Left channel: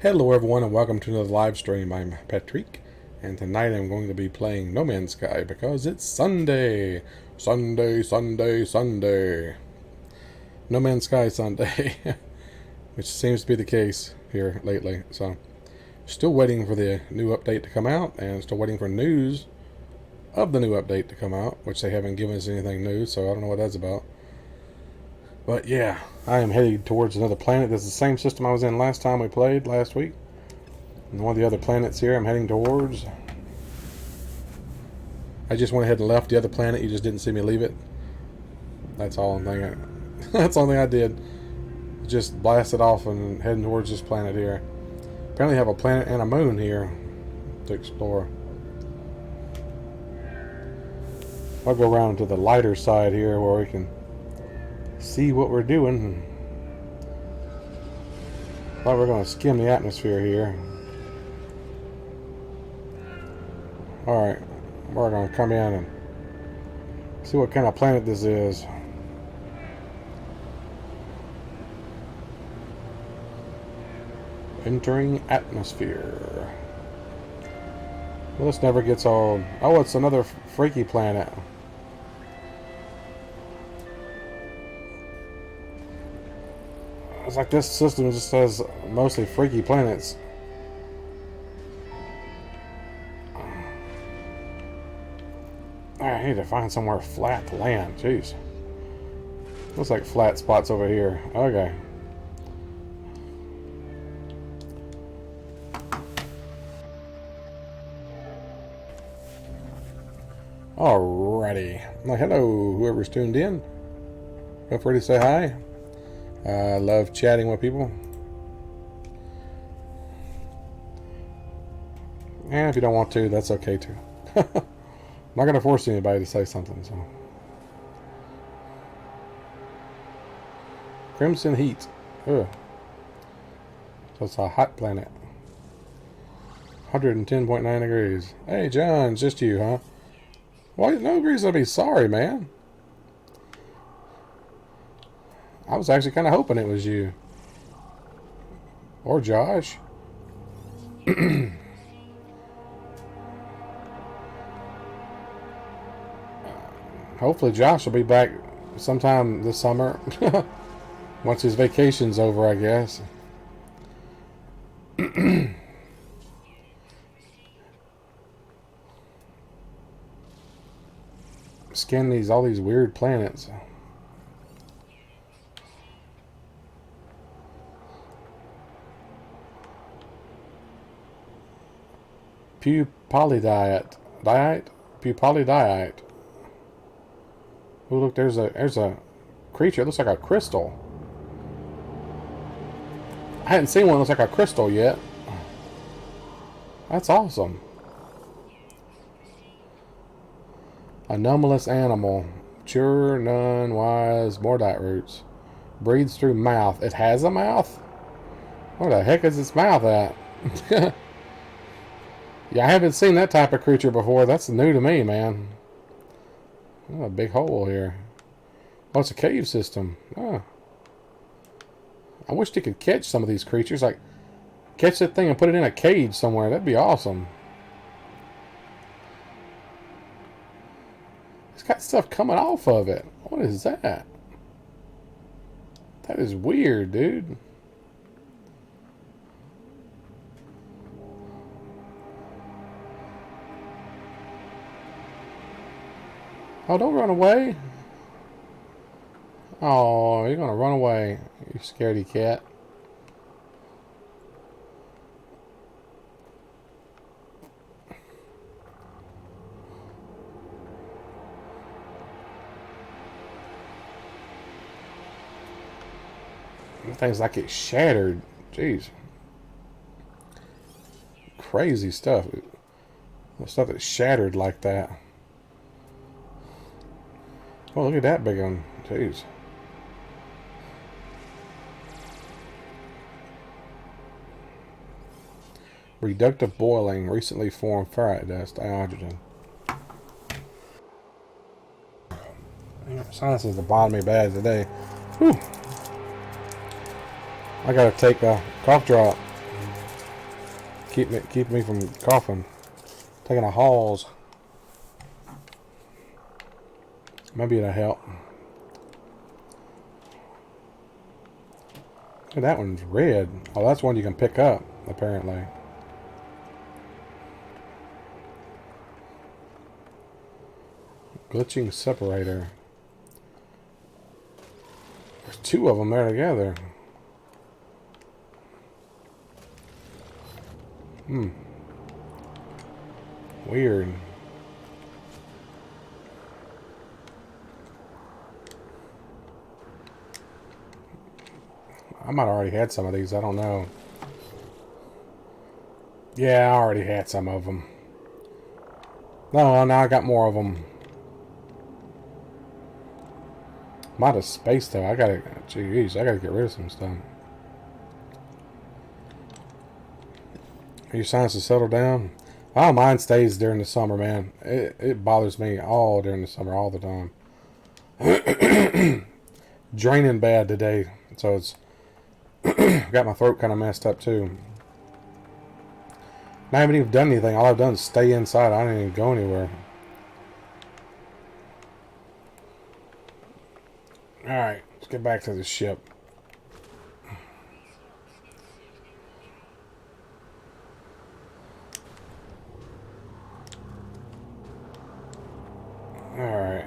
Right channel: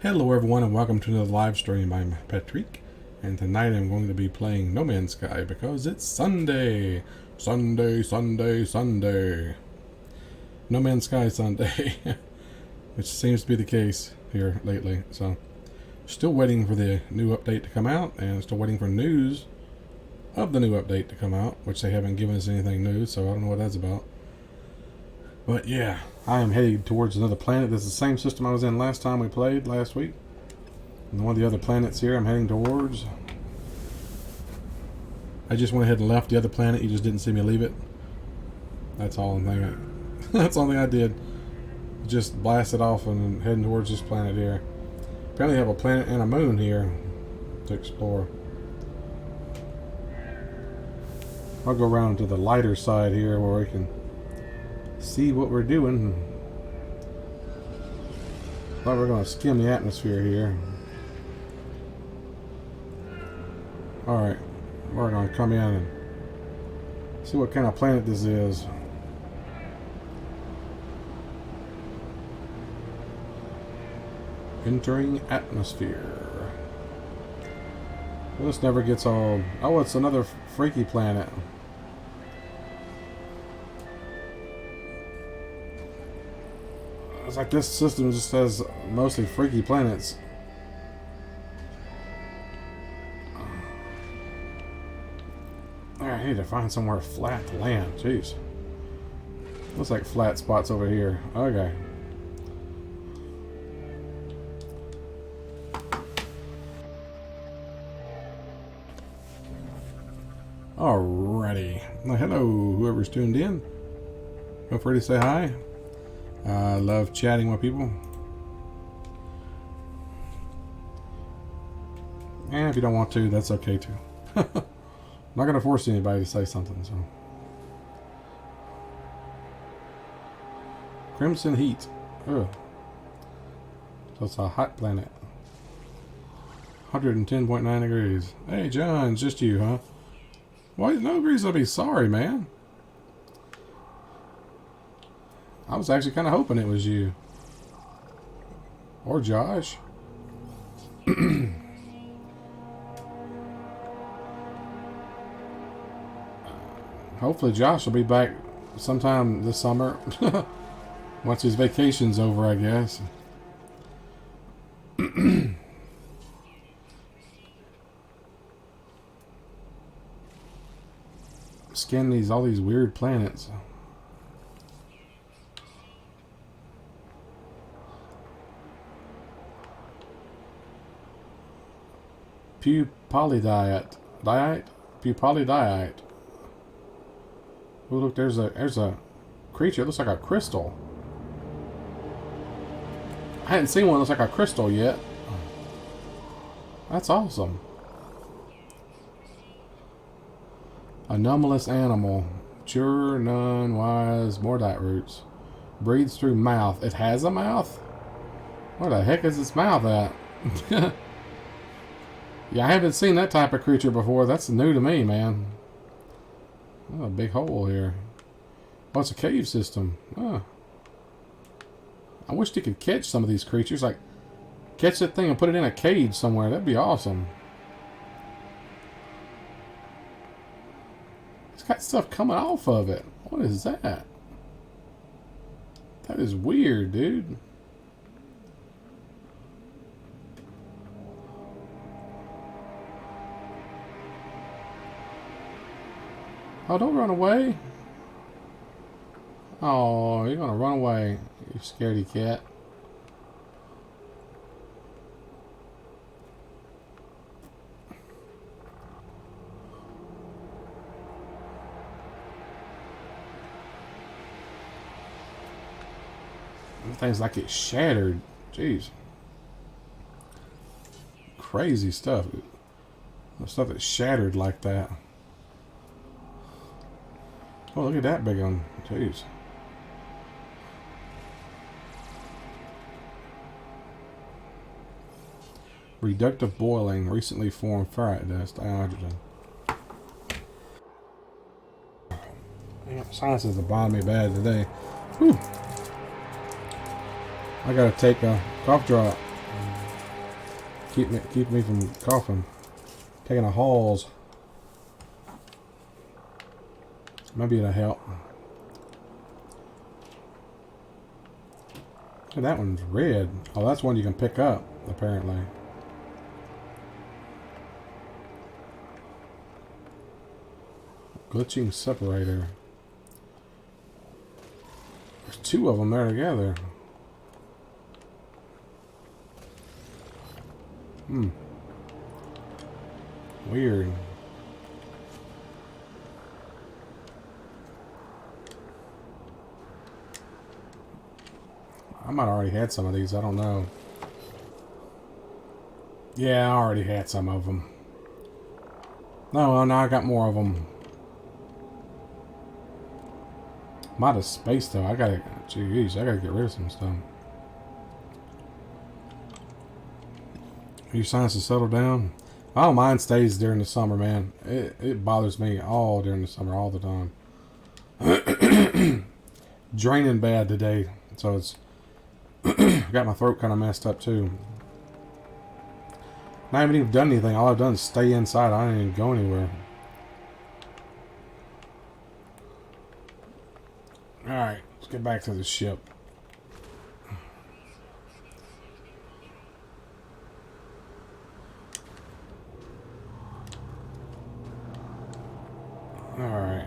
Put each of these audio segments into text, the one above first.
Hello everyone and welcome to another live stream. I'm Petreak and tonight I'm going to be playing No Man's Sky because it's Sunday. Sunday. No Man's Sky Sunday. Which seems to be the case here lately. So still waiting for the new update to come out and still waiting for news of the new update to come out, which they haven't given us anything new, so I don't know what that's about. But yeah, I am headed towards another planet. This is the same system I was in last time we played, last week. And one of the other planets here I'm heading towards. I just went ahead and left the other planet. You just didn't see me leave it. That's all I'm thinking. That's the only thing I did. Just blasted off and heading towards this planet here. Apparently have a planet and a moon here to explore. I'll go around to the lighter side here where we can see what we're doing. Thought we're going to skim the atmosphere here. Alright, we're going to come in and see what kind of planet this is. Entering atmosphere. Well, this never gets old. Oh, it's another freaky planet. It's like this system just has mostly freaky planets. I need to find somewhere flat to land. Jeez. Looks like flat spots over here. Okay. Alrighty. Well, hello, whoever's tuned in. Feel free to say hi. I love chatting with people. And if you don't want to, that's okay too. I'm not going to force anybody to say something. So, Crimson Heat. Ugh. So it's a hot planet. 110.9 degrees. Hey, John, it's just you, huh? Well, no reason to be sorry, man. I was actually kind of hoping it was you. Or Josh. Hopefully Josh will be back sometime this summer. Once his vacation's over, I guess. Scan all these weird planets. Pupalidiate. Oh, look, there's a creature. It looks like a crystal. I hadn't seen one that looks like a crystal yet. That's awesome. Anomalous animal. Mature, none, wise, mordite roots. Breathes through mouth. It has a mouth? Where the heck is its mouth at? Yeah, I haven't seen that type of creature before. That's new to me, man. Oh, a big hole here. Oh, it's a cave system. Oh. I wish they could catch some of these creatures. Like, catch that thing and put it in a cage somewhere. That'd be awesome. It's got stuff coming off of it. What is that? That is weird, dude. Oh, don't run away. Oh, you're going to run away. You scaredy cat. Things like it's shattered. Jeez. Crazy stuff. The stuff that's shattered like that. Oh, look at that big one. Jeez. Reductive boiling. Recently formed ferrite dust. Hydrogen. Yeah, sinuses are bothering me bad today. Whew. I gotta take a cough drop. keep me from coughing. Taking a Halls. Maybe it'll help. Oh, that one's red. Oh, that's one you can pick up, apparently. Glitching separator. There's two of them there together. Weird. I might have already had some of these. I don't know. Yeah, I already had some of them. No, now I got more of them. I'm out of space, though. Jeez, I gotta get rid of some stuff. Are your sinuses settled down? Oh, mine stays during the summer, man. It bothers me all during the summer, all the time. Draining bad today, so it's got my throat kind of messed up too. I haven't even done anything. All I've done is stay inside. I didn't even go anywhere. Alright, let's get back to the ship. Alright.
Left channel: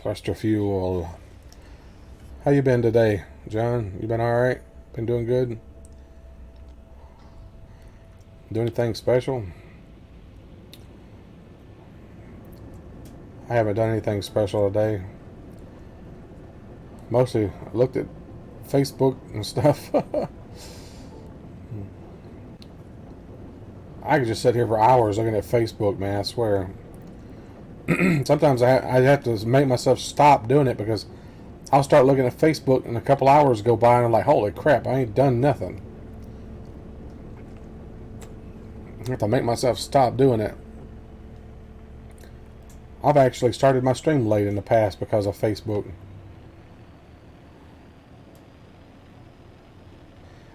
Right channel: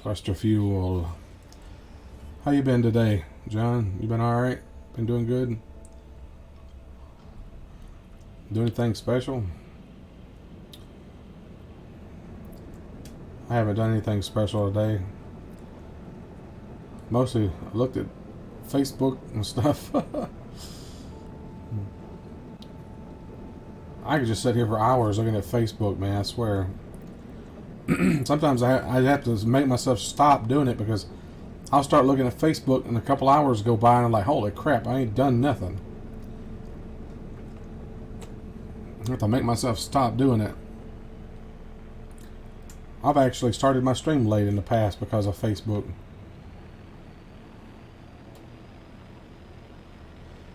Cluster fuel. How you been today, John? You been alright? Been doing good? Do anything special? I haven't done anything special today. Mostly looked at Facebook and stuff. I could just sit here for hours looking at Facebook, man, I swear. Sometimes I have to make myself stop doing it because I'll start looking at Facebook and a couple hours go by and I'm like, holy crap, I ain't done nothing. I have to make myself stop doing it. I've actually started my stream late in the past because of Facebook.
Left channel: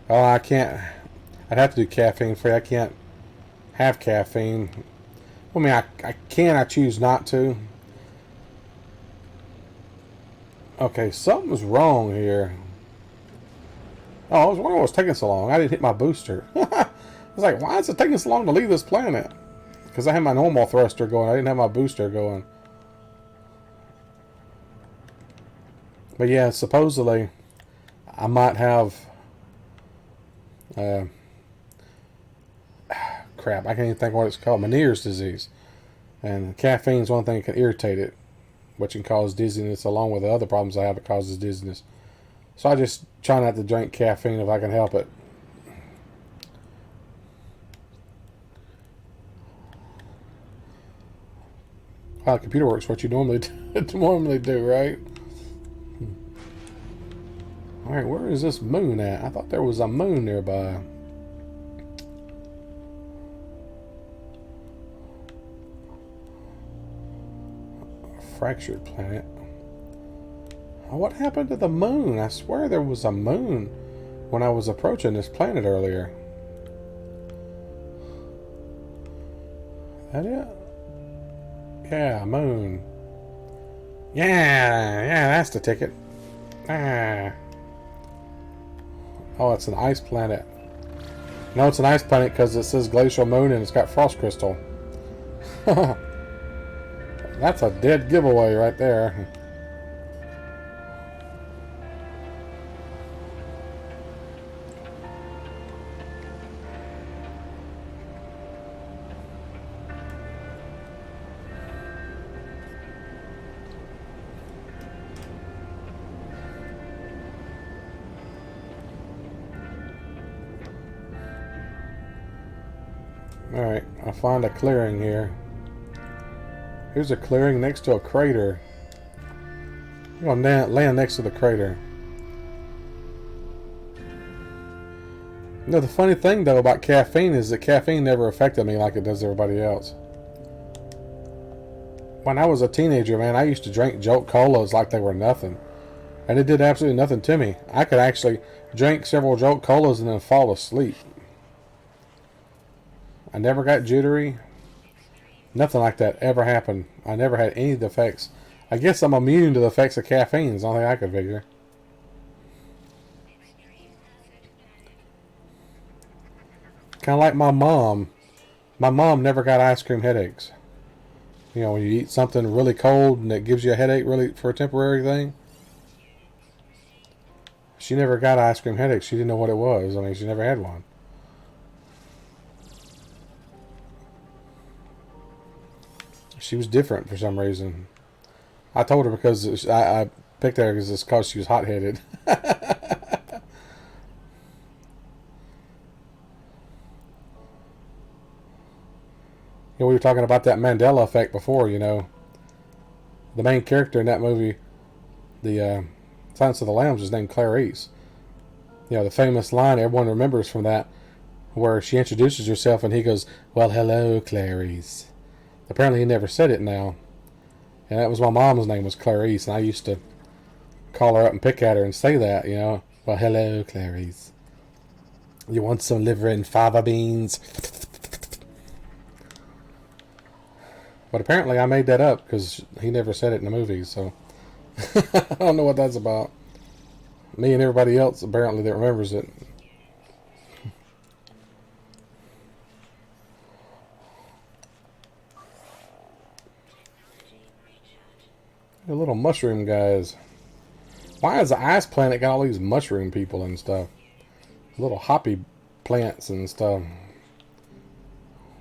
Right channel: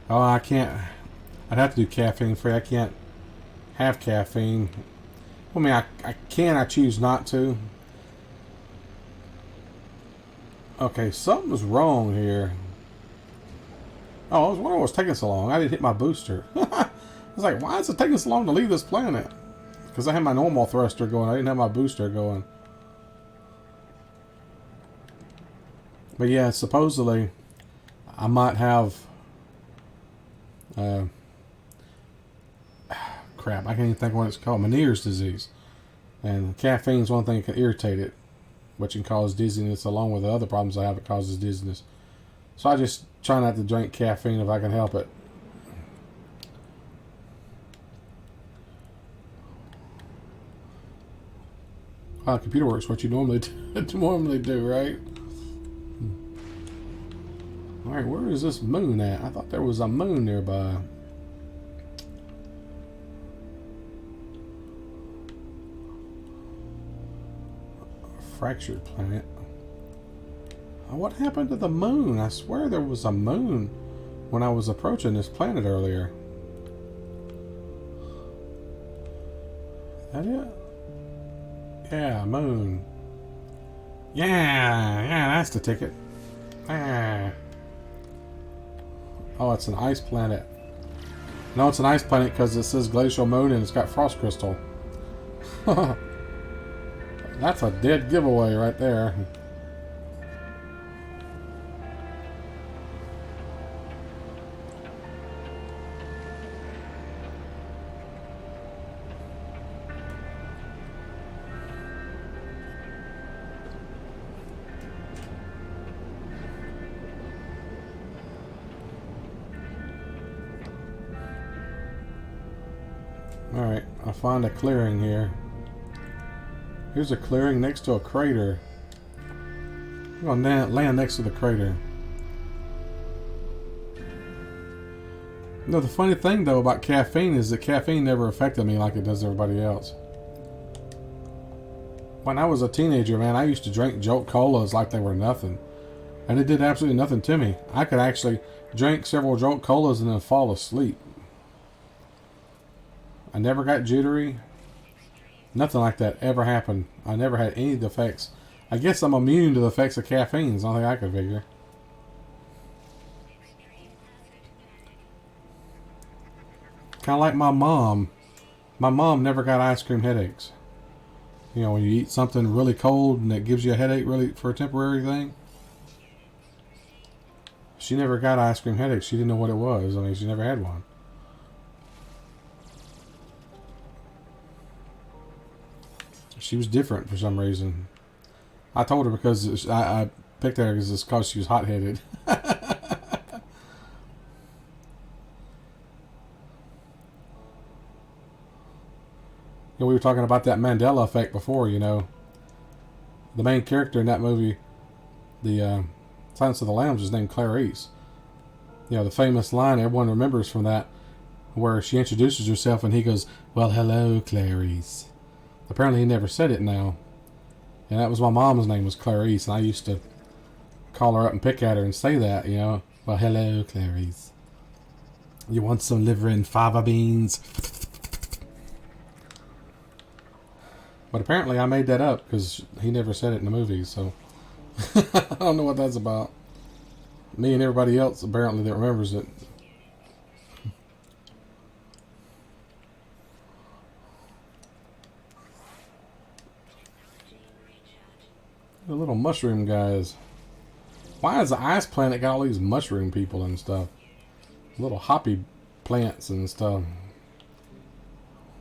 Oh, I can't. I'd have to do caffeine free. I can't have caffeine. I mean, I can. I choose not to. Okay, something's wrong here. Oh, I was wondering what's taking so long. I didn't hit my booster. I was like, why is it taking so long to leave this planet? Because I had my normal thruster going. I didn't have my booster going. But yeah, supposedly I might have crap, I can't even think of what it's called. Meniere's disease. And caffeine's one thing that can irritate it, which can cause dizziness along with the other problems I have that causes dizziness. So I just try not to drink caffeine if I can help it. Wow, the computer works what you normally do, right? Alright, where is this moon at? I thought there was a moon nearby. A fractured planet. Oh, what happened to the moon? I swear there was a moon when I was approaching this planet earlier. Is that it? Yeah, moon. Yeah, that's the ticket. Ah. Oh, it's an ice planet. No, it's an ice planet because it says glacial moon and it's got frost crystal. That's a dead giveaway right there. Alright, I'll find a clearing here. Here's a clearing next to a crater. I'm gonna land next to the crater. No, the funny thing though about caffeine is that caffeine never affected me like it does everybody else. When I was a teenager, man, I used to drink Jolt Colas like they were nothing. And it did absolutely nothing to me. I could actually drink several Jolt Colas and then fall asleep. I never got jittery. Nothing like that ever happened. I never had any of the effects. I guess I'm immune to the effects of caffeine is the only thing I could figure. Kind of like my mom. My mom never got ice cream headaches. You know, when you eat something really cold and it gives you a headache really for a temporary thing. She never got ice cream headaches. She didn't know what it was. I mean, she never had one. She was different for some reason. I told her because I picked her because it's because she was hot-headed. We were talking about that Mandela effect before, you know. The main character in that movie, the Silence of the Lambs, was named Clarice. You know, the famous line everyone remembers from that, where she introduces herself and he goes, "Well, hello, Clarice." Apparently he never said it now. And that was my mom's name was Clarice, and I used to call her up and pick at her and say that, you know. "Well, hello, Clarice. You want some liver and fava beans?" But apparently I made that up because he never said it in the movie, so I don't know what that's about. Me and everybody else apparently that remembers it. The little mushroom guys. Why has the ice planet got all these mushroom people and stuff? Little hoppy plants and stuff.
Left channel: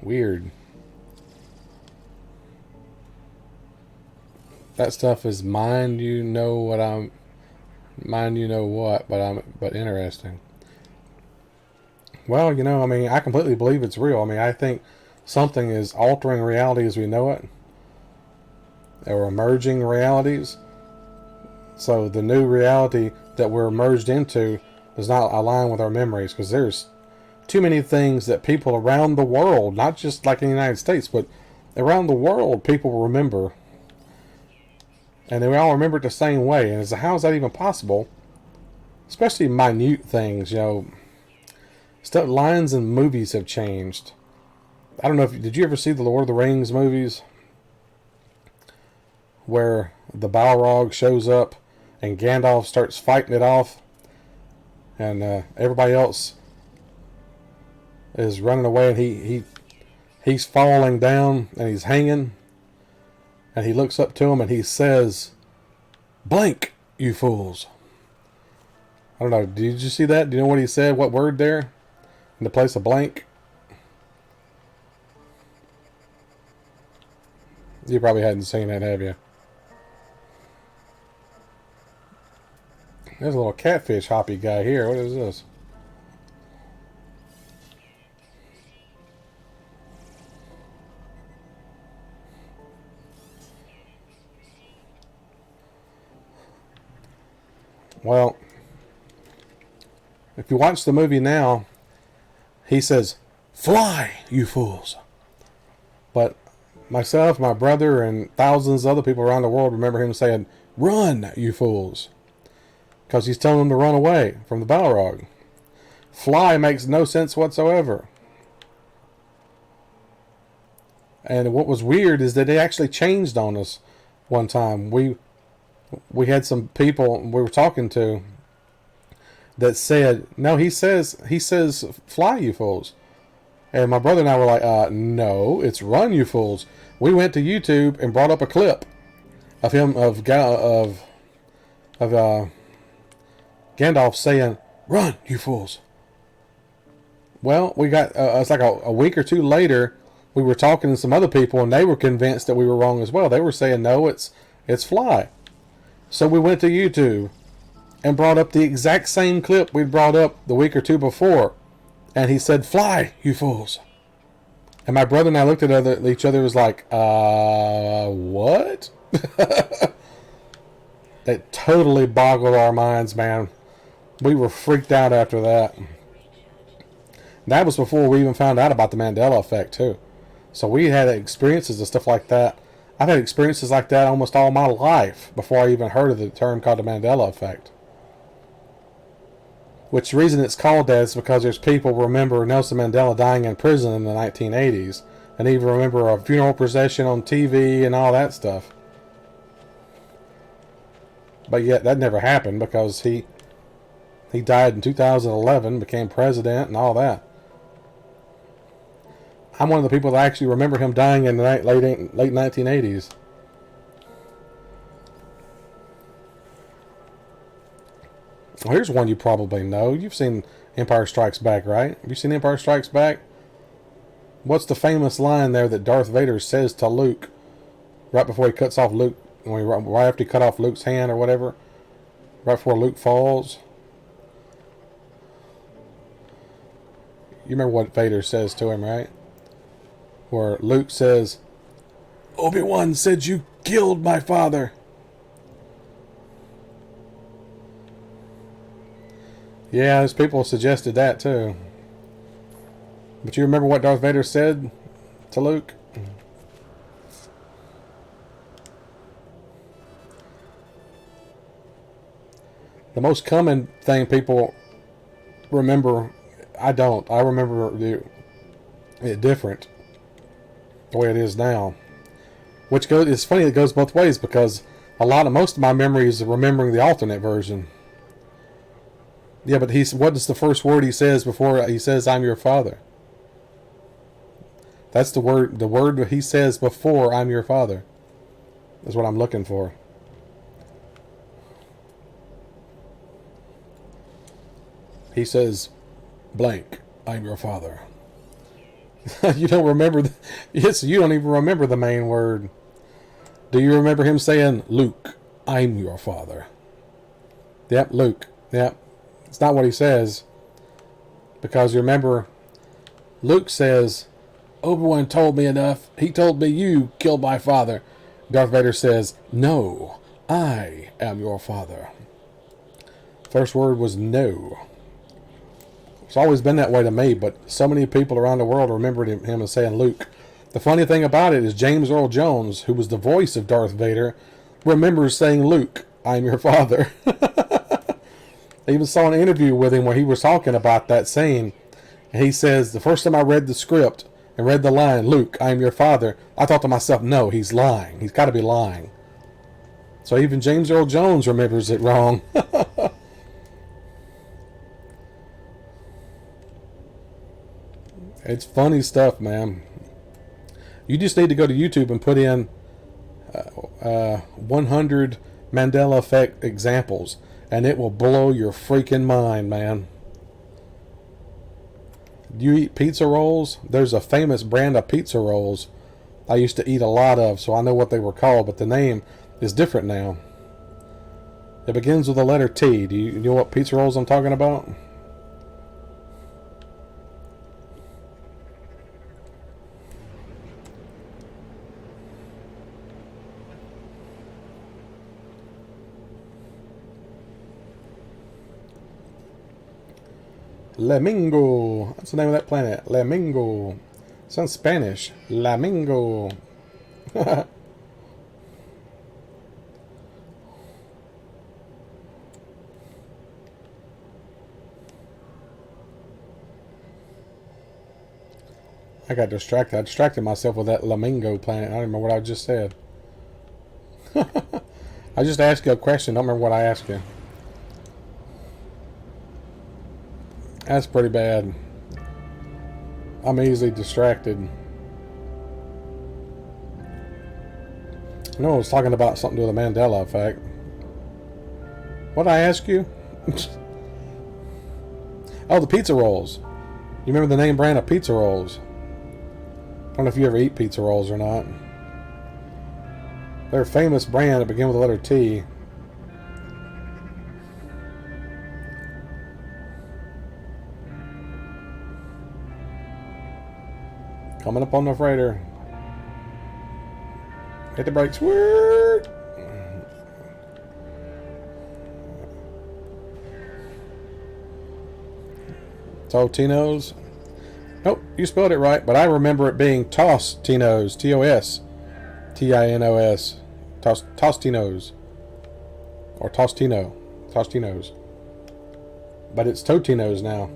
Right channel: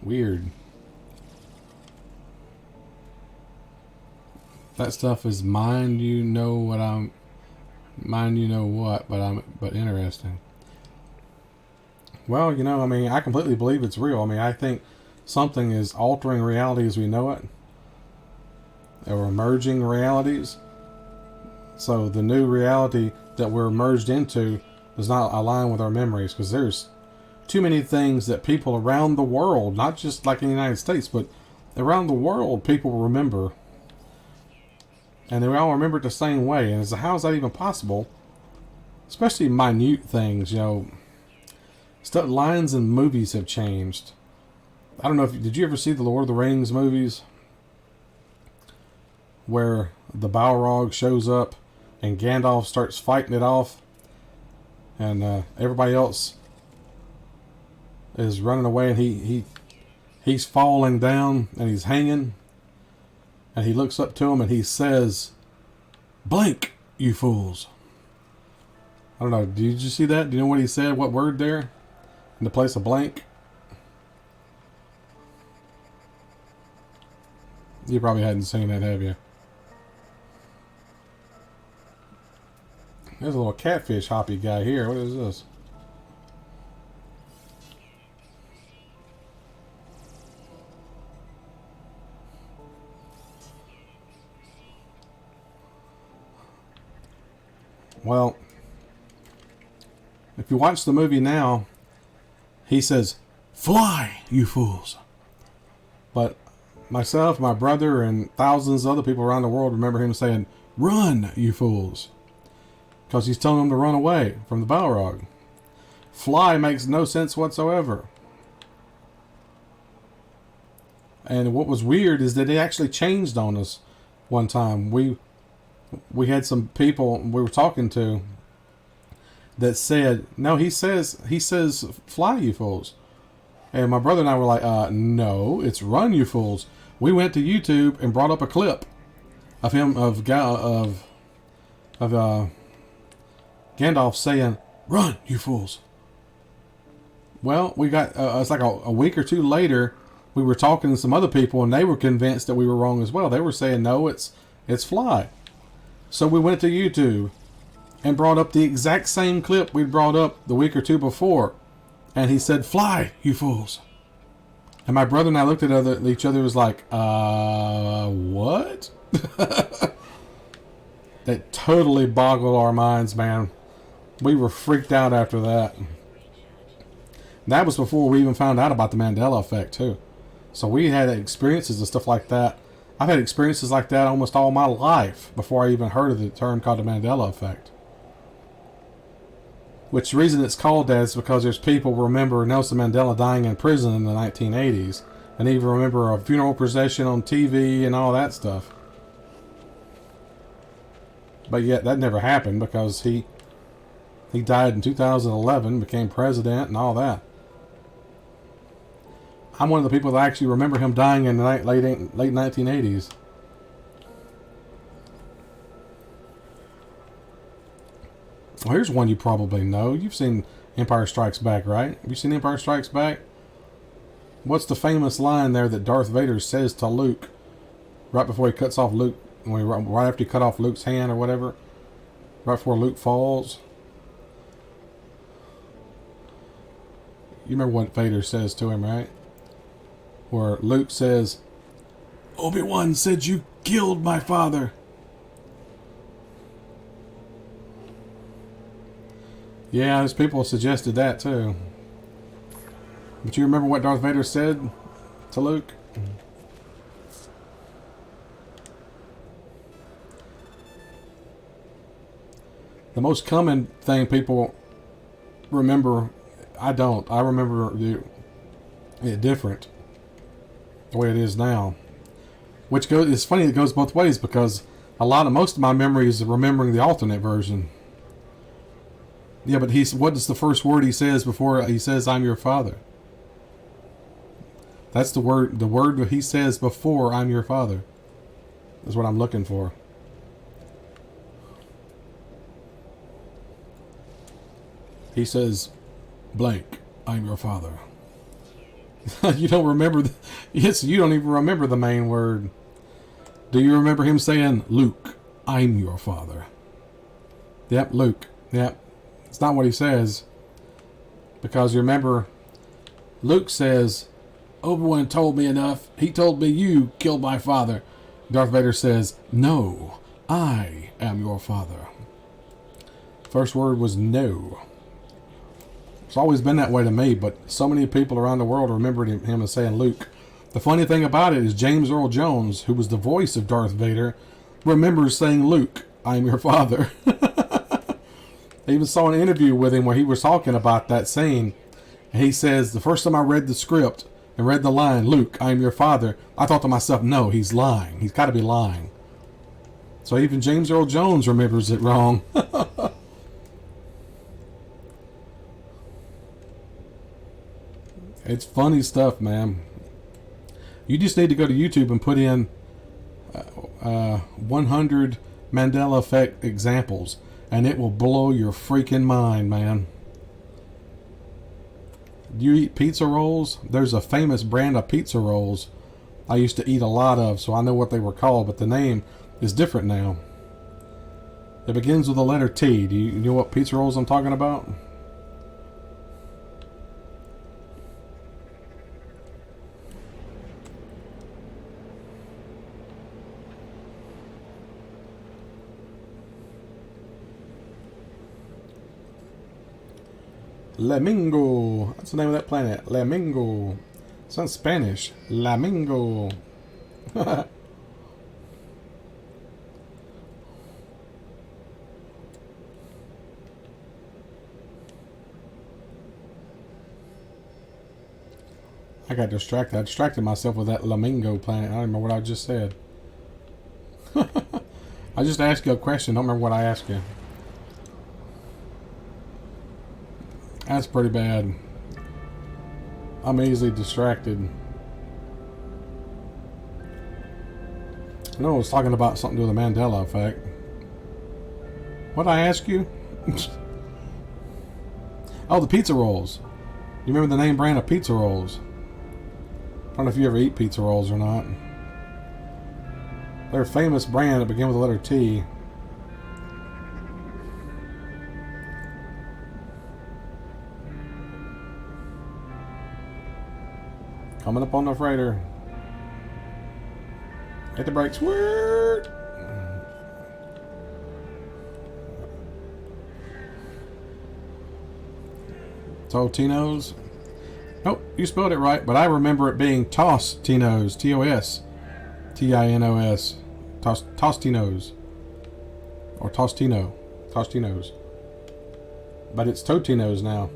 Weird. That stuff is mind you know what, but interesting. Well, you know, I mean, I completely believe it's real. I mean, I think something is altering reality as we know it, or emerging realities. So the new reality that we're merged into does not align with our memories, because there's too many things that people around the world, not just like in the United States, but around the world, people remember. And they all remember it the same way. And it's how is that even possible? Especially minute things, you know. Stuff, lines in movies have changed. I don't know if did you ever see the Lord of the Rings movies, where the Balrog shows up and Gandalf starts fighting it off, and everybody else is running away, and he's falling down and he's hanging. And he looks up to him and he says, "Blank, you fools." I don't know. Did you see that? Do you know what he said? What word there? In the place of blank? You probably hadn't seen that, have you? There's a little catfish hoppy guy here. What is this? Well, if you watch the movie now, he says, "Fly, you fools." But myself, my brother, and thousands of other people around the world remember him saying, "Run, you fools." Because he's telling them to run away from the Balrog. Fly makes no sense whatsoever. And what was weird is that they actually changed on us one time. We had some people we were talking to that said, "No, he says fly, you fools." And my brother and I were like, "No, it's run, you fools." We went to YouTube and brought up a clip of him of Gandalf saying, "Run, you fools." Well, we got it's like a week or two later, we were talking to some other people, and they were convinced that we were wrong as well. They were saying, "No, it's fly." So we went to YouTube and brought up the exact same clip we'd brought up the week or two before. And he said, "Fly, you fools." And my brother and I looked at each other and was like, what? It totally boggled our minds, man. We were freaked out after that. That was before we even found out about the Mandela effect, too. So we had experiences and stuff like that. I've had experiences like that almost all my life before I even heard of the term called the Mandela effect. Which the reason it's called that is because there's people who remember Nelson Mandela dying in prison in the 1980s, and even remember a funeral procession on TV and all that stuff. But yet that never happened because he died in 2011, became president and all that. I'm one of the people that actually remember him dying in the late 1980s. Well, here's one you probably know. You've seen Empire Strikes Back, right? Have you seen Empire Strikes Back? What's the famous line there that Darth Vader says to Luke right before he cuts off Luke, right after he cut off Luke's hand or whatever, right before Luke falls? You remember what Vader says to him, right? Where Luke says, Obi-Wan said you killed my father. Yeah, there's people suggested that too. But you remember what Darth Vader said to Luke? The most common thing people remember, I don't. I remember it different, the way it is now. Which it's funny, it goes both ways because most of my memories are remembering the alternate version. Yeah, but what is the first word he says before he says, I'm your father? That's the word he says before I'm your father is what I'm looking for. He says, blank, I'm your father. You don't remember, yes, you don't even remember the main word. Do you remember him saying, Luke, I'm your father? Yep, Luke, yep. It's not what he says. Because you remember, Luke says, Obi-Wan told me enough. He told me you killed my father. Darth Vader says, no, I am your father. First word was no. It's always been that way to me, but so many people around the world remembered him as saying Luke. The funny thing about it is James Earl Jones, who was the voice of Darth Vader, remembers saying, Luke, I'm your father. I even saw an interview with him where he was talking about that scene. And he says, the first time I read the script and read the line, Luke, I'm your father, I thought to myself, no, he's lying. He's got to be lying. So even James Earl Jones remembers it wrong. It's funny stuff, man. You just need to go to YouTube and put in 100 Mandela effect examples, and it will blow your freaking mind, man. Do you eat pizza rolls? There's a famous brand of pizza rolls I used to eat a lot of, so I know what they were called, but the name is different now. It begins with the letter T. Do you know what pizza rolls I'm talking about? Lamingo. That's the name of that planet. Lamingo. Sounds Spanish. Lamingo. I got distracted. I distracted myself with that Lamingo planet. I don't remember what I just said. I just asked you a question. I don't remember what I asked you. That's pretty bad. I'm easily distracted. I was talking about something to do with the Mandela effect. What did I ask you? Oh, the pizza rolls. You remember the name brand of pizza rolls? I don't know if you ever eat pizza rolls or not. They're a famous brand that begin with the letter T. Coming up on the freighter. Hit the brakes. Word. Totino's. You spelled it right, but I remember it being Tostinos, T-O-S, T-I-N-O-S, Tostinos, or Tostinos. But it's Totinos now.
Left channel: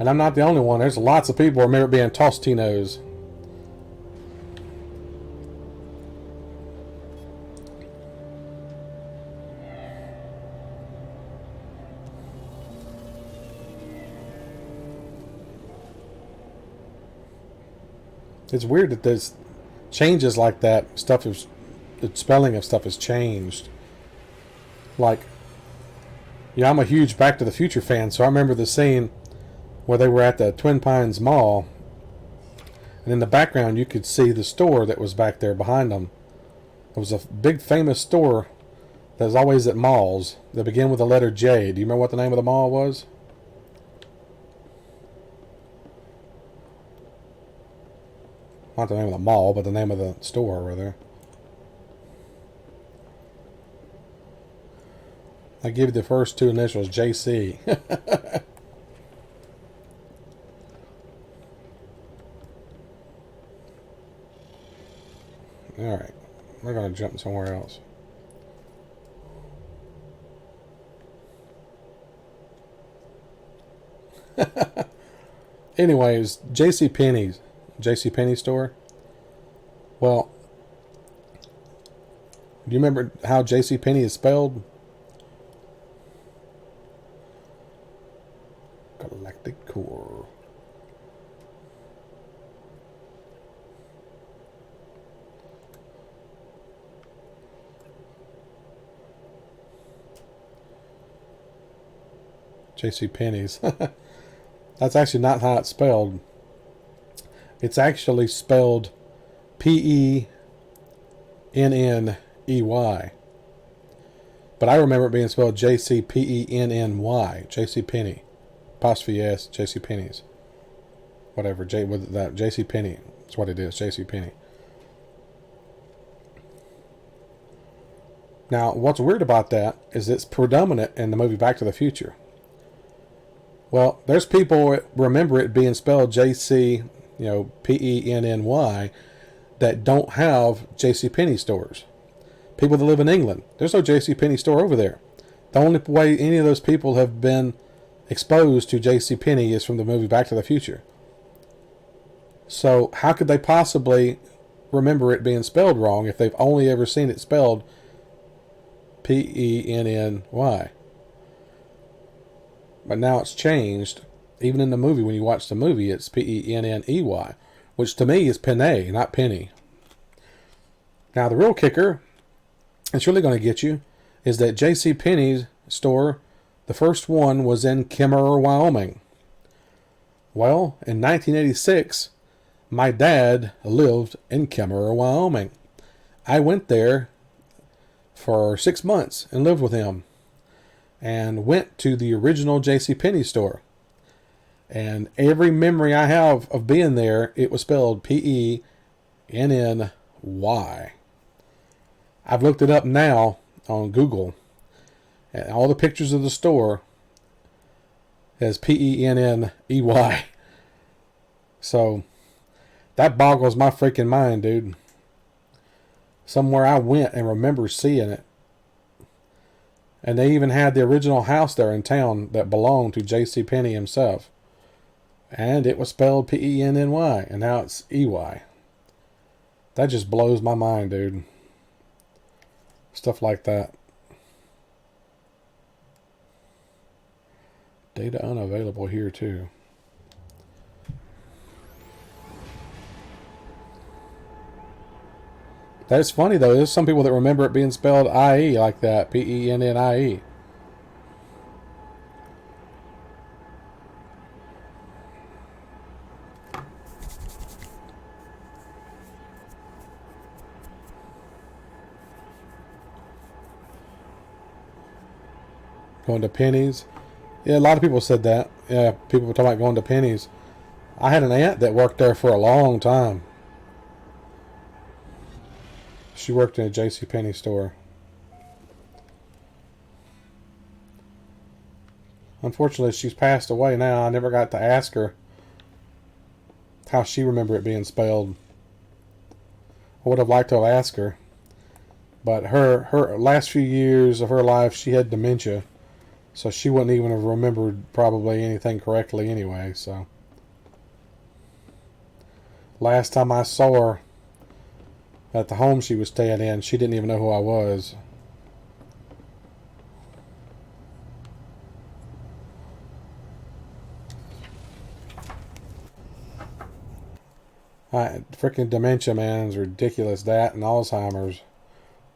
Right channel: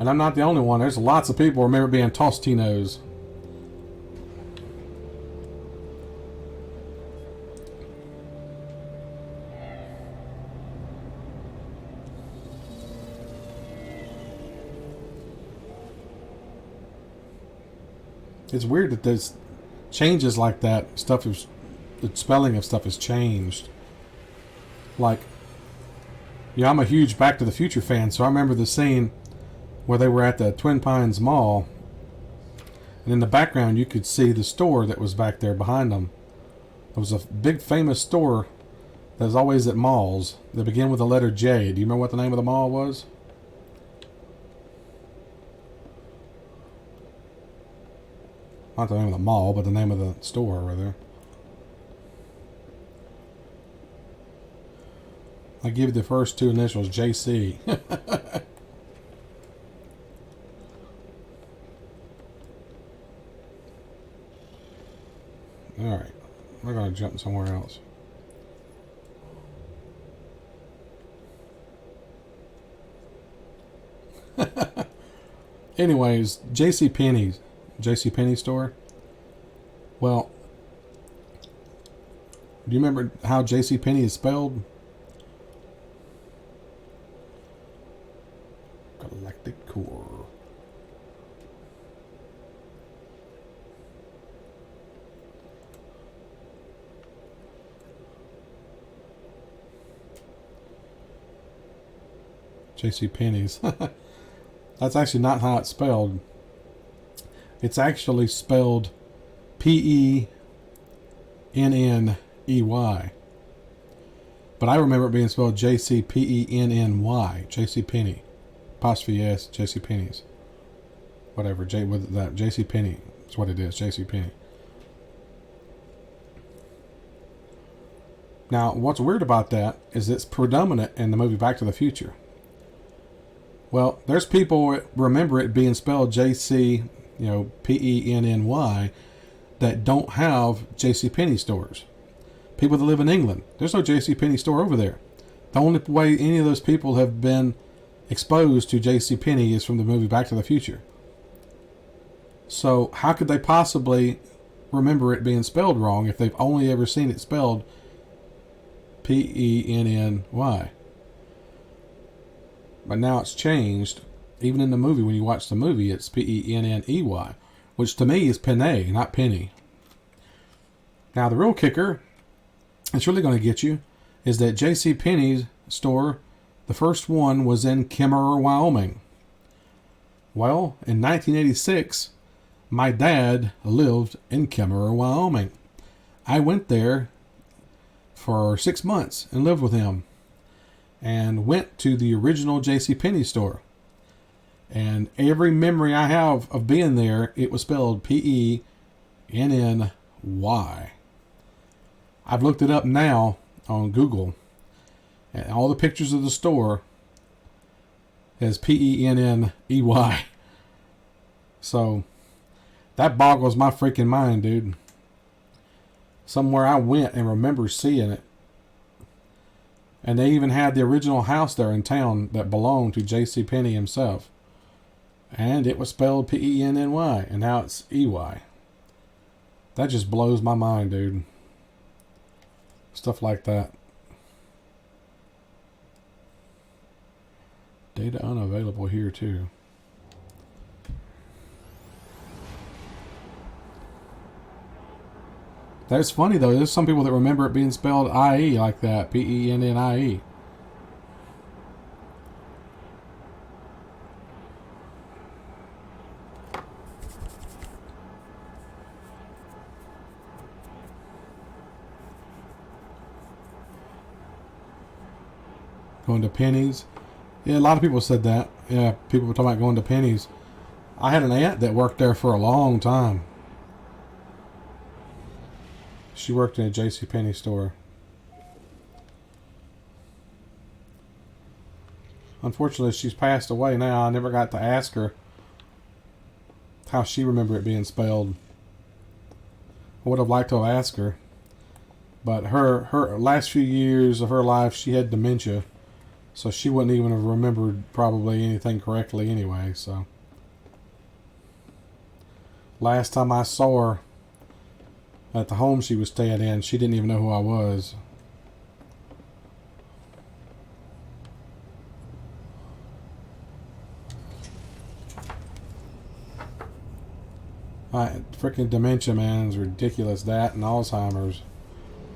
And I'm not the only one. There's lots of people who remember it being Tostinos. It's weird that there's changes like that. The spelling of stuff has changed. Like, yeah, I'm a huge Back to the Future fan, so I remember the scene where they were at the Twin Pines Mall, and in the background you could see the store that was back there behind them. There was a big famous store that's always at malls that begin with the letter J. Do you remember what the name of the mall was? Not the name of the mall, but the name of the store, rather. I give you the first two initials, JC. Alright, we're going to jump somewhere else. Anyways, JCPenney store. Well, do you remember how JCPenney is spelled? Galactic Core. JCPenney's. That's actually not how it's spelled. It's actually spelled Penney. But I remember it being spelled JCPennY. JCPenney. Apostrophe S, JCPenney's. Whatever, with that JCPenney. That's what it is, JCPenney. Now, what's weird about that is it's predominant in the movie Back to the Future. Well, there's people that remember it being spelled JC, Penny, that don't have JCPenney stores. People that live in England, there's no JCPenney store over there. The only way any of those people have been exposed to JCPenney is from the movie Back to the Future. So how could they possibly remember it being spelled wrong if they've only ever seen it spelled Penny? But now it's changed. Even in the movie, when you watch the movie, it's Penney, which to me is Penny, not Penny. Now the real kicker, it's really going to get you, is that JCPenney's store, the first one was in Kemmerer, Wyoming. Well, in 1986, my dad lived in Kemmerer, Wyoming. I went there for 6 months and lived with him, and went to the original JCPenney store. And every memory I have of being there, it was spelled Penny. I've looked it up now on Google, and all the pictures of the store as Penney. So that boggles my freaking mind, dude. Somewhere I went and remember seeing it. And they even had the original house there in town that belonged to JCPenney himself. And it was spelled Penny, and now it's EY. That just blows my mind, dude. Stuff like that. Data unavailable here, too. That's funny, though. There's some people that remember it being spelled IE like that. Pennie. Going to Pennies. Yeah, a lot of people said that. Yeah, people were talking about going to Pennies. I had an aunt that worked there for a long time. She worked in a JCPenney store. Unfortunately, she's passed away now. I never got to ask her how she remembered it being spelled. I would have liked to have asked her. But her last few years of her life, she had dementia. So she wouldn't even have remembered probably anything correctly anyway. So last time I saw her at the home she was staying in, she didn't even know who I was. Freaking dementia, man, is ridiculous. That and Alzheimer's.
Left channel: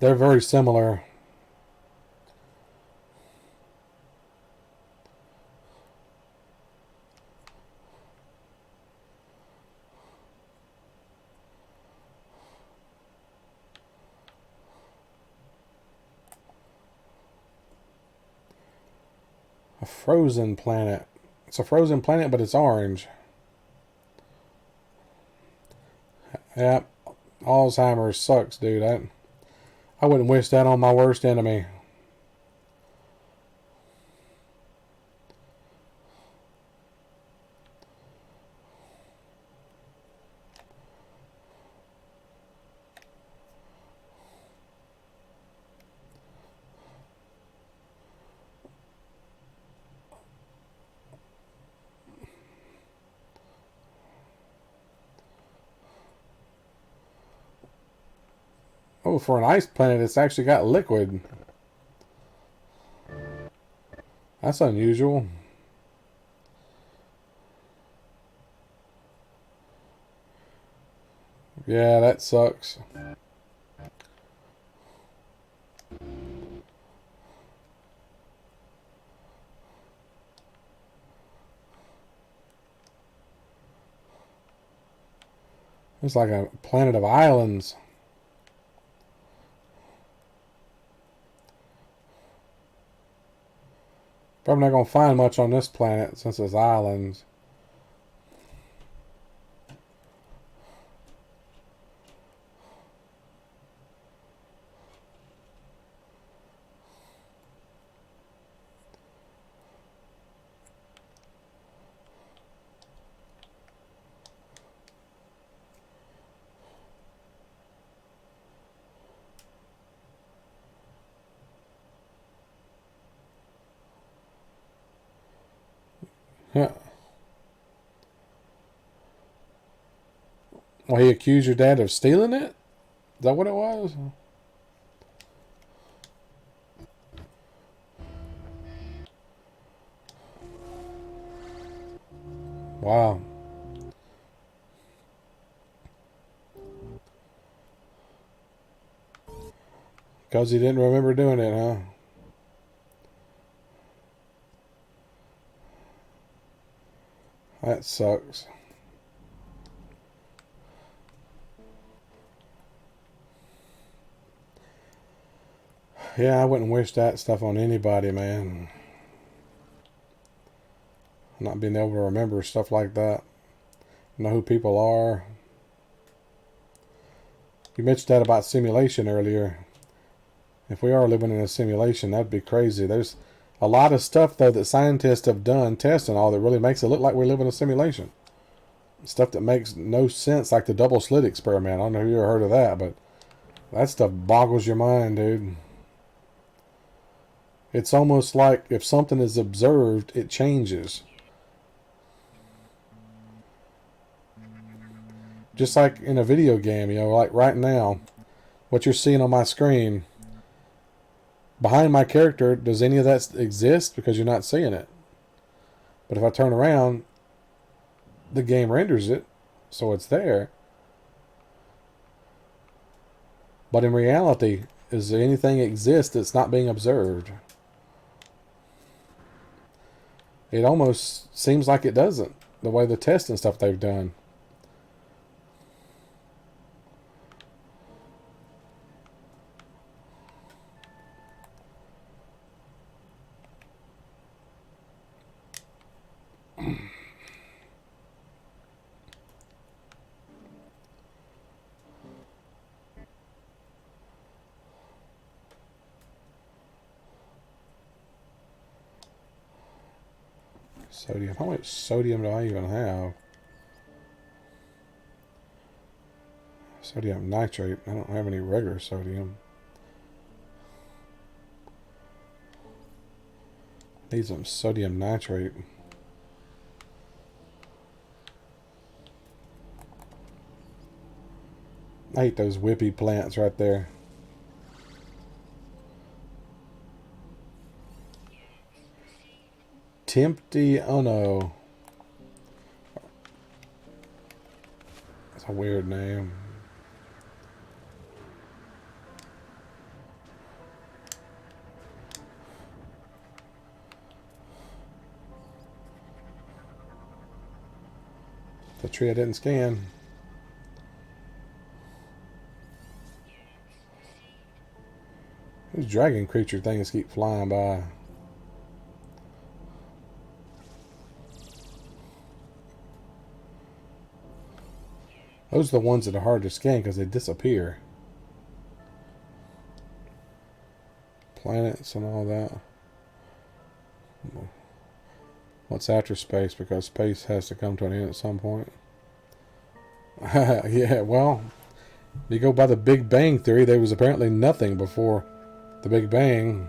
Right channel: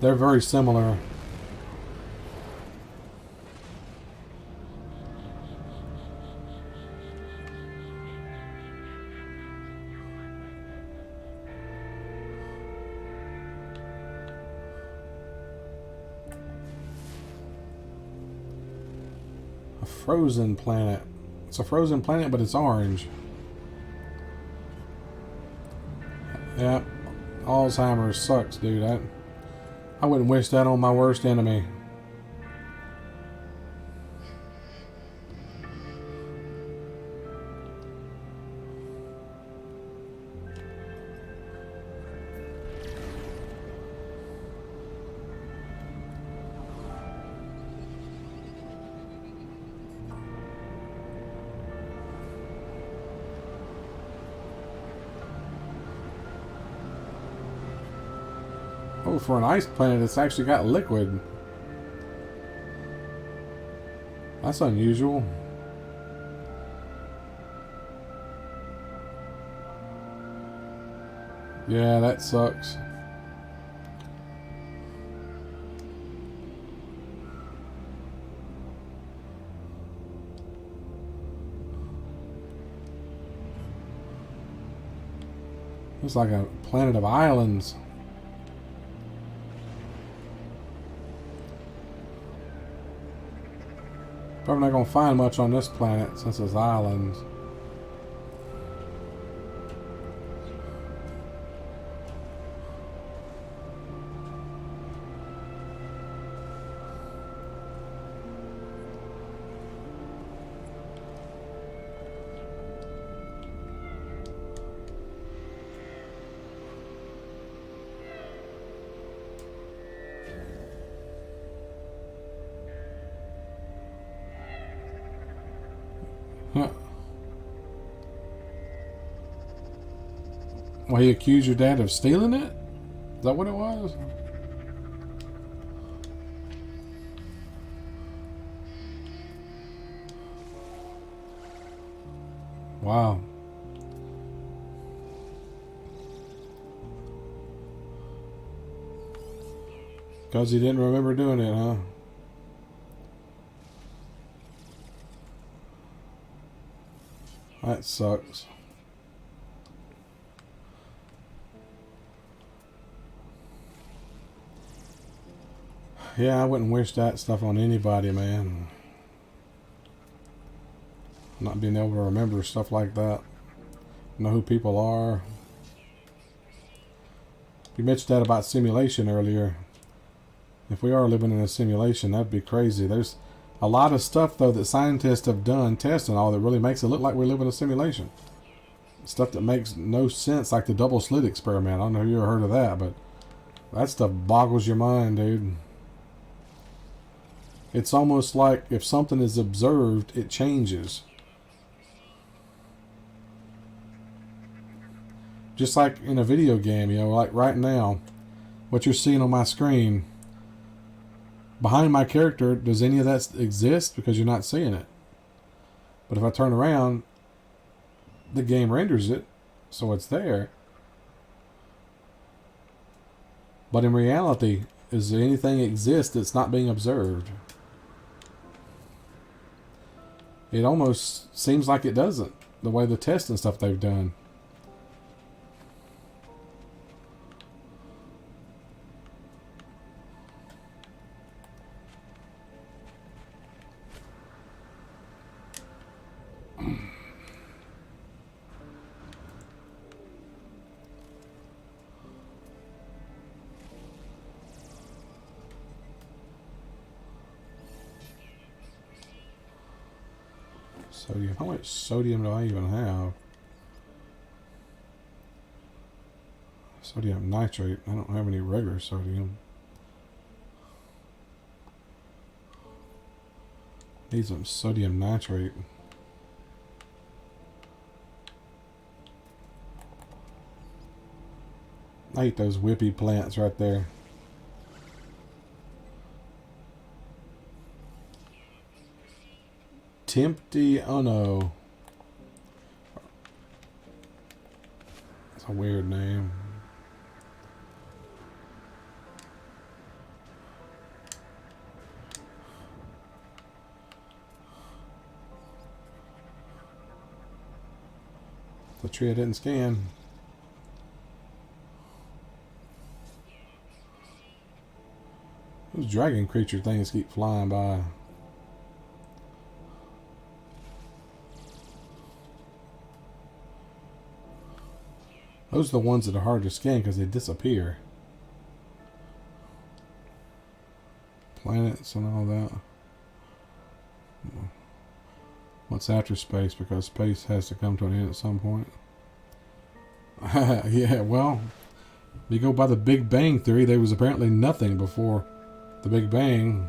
They're very similar. A frozen planet. It's a frozen planet, but it's orange. Yep. Alzheimer's sucks, dude. I wouldn't wish that on my worst enemy. Oh, for an ice planet, it's actually got liquid. That's unusual. Yeah, that sucks. It's like a planet of islands. Probably not going to find much on this planet since it's islands. Yeah. Well, he accused your dad of stealing it? Is that what it was? Wow. Because he didn't remember doing it, huh? That sucks. Yeah, I wouldn't wish that stuff on anybody, man. Not being able to remember stuff like that. Know who people are. You mentioned that about simulation earlier. If we are living in a simulation, that'd be crazy. There's a lot of stuff, though, that scientists have done, tests and all, that really makes it look like we live in a simulation. Stuff that makes no sense, like the double slit experiment. I don't know if you ever heard of that, but that stuff boggles your mind, dude. It's almost like if something is observed, it changes. Just like in a video game, like right now, what you're seeing on my screen, behind my character, does any of that exist? Because you're not seeing it. But if I turn around, the game renders it, so it's there. But in reality, is there anything exist that's not being observed? It almost seems like it doesn't, the way the tests and stuff they've done. Sodium. How much sodium do I even have? Sodium nitrate. I don't have any regular sodium. Need some sodium nitrate. I hate those whippy plants right there. Tempty, oh no. That's a weird name. The tree I didn't scan. Those dragon creature things keep flying by. Those are the ones that are hard to scan because they disappear. Planets and all that. What's after space? Because space has to come to an end at some point. Yeah, well, you go by the Big Bang Theory, there was apparently nothing before the Big Bang.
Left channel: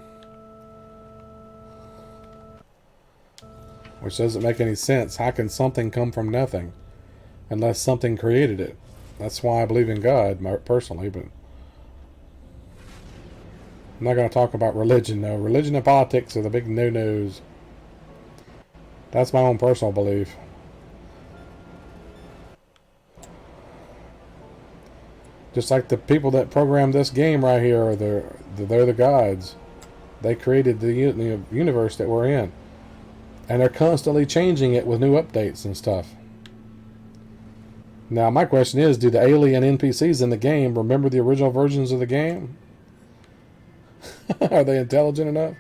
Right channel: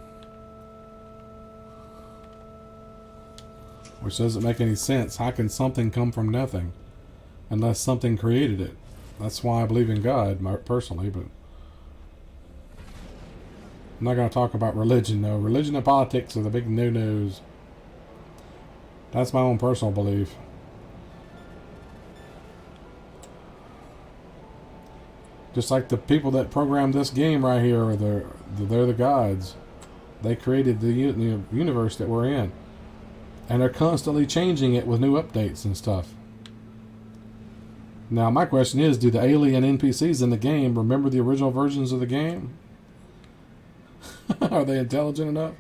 Which doesn't make any sense. How can something come from nothing? Unless something created it. That's why I believe in God, personally, but I'm not going to talk about religion, though. Religion and politics are the big no-nos. That's my own personal belief. Just like the people that programmed this game right here, are they're the gods. They created the universe that we're in. And they're constantly changing it with new updates and stuff. Now, my question is, do the alien NPCs in the game remember the original versions of the game? Are they intelligent enough?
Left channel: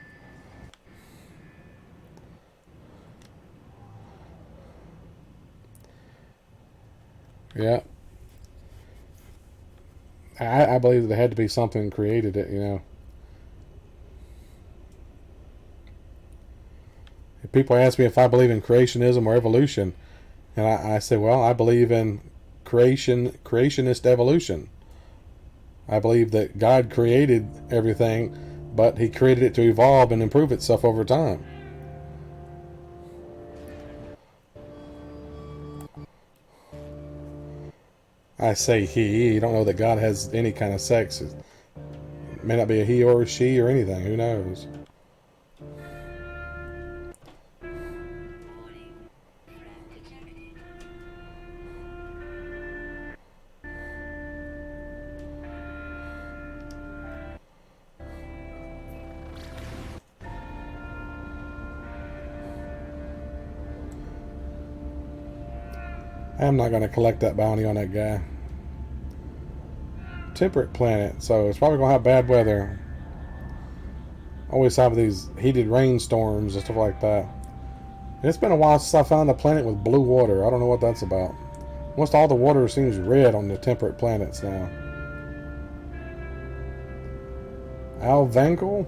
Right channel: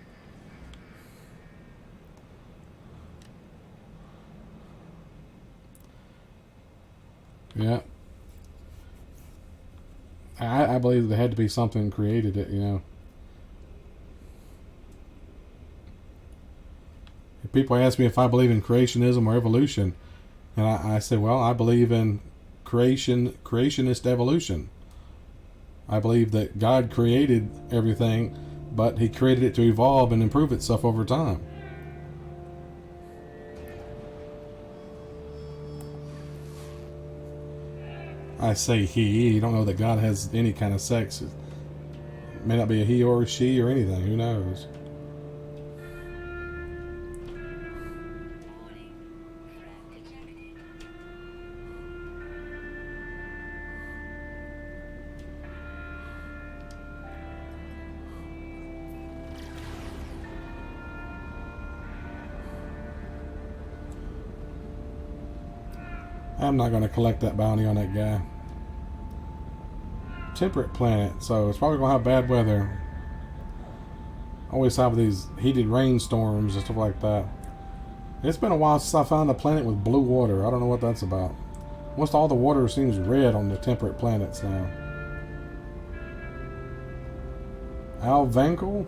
Yeah. I believe there had to be something created it, you know. People ask me if I believe in creationism or evolution. And I say, well, I believe in creationist evolution. I believe that God created everything, but He created it to evolve and improve itself over time. I say he. You don't know that God has any kind of sex. It may not be a he or a she or anything. Who knows? I'm not going to collect that bounty on that guy. Temperate planet, so it's probably going to have bad weather. Always have these heated rainstorms and stuff like that. It's been a while since I found a planet with blue water. I don't know what that's about. Almost all the water seems red on the temperate planets now. Alvancle?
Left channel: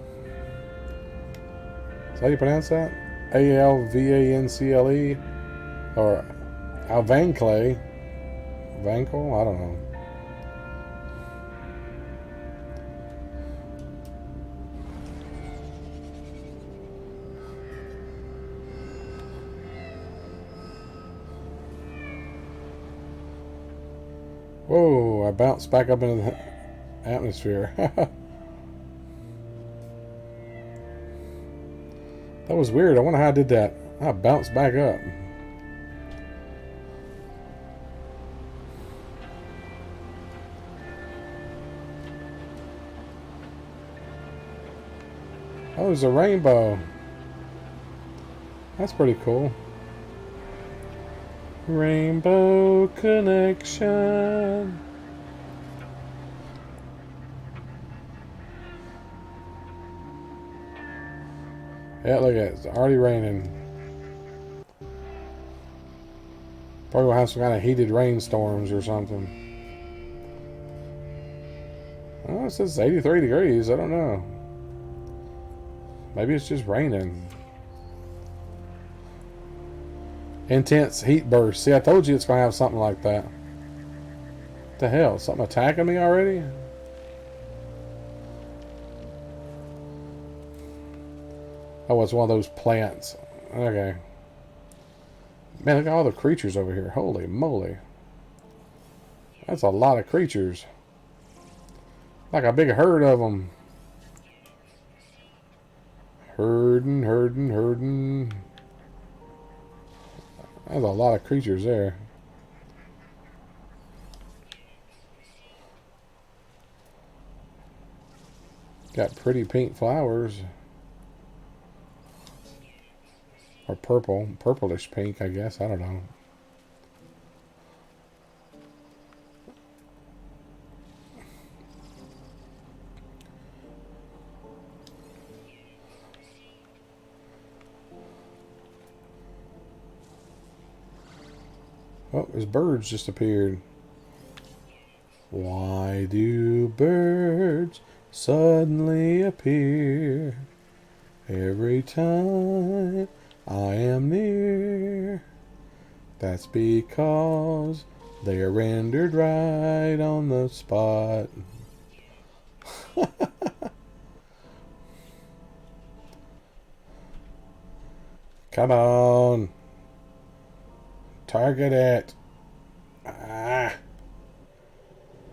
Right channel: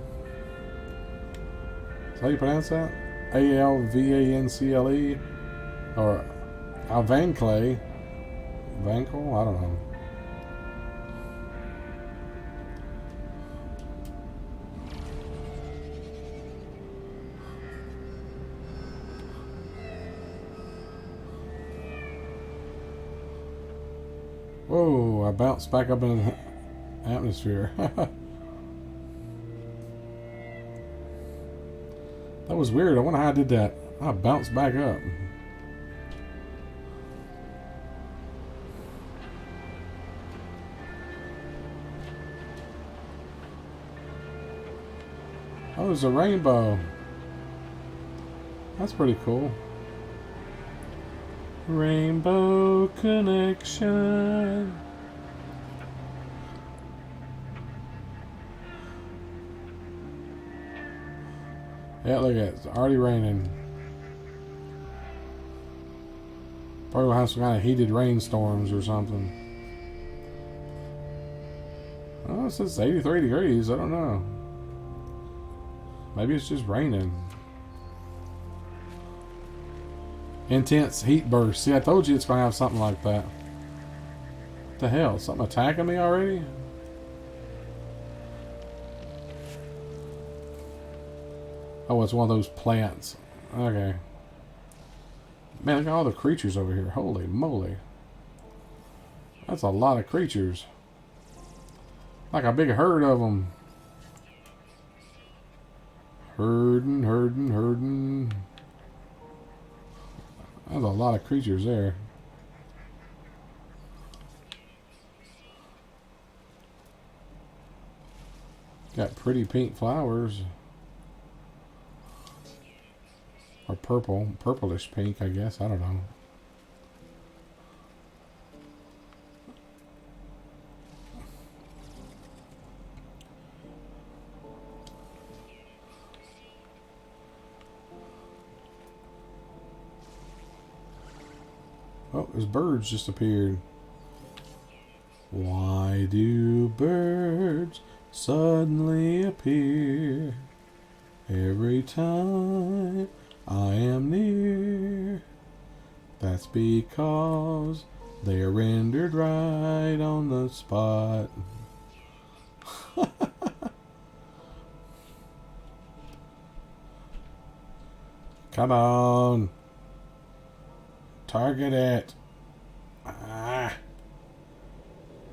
Is that how you pronounce that? Alvancle? Or Alvancle? Vancle? I don't know. Whoa, I bounced back up into the atmosphere. That was weird. I wonder how I did that. I bounced back up. Oh, there's a rainbow. That's pretty cool. Rainbow connection. Yeah, look at it. It's already raining. Probably will have some kind of heated rainstorms or something. Oh, it says 83 degrees. I don't know. Maybe it's just raining. Intense heat burst. See, I told you it's going to have something like that. the hell? Something attacking me already? Oh, it's one of those plants. Okay. Man, look at all the creatures over here. Holy moly. That's a lot of creatures. Like a big herd of them. Herding, herding, herding. There's a lot of creatures there. Got pretty pink flowers. Or purple. Purplish pink, I guess. I don't know. Oh, there's birds just appeared. Why do birds suddenly appear every time I am near? That's because they are rendered right on the spot. Come on. Target it. Ah.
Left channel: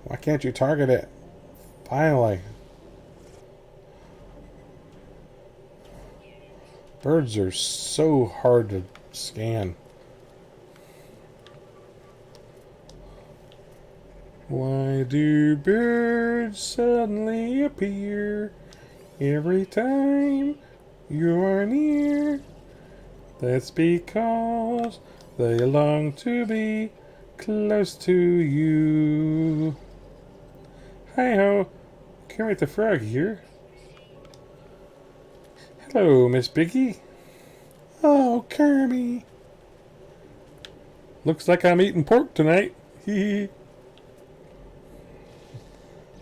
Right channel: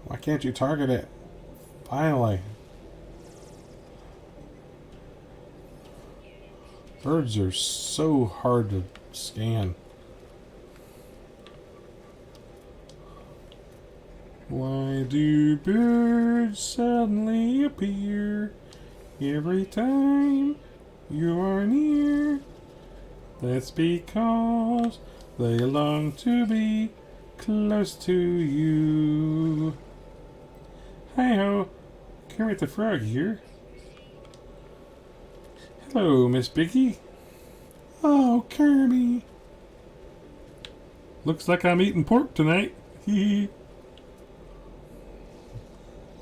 Why can't you target it? Finally. Birds are so hard to scan. Why do birds suddenly appear every time you're near? That's because they long to be close to you. Hi-ho, Kermit the Frog here. Hello, Miss Piggy. Oh, Kermit. Looks like I'm eating pork tonight. Hee.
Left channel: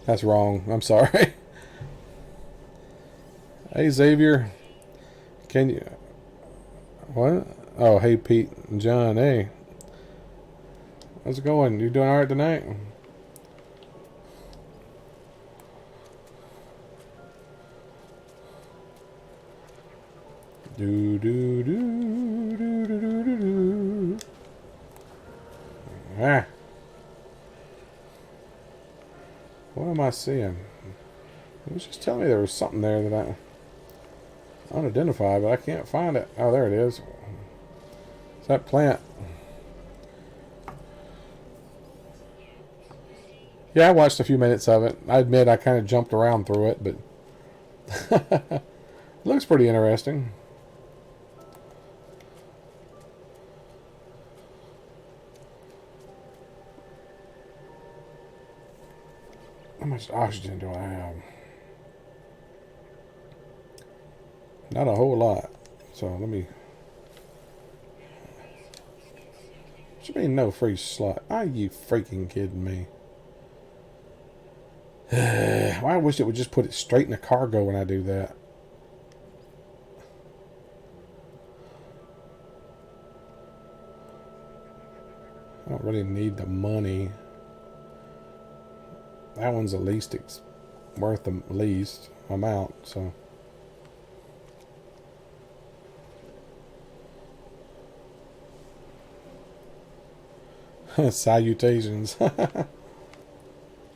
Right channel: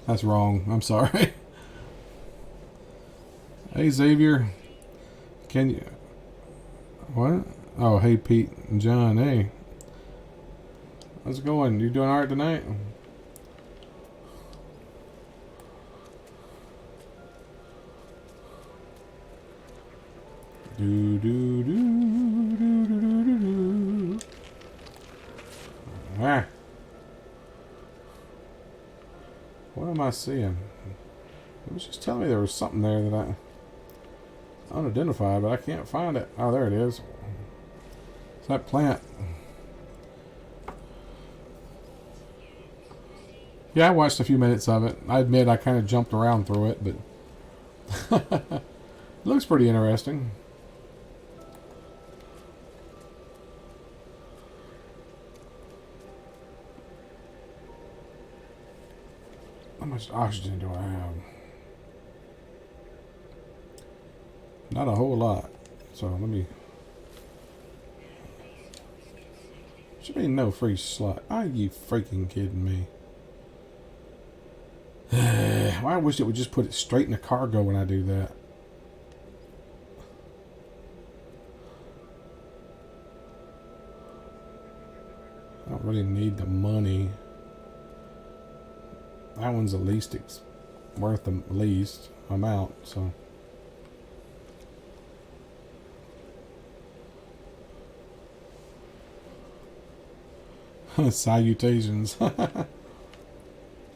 That's wrong. I'm sorry. Hey, Xavier. Can you... What? Oh, hey, Pete and John. Hey. How's it going? You doing alright tonight? Do do do do do do do do. Ah. What am I seeing? It was just telling me there was something there that I unidentified, but I can't find it. Oh, there it is. It's that plant. Yeah, I watched a few minutes of it. I admit I kind of jumped around through it, but it looks pretty interesting. How much oxygen do I have? Not a whole lot. So let me... Should be no free slot. Are you freaking kidding me? Well, I wish it would just put it straight in the cargo when I do that. I don't really need the money. That one's the least worth the least amount, so. Salutations.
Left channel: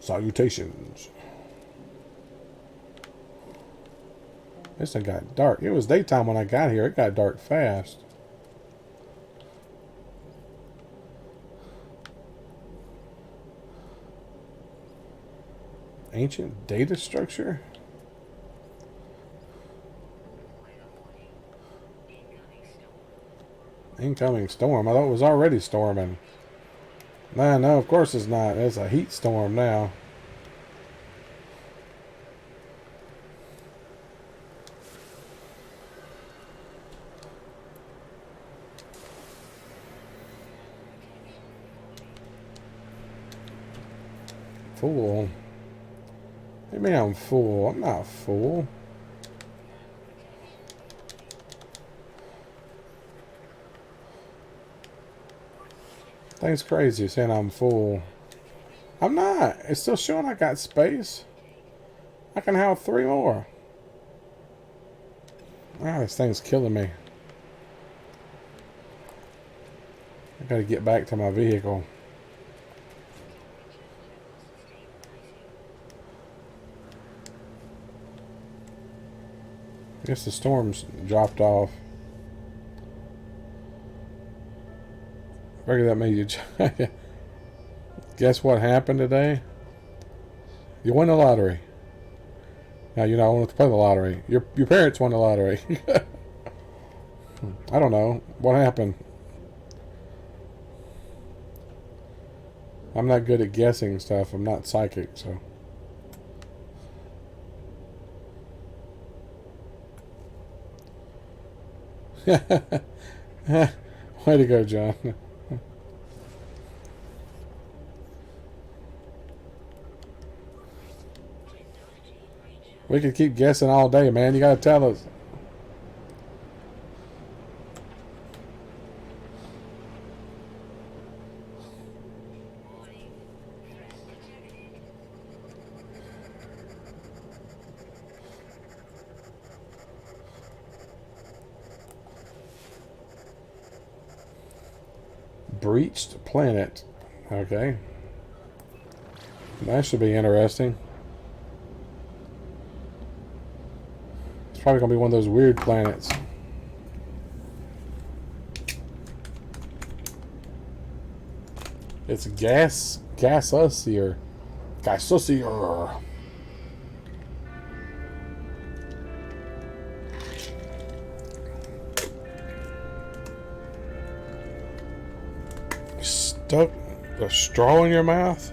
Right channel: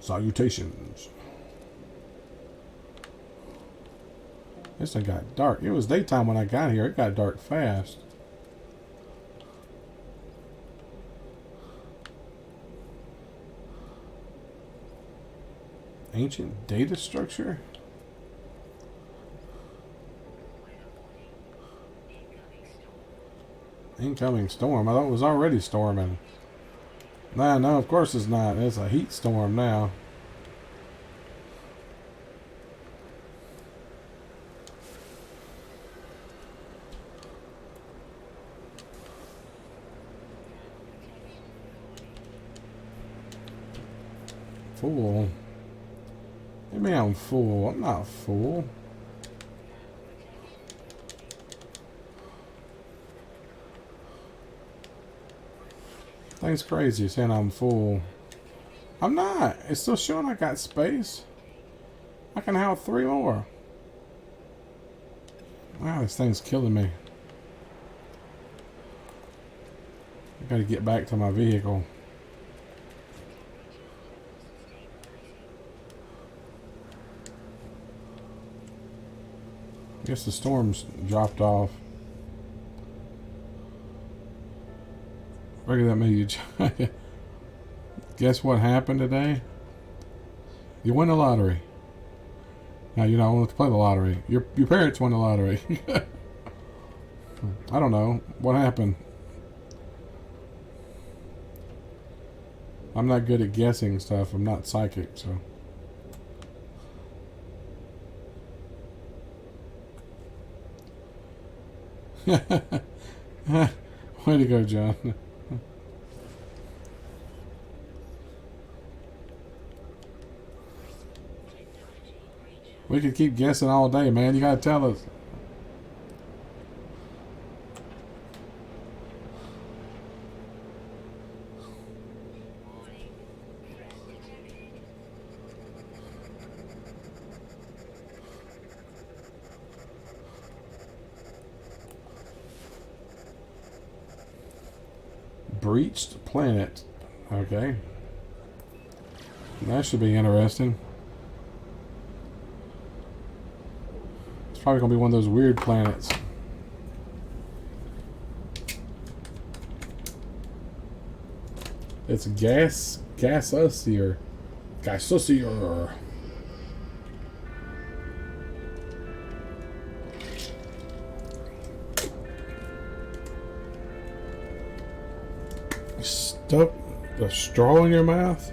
Salutations. This thing got dark. It was daytime when I got here. It got dark fast. Ancient data structure? Incoming storm. I thought it was already storming. No, of course it's not. It's a heat storm now. Fool. Maybe I'm fool. I'm not a fool. Thing's crazy saying I'm a fool. I'm not. It's still showing I got space. I can have 3 more. Wow, this thing's killing me. I gotta get back to my vehicle. I guess the storm's dropped off. Look at that me. Guess what happened today? You won the lottery. Now you're not old enough to play the lottery. Your parents won the lottery. I don't know. What happened? I'm not good at guessing stuff. I'm not psychic, so. Way to go, John. We could keep guessing all day, man. You gotta tell us. Breached planet. Okay. That should be interesting. It's probably going to be one of those weird planets. It's gasusier. You stuck a straw in your mouth?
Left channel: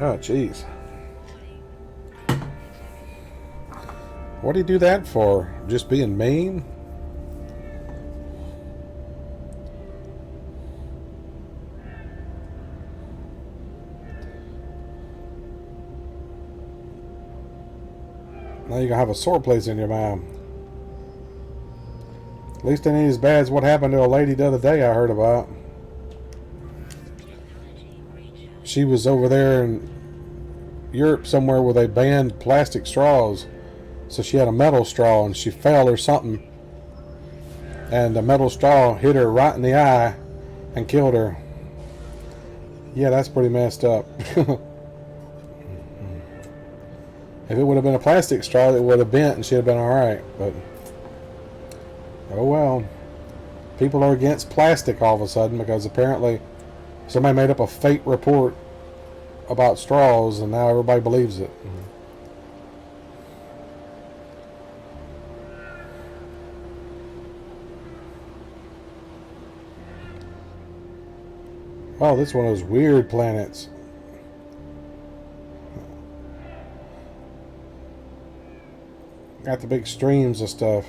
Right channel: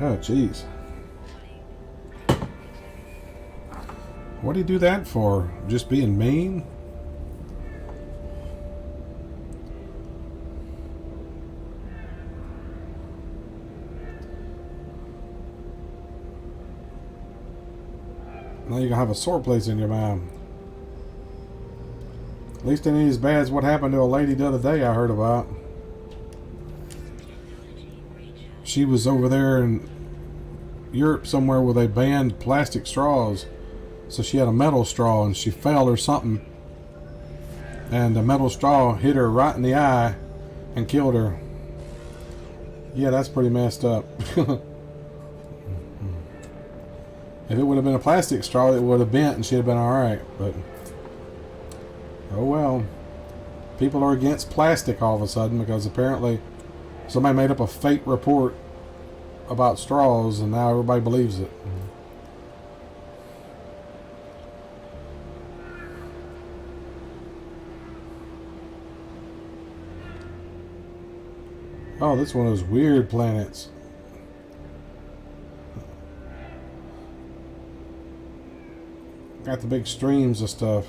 Oh, jeez. What do you do that for? Just being mean? Now you're gonna have a sore place in your mouth. At least it ain't as bad as what happened to a lady the other day I heard about. She was over there in Europe somewhere where they banned plastic straws. So she had a metal straw and she fell or something. And the metal straw hit her right in the eye and killed her. Yeah, that's pretty messed up. If it would have been a plastic straw, it would have bent and she'd have been alright. But, oh well. People are against plastic all of a sudden because apparently somebody made up a fake report about straws and now everybody believes it. Oh, this is one of those weird planets. Got the big streams of stuff.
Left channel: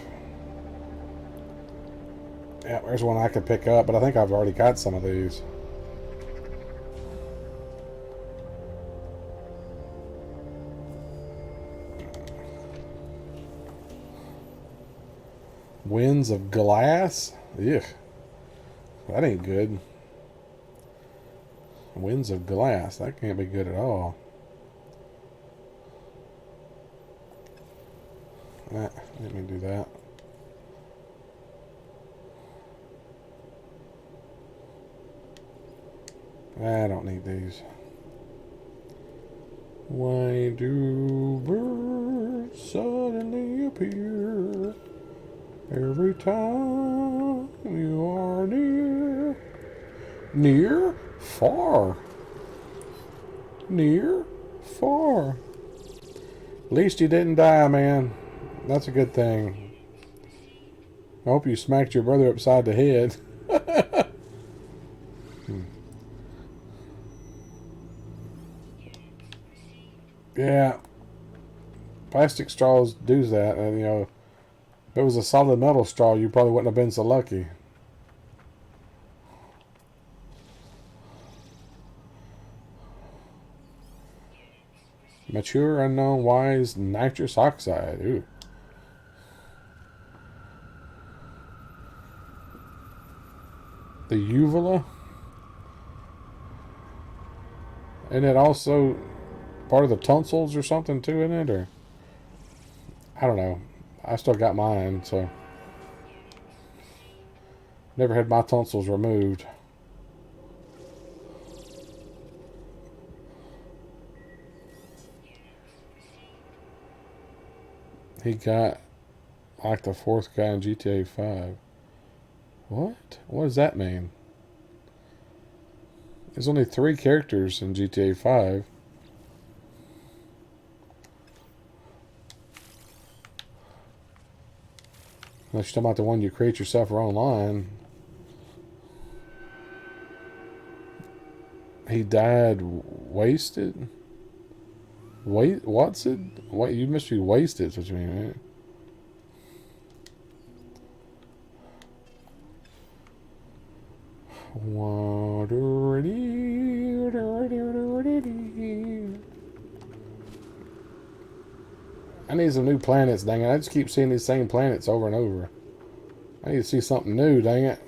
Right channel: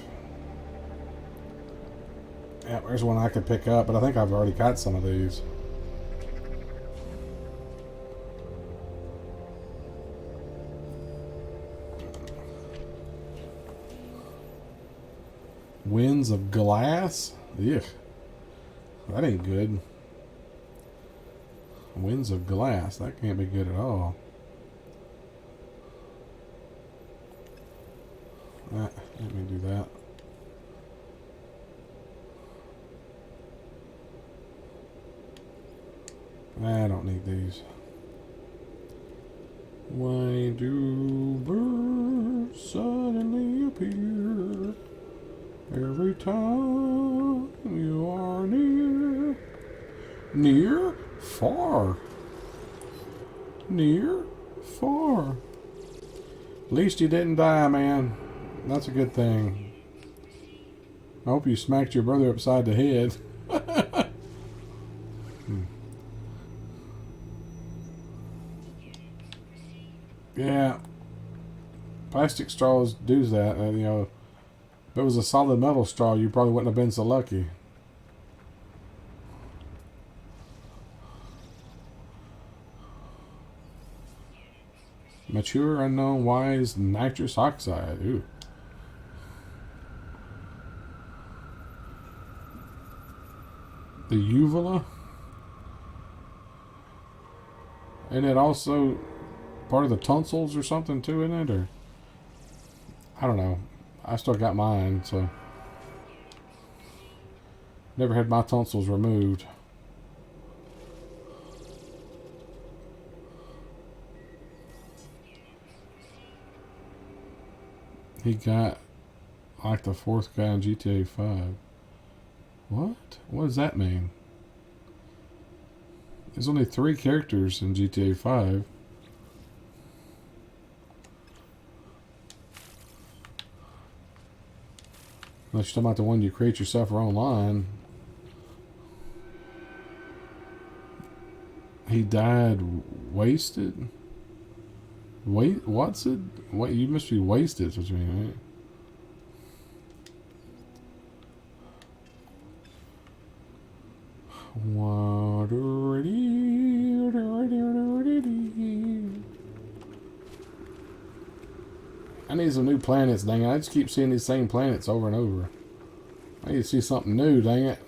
Yeah, there's one I could pick up, but I think I've already got some of these. Winds of glass? Ugh. That ain't good. Winds of glass. That can't be good at all. Let me do that. I don't need these. Why do birds suddenly appear every time you are near? Near? Far. Near? Far. At least you didn't die, man. That's a good thing. I hope you smacked your brother upside the head. Yeah. Plastic straws do that. And, you know, if it was a solid metal straw, you probably wouldn't have been so lucky. Mature unknown wise nitrous oxide. Ooh. The uvula. And it also part of the tonsils or something too, in it? Or I don't know. I still got mine, so never had my tonsils removed. He got like the fourth guy in GTA 5. What? What does that mean? There's only 3 characters in GTA 5. Unless you're talking about the one you create yourself or online. He died wasted? Wait, what's it? What, you must be wasted, is what you mean, right? I need some new planets, dang it. I just keep seeing these same planets over and over. I need to see something new, dang it.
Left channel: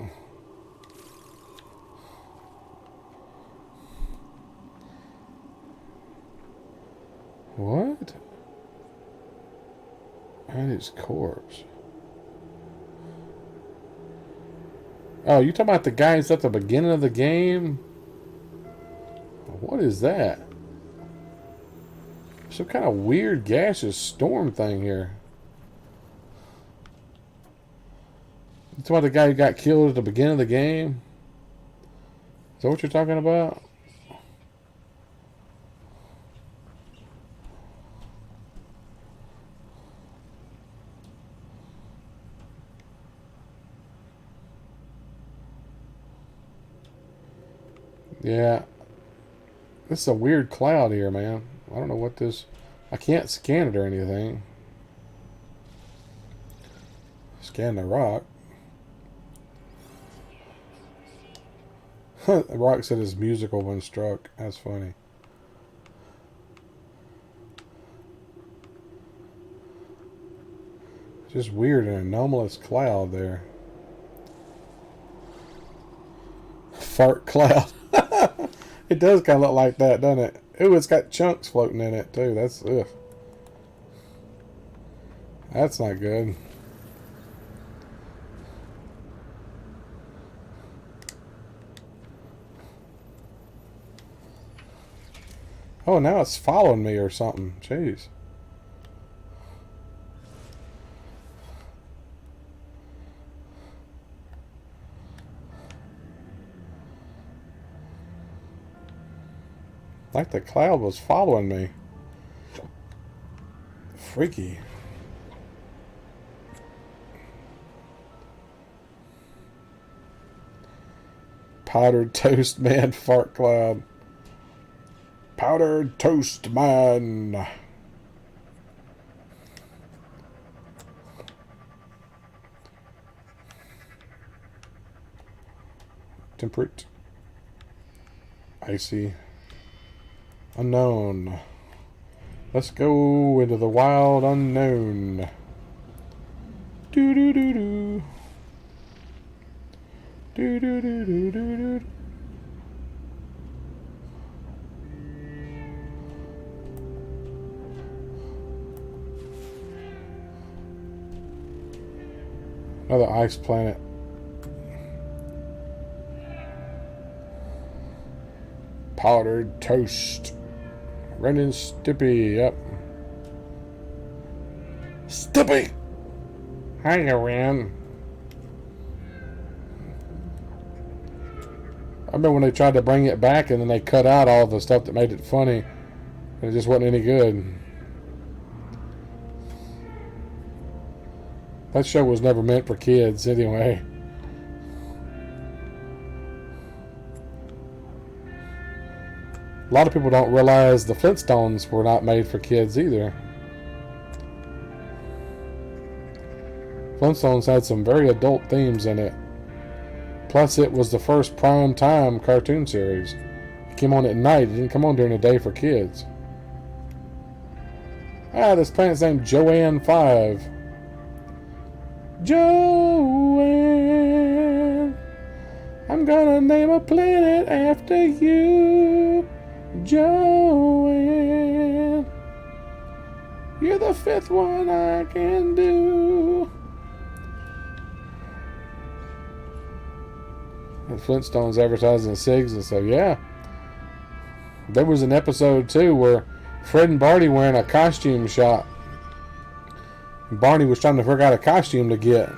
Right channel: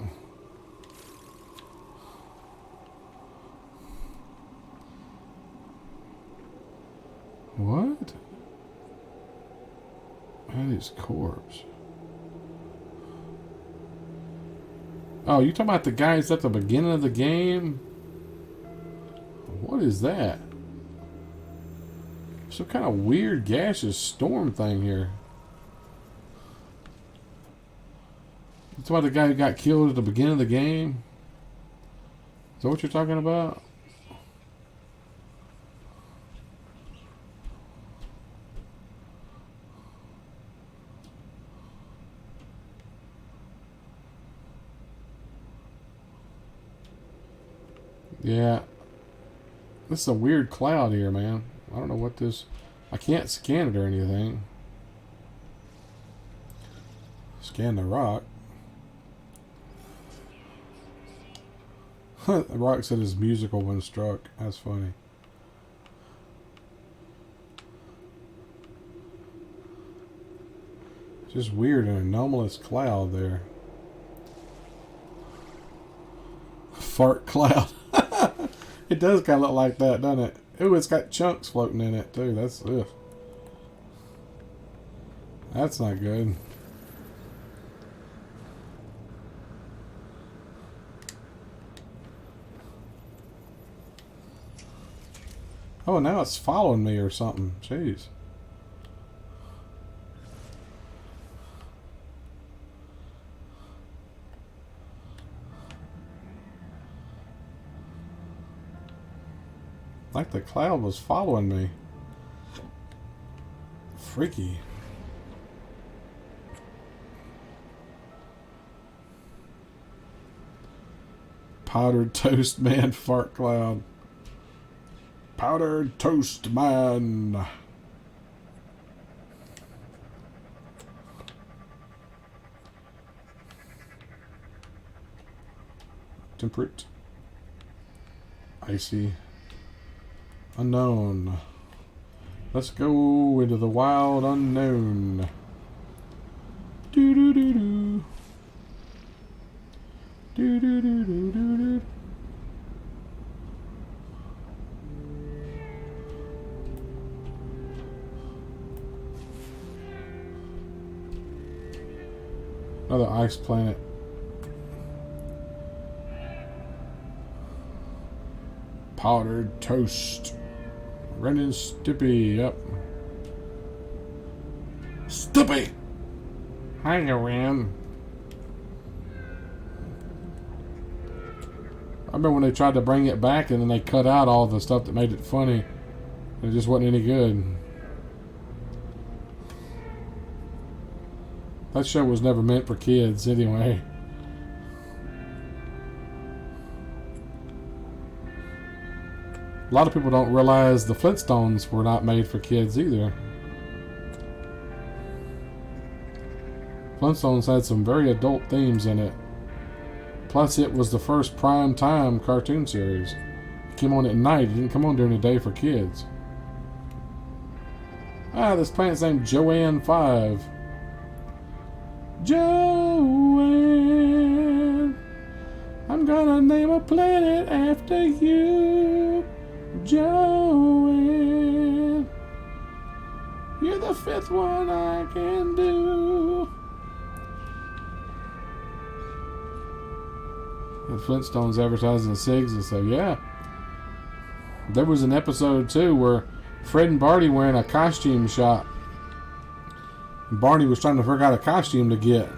What? And his corpse. Oh, you talking about the guys at the beginning of the game? What is that? Some kind of weird gaseous storm thing here. You talking about the guy who got killed at the beginning of the game? Is that what you're talking about? Yeah. This is a weird cloud here, man. I don't know what this... I can't scan it or anything. Scan the rock. The rock said it's musical when struck. That's funny. Just weird, an anomalous cloud there. Fart cloud. It does kind of look like that, doesn't it? Ooh, it's got chunks floating in it, too. That's, ugh. That's not good. Oh, now it's following me or something. Jeez. Like the cloud was following me. Freaky. Powdered toast man fart cloud. Powdered toast man. Temperate. Icy. Unknown. Let's go into the wild unknown. Do do do do. Do do do do do do. Another ice planet. Powdered toast. Ren and Stimpy, yep. Stimpy! Hiya, Ren. I remember when they tried to bring it back and then they cut out all the stuff that made it funny. It just wasn't any good. That show was never meant for kids anyway. A lot of people don't realize the Flintstones were not made for kids either. Flintstones had some very adult themes in it. Plus, it was the first prime time cartoon series. It came on at night. It didn't come on during the day for kids. Ah, this planet's named Joanne 5. Joanne, I'm gonna name a planet after you. Joanne, you're the fifth one I can do. The Flintstones advertising cigs, and so yeah. There was an episode too where Fred and Barney were in a costume shop. Barney was trying to figure out a costume to get.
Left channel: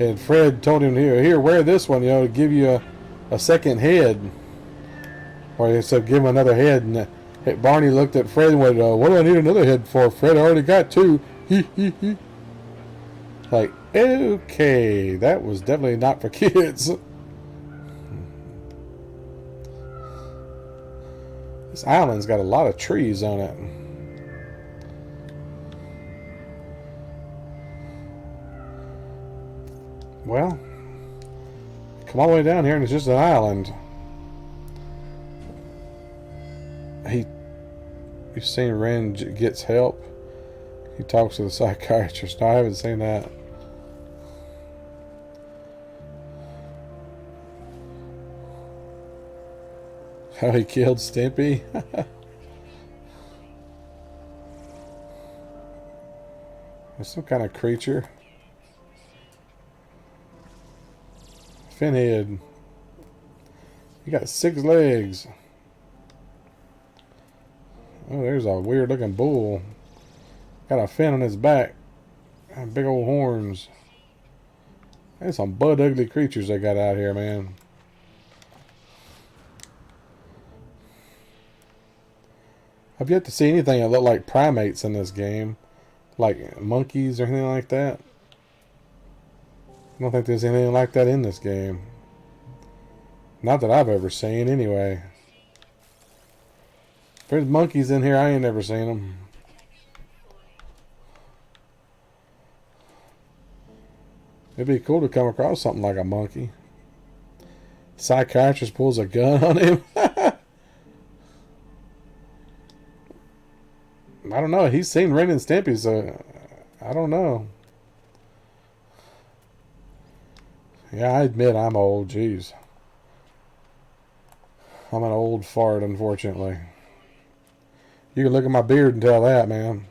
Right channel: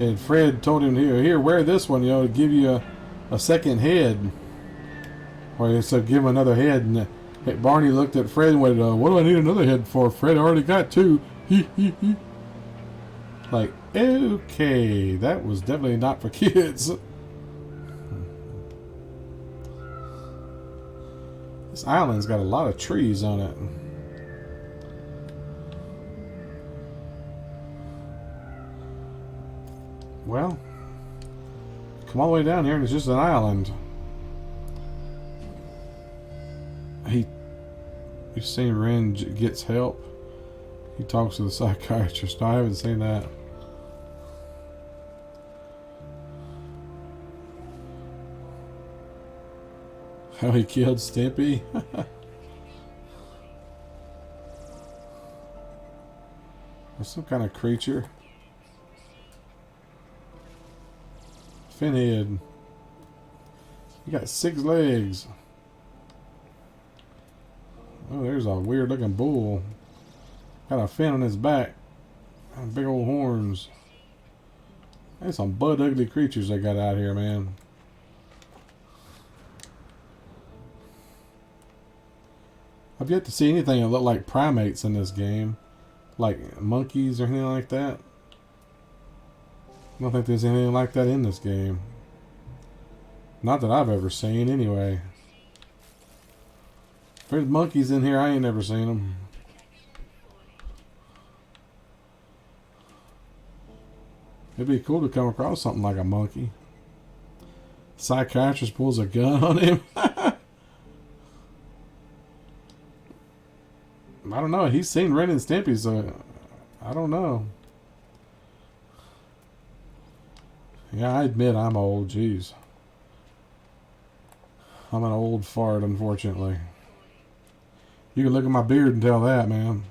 And Fred told him, here, wear this one, to give you a second head. Or he said, give him another head. And Barney looked at Fred and went, what do I need another head for? Fred already got two. Like, okay, that was definitely not for kids. This island's got a lot of trees on it. Well, come all the way down here and it's just an island. You've seen Ren gets help. He talks to the psychiatrist. No, I haven't seen that. How he killed Stimpy. There's some kind of creature. Finhead. He got 6 legs. Oh, there's a weird looking bull. Got a fin on his back. And big old horns. There's some butt ugly creatures they got out here, man. I've yet to see anything that look like primates in this game. Like monkeys or anything like that. I don't think there's anything like that in this game. Not that I've ever seen, anyway. If there's monkeys in here, I ain't never seen them. It'd be cool to come across something like a monkey. Psychiatrist pulls a gun on him. I don't know. He's seen Ren and Stimpy, so I don't know. Yeah, I admit I'm old. Jeez. I'm an old fart, unfortunately. You can look at my beard and tell that, man.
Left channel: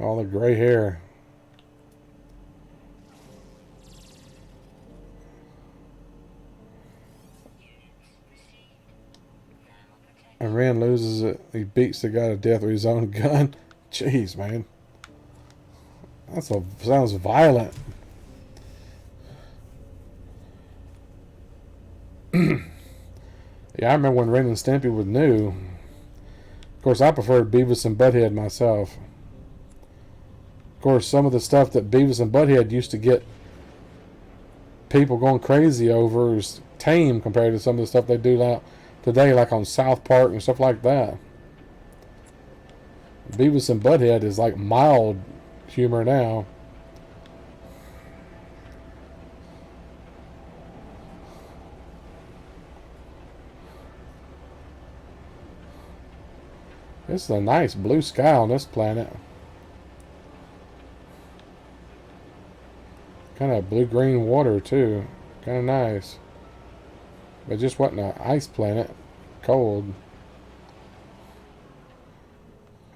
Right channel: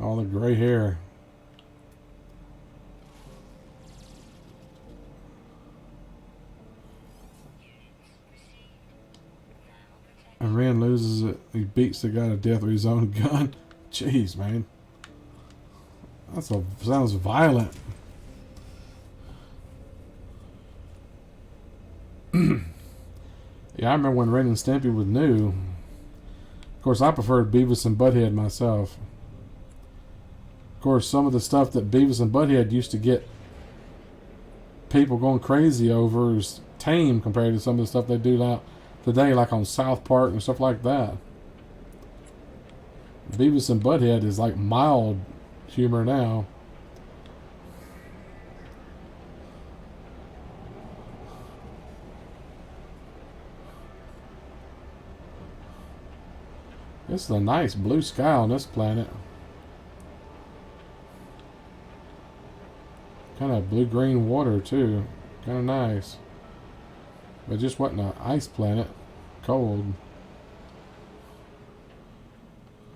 All the gray hair. And Ren loses it. He beats the guy to death with his own gun. Jeez, man. Sounds violent. Yeah, I remember when Ren and Stimpy was new. Of course, I preferred Beavis and Butthead myself. Of course, some of the stuff that Beavis and Butthead used to get people going crazy over is tame compared to some of the stuff they do now today, like on South Park and stuff like that. Beavis and Butthead is like mild humor now. It's a nice blue sky on this planet. Kind of blue-green water too. Kind of nice. But just wasn't an ice planet. Cold.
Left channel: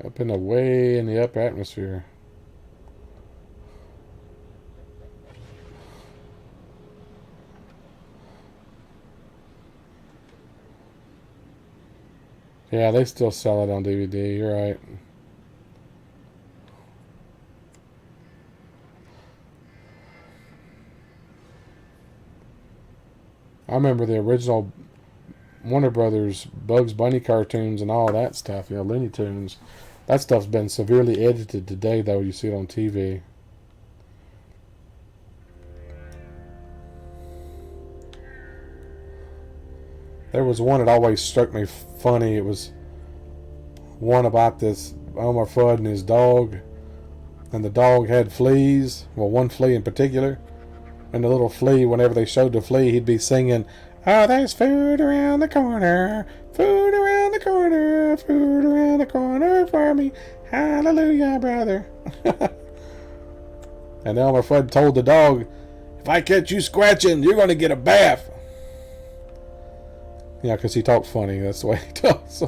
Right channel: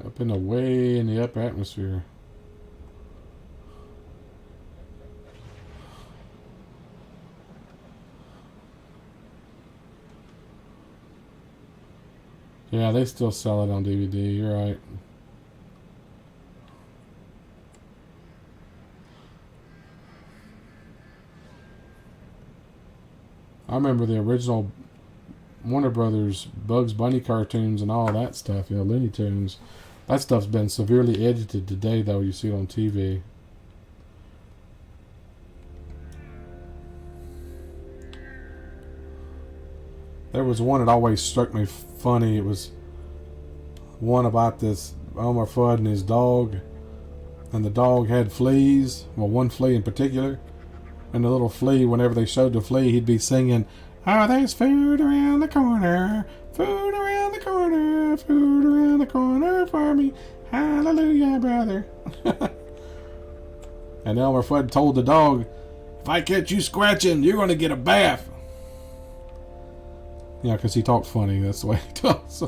Up in the way in the upper atmosphere. Yeah, they still sell it on DVD. You're right. I remember the original Warner Brothers Bugs Bunny cartoons and all that stuff. Looney Tunes. That stuff's been severely edited today, though. You see it on TV. There was one that always struck me funny. It was one about this Elmer Fudd and his dog. And the dog had fleas. Well, one flea in particular. And the little flea, whenever they showed the flea, he'd be singing, "Oh, there's food around the corner. Food around the corner. Food around the corner for me. Hallelujah, brother." And Elmer Fudd told the dog, "If I catch you scratching, you're going to get a bath." You know, because he talked funny. That's the way he talks.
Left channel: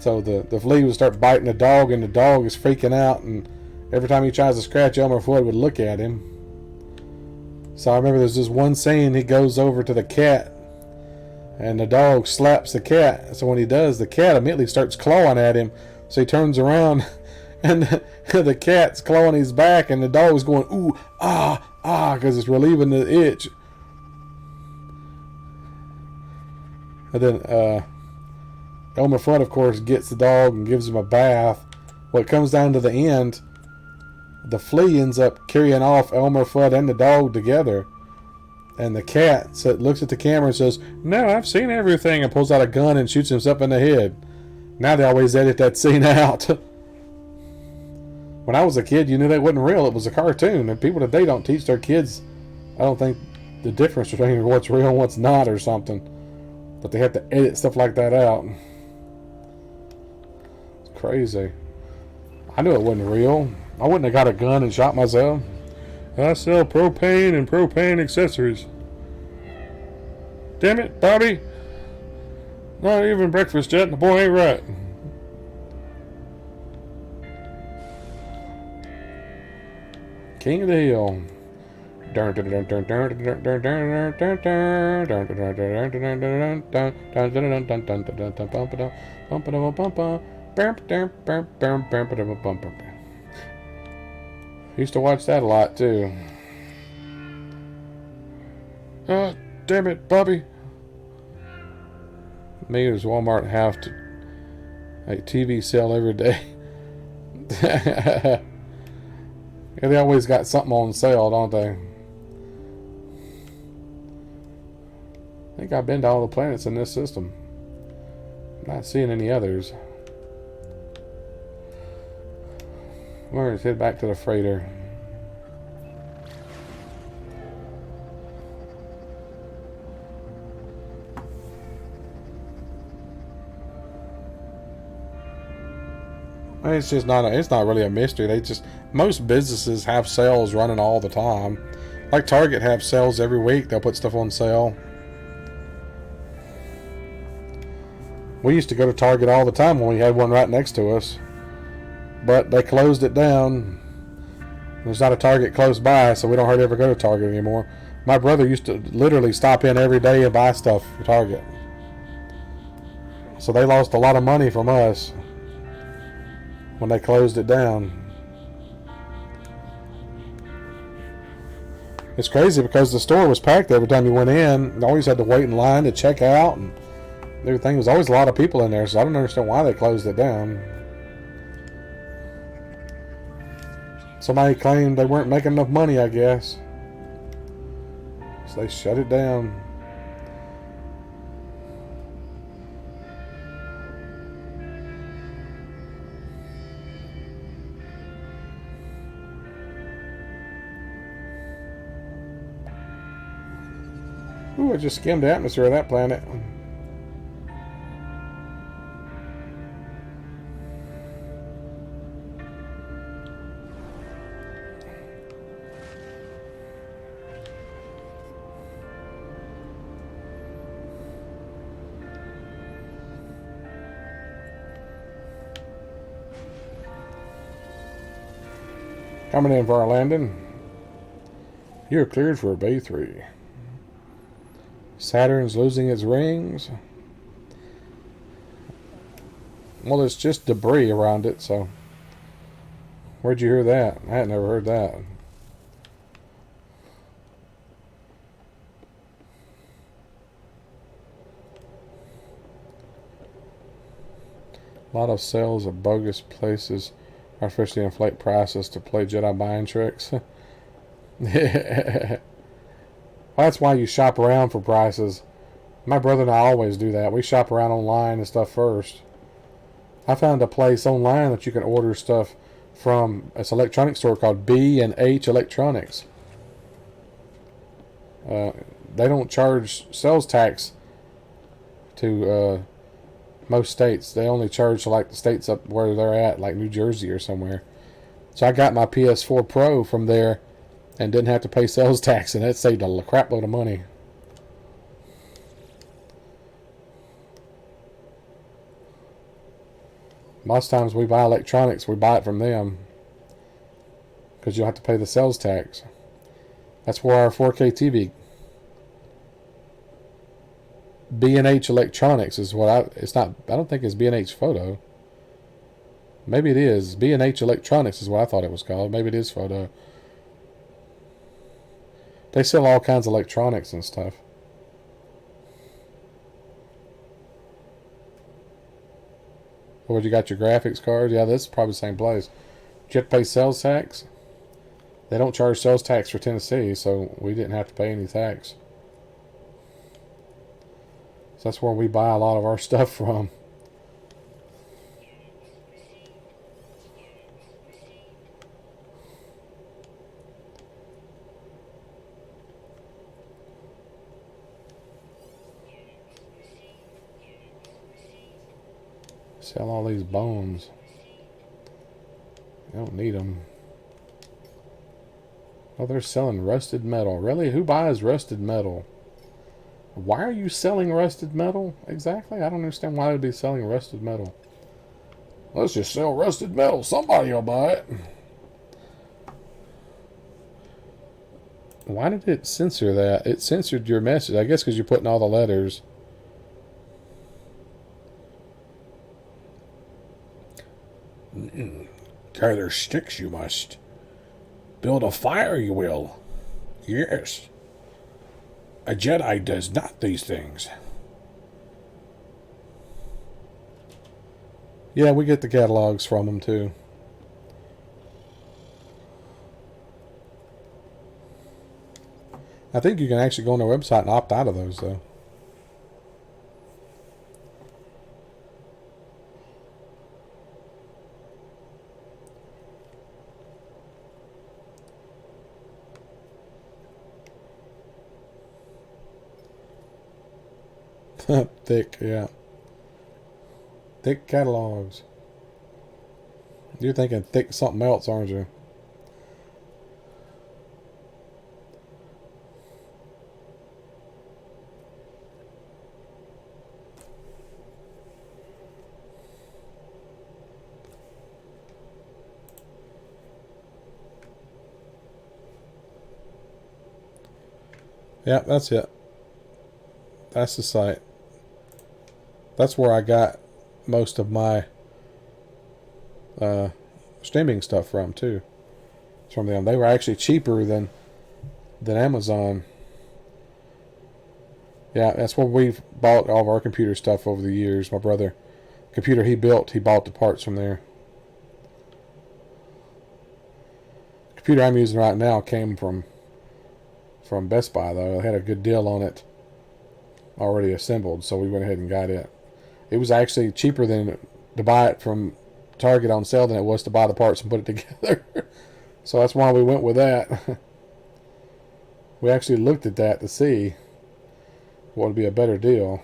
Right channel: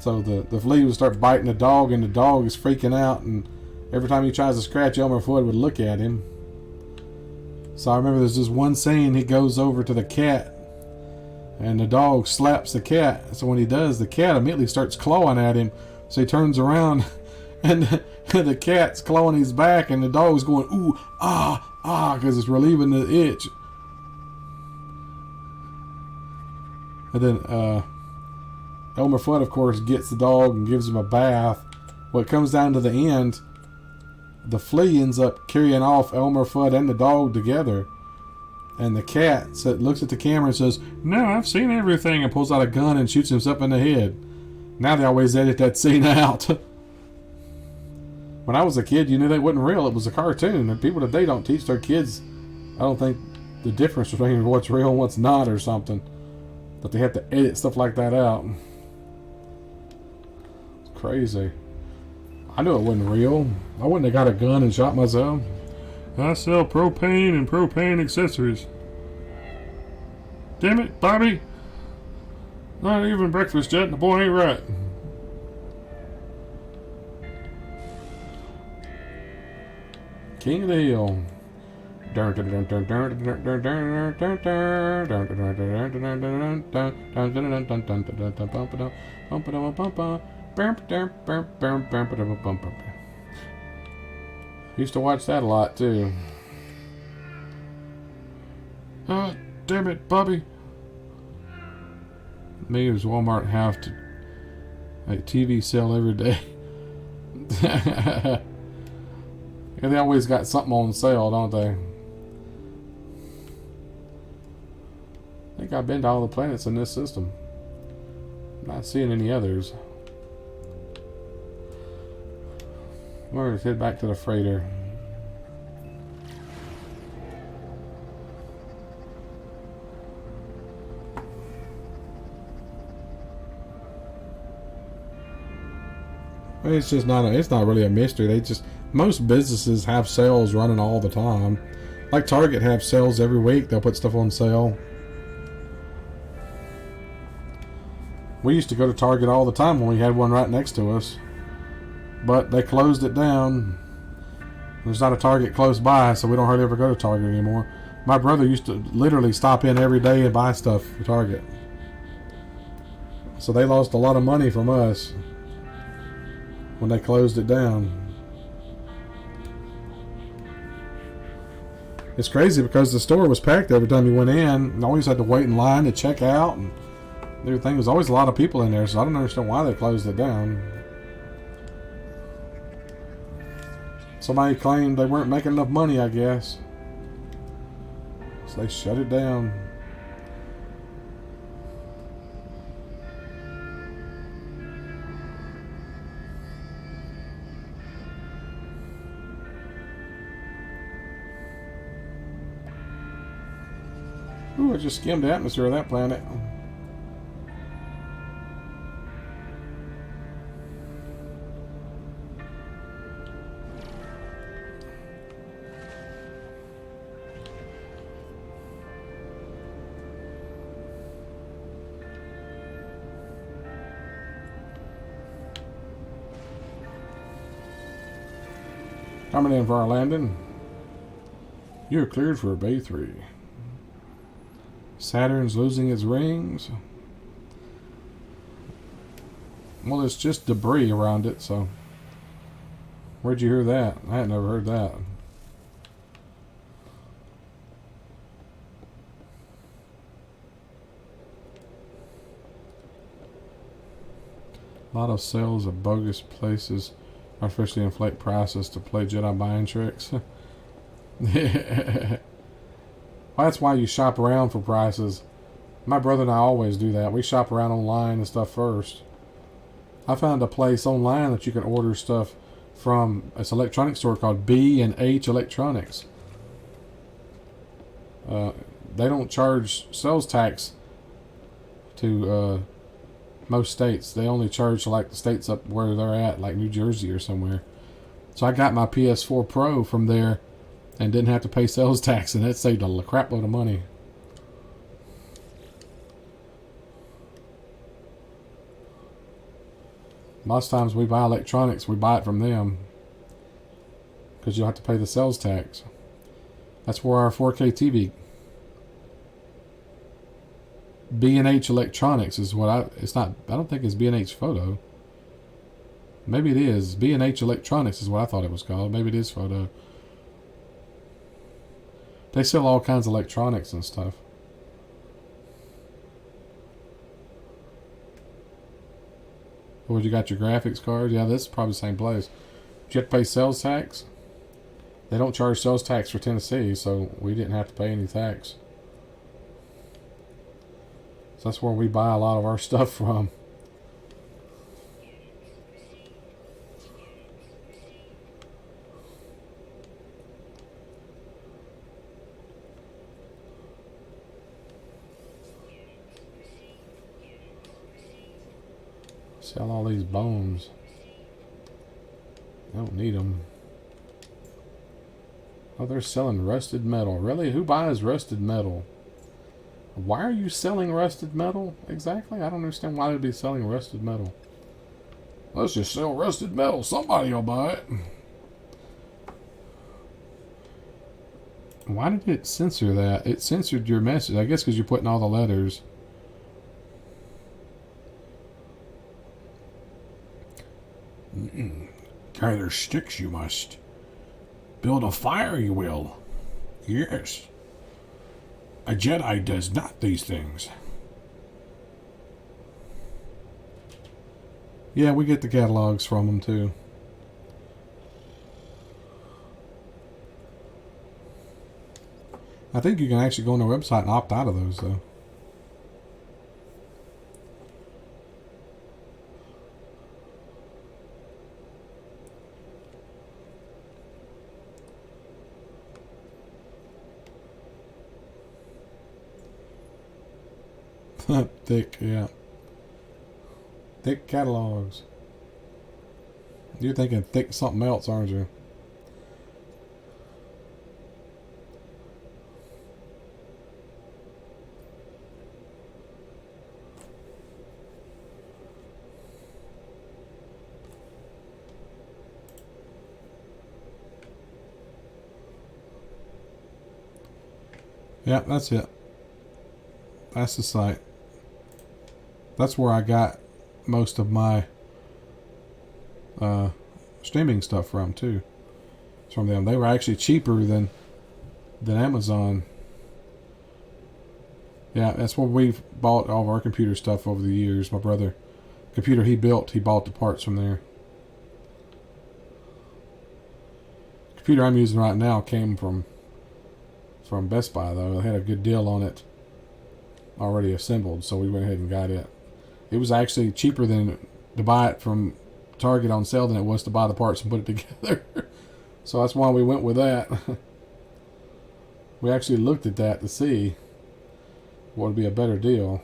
So the flea would start biting the dog, and the dog is freaking out. And every time he tries to scratch Elmer Fudd would look at him. So I remember there's this one scene, he goes over to the cat, and the dog slaps the cat. So when he does, the cat immediately starts clawing at him. So he turns around, and the cat's clawing his back, and the dog's going, ooh, ah, ah, because it's relieving the itch. And then Elmer Fudd, of course, gets the dog and gives him a bath. Well, it comes down to the end, the flea ends up carrying off Elmer Fudd and the dog together. And the cat looks at the camera and says, "No, I've seen everything," and pulls out a gun and shoots himself in the head. Now they always edit that scene out. When I was a kid, you knew they wasn't real. It was a cartoon. And people today don't teach their kids, I don't think, the difference between what's real and what's not or something. But they have to edit stuff like that out. It's crazy. I knew it wasn't real. I wouldn't have got a gun and shot myself. I sell propane and propane accessories. Damn it, Bobby. Not even breakfast yet, and the boy ain't right. King of the Hill. Used to watch that a lot too. Oh, damn it, Bobby. Me and Walmart have to like TV sale every day. And they always got something on sale, don't they? I think I've been to all the planets in this system. I'm not seeing any others. Let's head back to the freighter. It's just not. It's not really a mystery. Most businesses have sales running all the time. Like Target have sales every week. They'll put stuff on sale. We used to go to Target all the time when we had one right next to us. But they closed it down. There's not a Target close by, so we don't hardly ever go to Target anymore. My brother used to literally stop in every day and buy stuff at Target. So they lost a lot of money from us when they closed it down. It's crazy because the store was packed every time you went in, and always had to wait in line to check out. And everything. There was always a lot of people in there, so I don't understand why they closed it down. Somebody claimed they weren't making enough money, I guess. So they shut it down. Ooh, I just skimmed the atmosphere of that planet. Coming in for our landing. You're cleared for Bay 3. Saturn's losing its rings. Well, there's just debris around it, so. Where'd you hear that? I had never heard that. A lot of sales of bogus places artificially inflate prices to play Jedi mind tricks. Well, that's why you shop around for prices. My brother and I always do that. We shop around online and stuff first. I found a place online that you can order stuff from. It's an electronics store called B&H Electronics. They don't charge sales tax to most states. They only charge to like the states up where they're at, like New Jersey or somewhere. So I got my PS4 Pro from there and didn't have to pay sales tax, and that saved a crap load of money. Most times we buy electronics, we buy it from them because you'll have to pay the sales tax. That's where our 4K TV, B&H Electronics is what it's not, I don't think it's B&H Photo. Maybe it is. B&H Electronics is what I thought it was called. Maybe it is Photo. They sell all kinds of electronics and stuff. Or you got your graphics card? Yeah, this is probably the same place. Did you have to pay sales tax? They don't charge sales tax for Tennessee, so we didn't have to pay any tax. So that's where we buy a lot of our stuff from. Sell all these bones. I don't need them. Oh, they're selling rusted metal. Really? Who buys rusted metal? Why are you selling rusted metal? Exactly? I don't understand why they'd be selling rusted metal. Let's just sell rusted metal. Somebody will buy it. Why did it censor that? It censored your message. I guess because you're putting all the letters. Gather sticks you must. Build a fire you will. Yes. A Jedi does not these things. Yeah, we get the catalogs from them too. I think you can actually go on their website and opt out of those though. Thick, yeah. Thick catalogs. You're thinking thick something else, aren't you? Yeah, that's it. That's the site. That's where I got most of my streaming stuff from too. It's from them. They were actually cheaper than Amazon. Yeah, that's where we've bought all of our computer stuff over the years. My brother, computer he built, he bought the parts from there. The computer I'm using right now came from Best Buy though. They had a good deal on it already assembled, so we went ahead and got it. It was actually cheaper than to buy it from Target on sale than it was to buy the parts and put it together. So that's why we went with that. We actually looked at that to see what would be a better deal.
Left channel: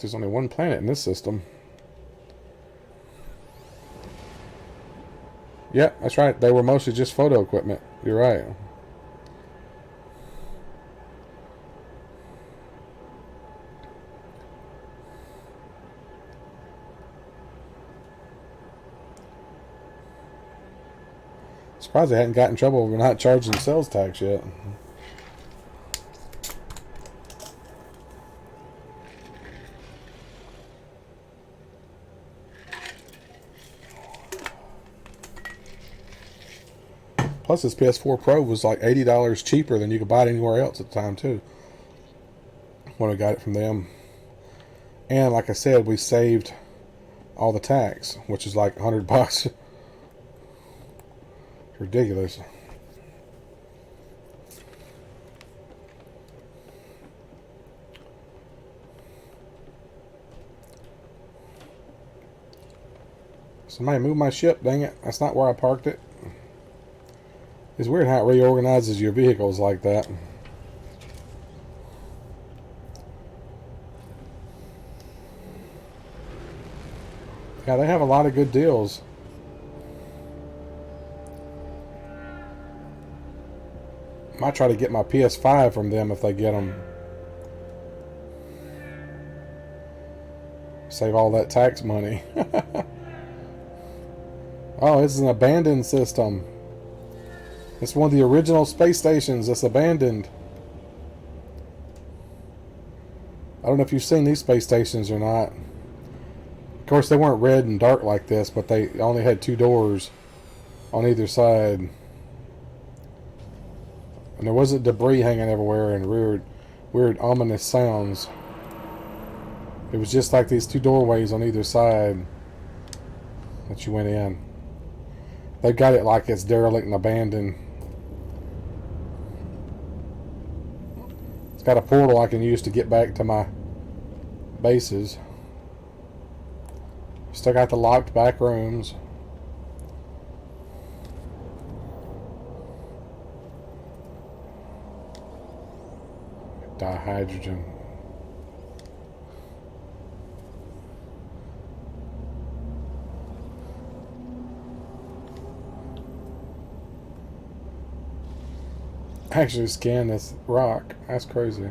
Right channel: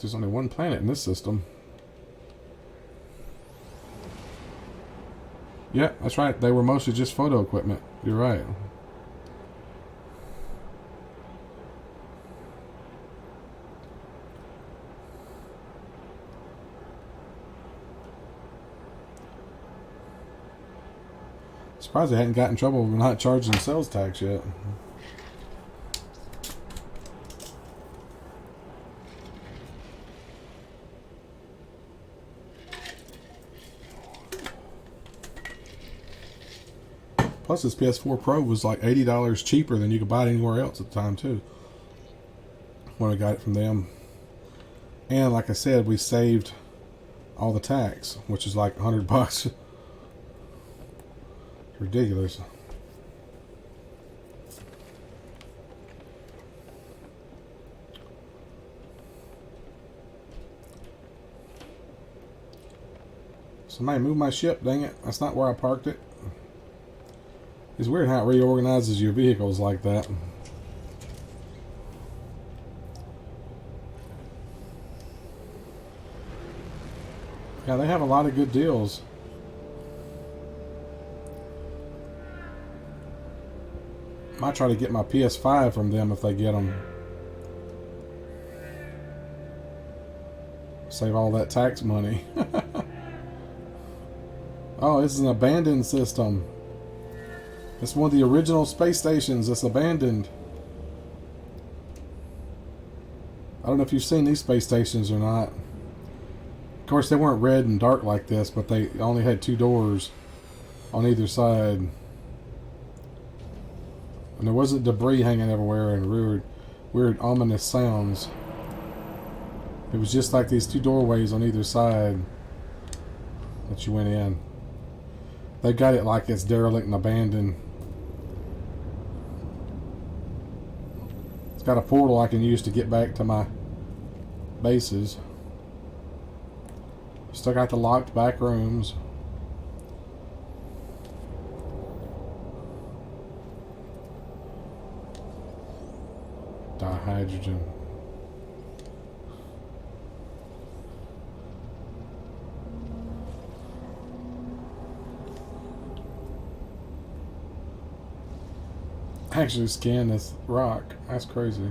There's only one planet in this system. Yeah, that's right. They were mostly just photo equipment. You're right. Surprised they hadn't gotten in trouble for not charging sales tax yet. Plus, this PS4 Pro was like $80 cheaper than you could buy it anywhere else at the time, too. When I got it from them. And like I said, we saved all the tax, which is like $100. Ridiculous. Somebody moved my ship, dang it. That's not where I parked it. It's weird how it reorganizes your vehicles like that. Yeah, they have a lot of good deals. Might try to get my PS5 from them if they get them. Save all that tax money. Oh, this is an abandoned system. It's one of the original space stations that's abandoned. I don't know if you've seen these space stations or not. Of course, they weren't red and dark like this, but they only had 2 doors on either side. And there wasn't debris hanging everywhere and weird ominous sounds. It was just like these 2 doorways on either side that you went in. They've got it like it's derelict and abandoned. It's got a portal I can use to get back to my bases. Still got the locked back rooms. Dihydrogen. Actually scan this rock. That's crazy.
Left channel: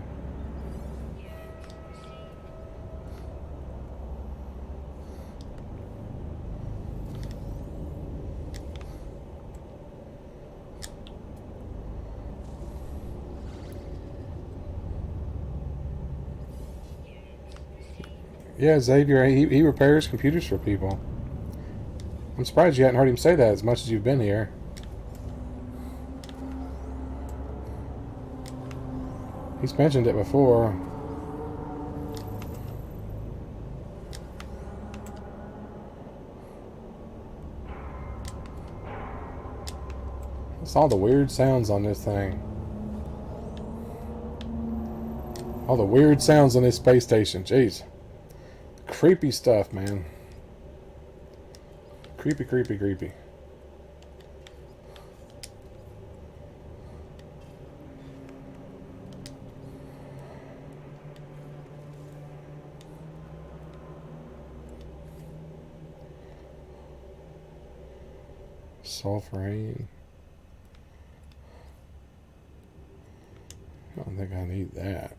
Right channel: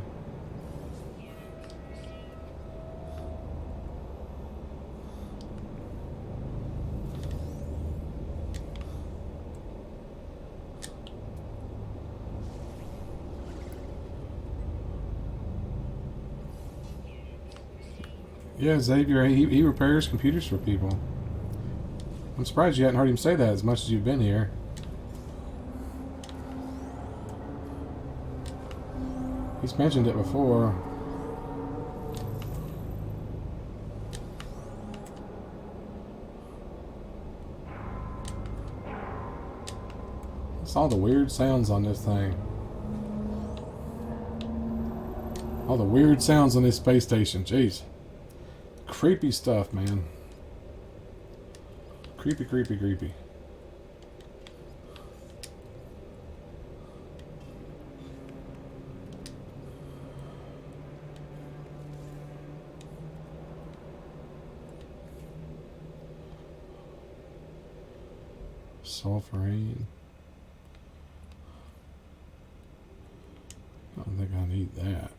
Yeah, Xavier, he repairs computers for people. I'm surprised you hadn't heard him say that as much as you've been here. He's mentioned it before. It's all the weird sounds on this thing. All the weird sounds on this space station. Jeez. Creepy stuff, man. Creepy, creepy, creepy. Sulfurate. I don't think I need that.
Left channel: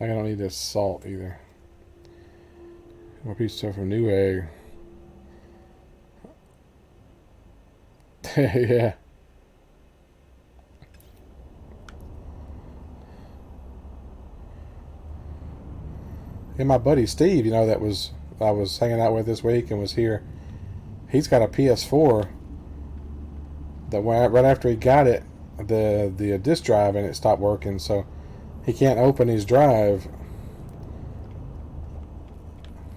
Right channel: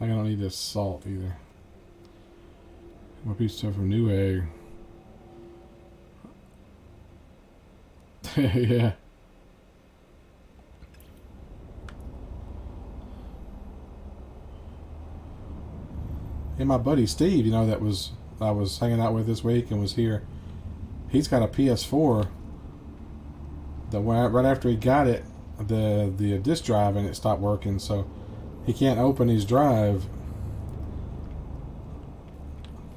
I don't need this salt either. More piece of stuff from New Egg. Yeah. And my buddy Steve, you know, that I was hanging out with this week and was here. He's got a PS4 that right after he got it, the disk drive and it stopped working, so he can't open his drive.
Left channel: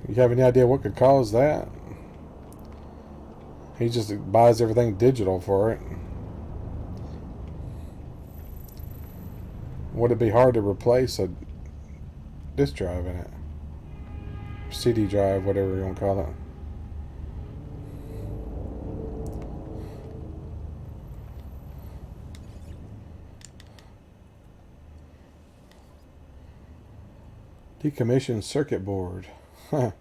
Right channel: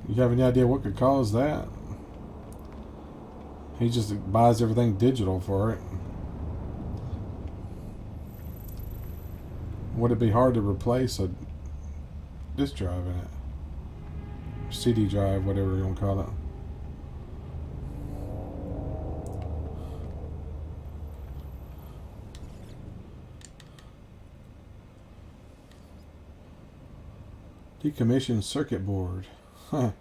You have any idea what could cause that? He just buys everything digital for it. Would it be hard to replace a disk drive in it? CD drive, whatever you want to call it. Decommissioned circuit board. Huh.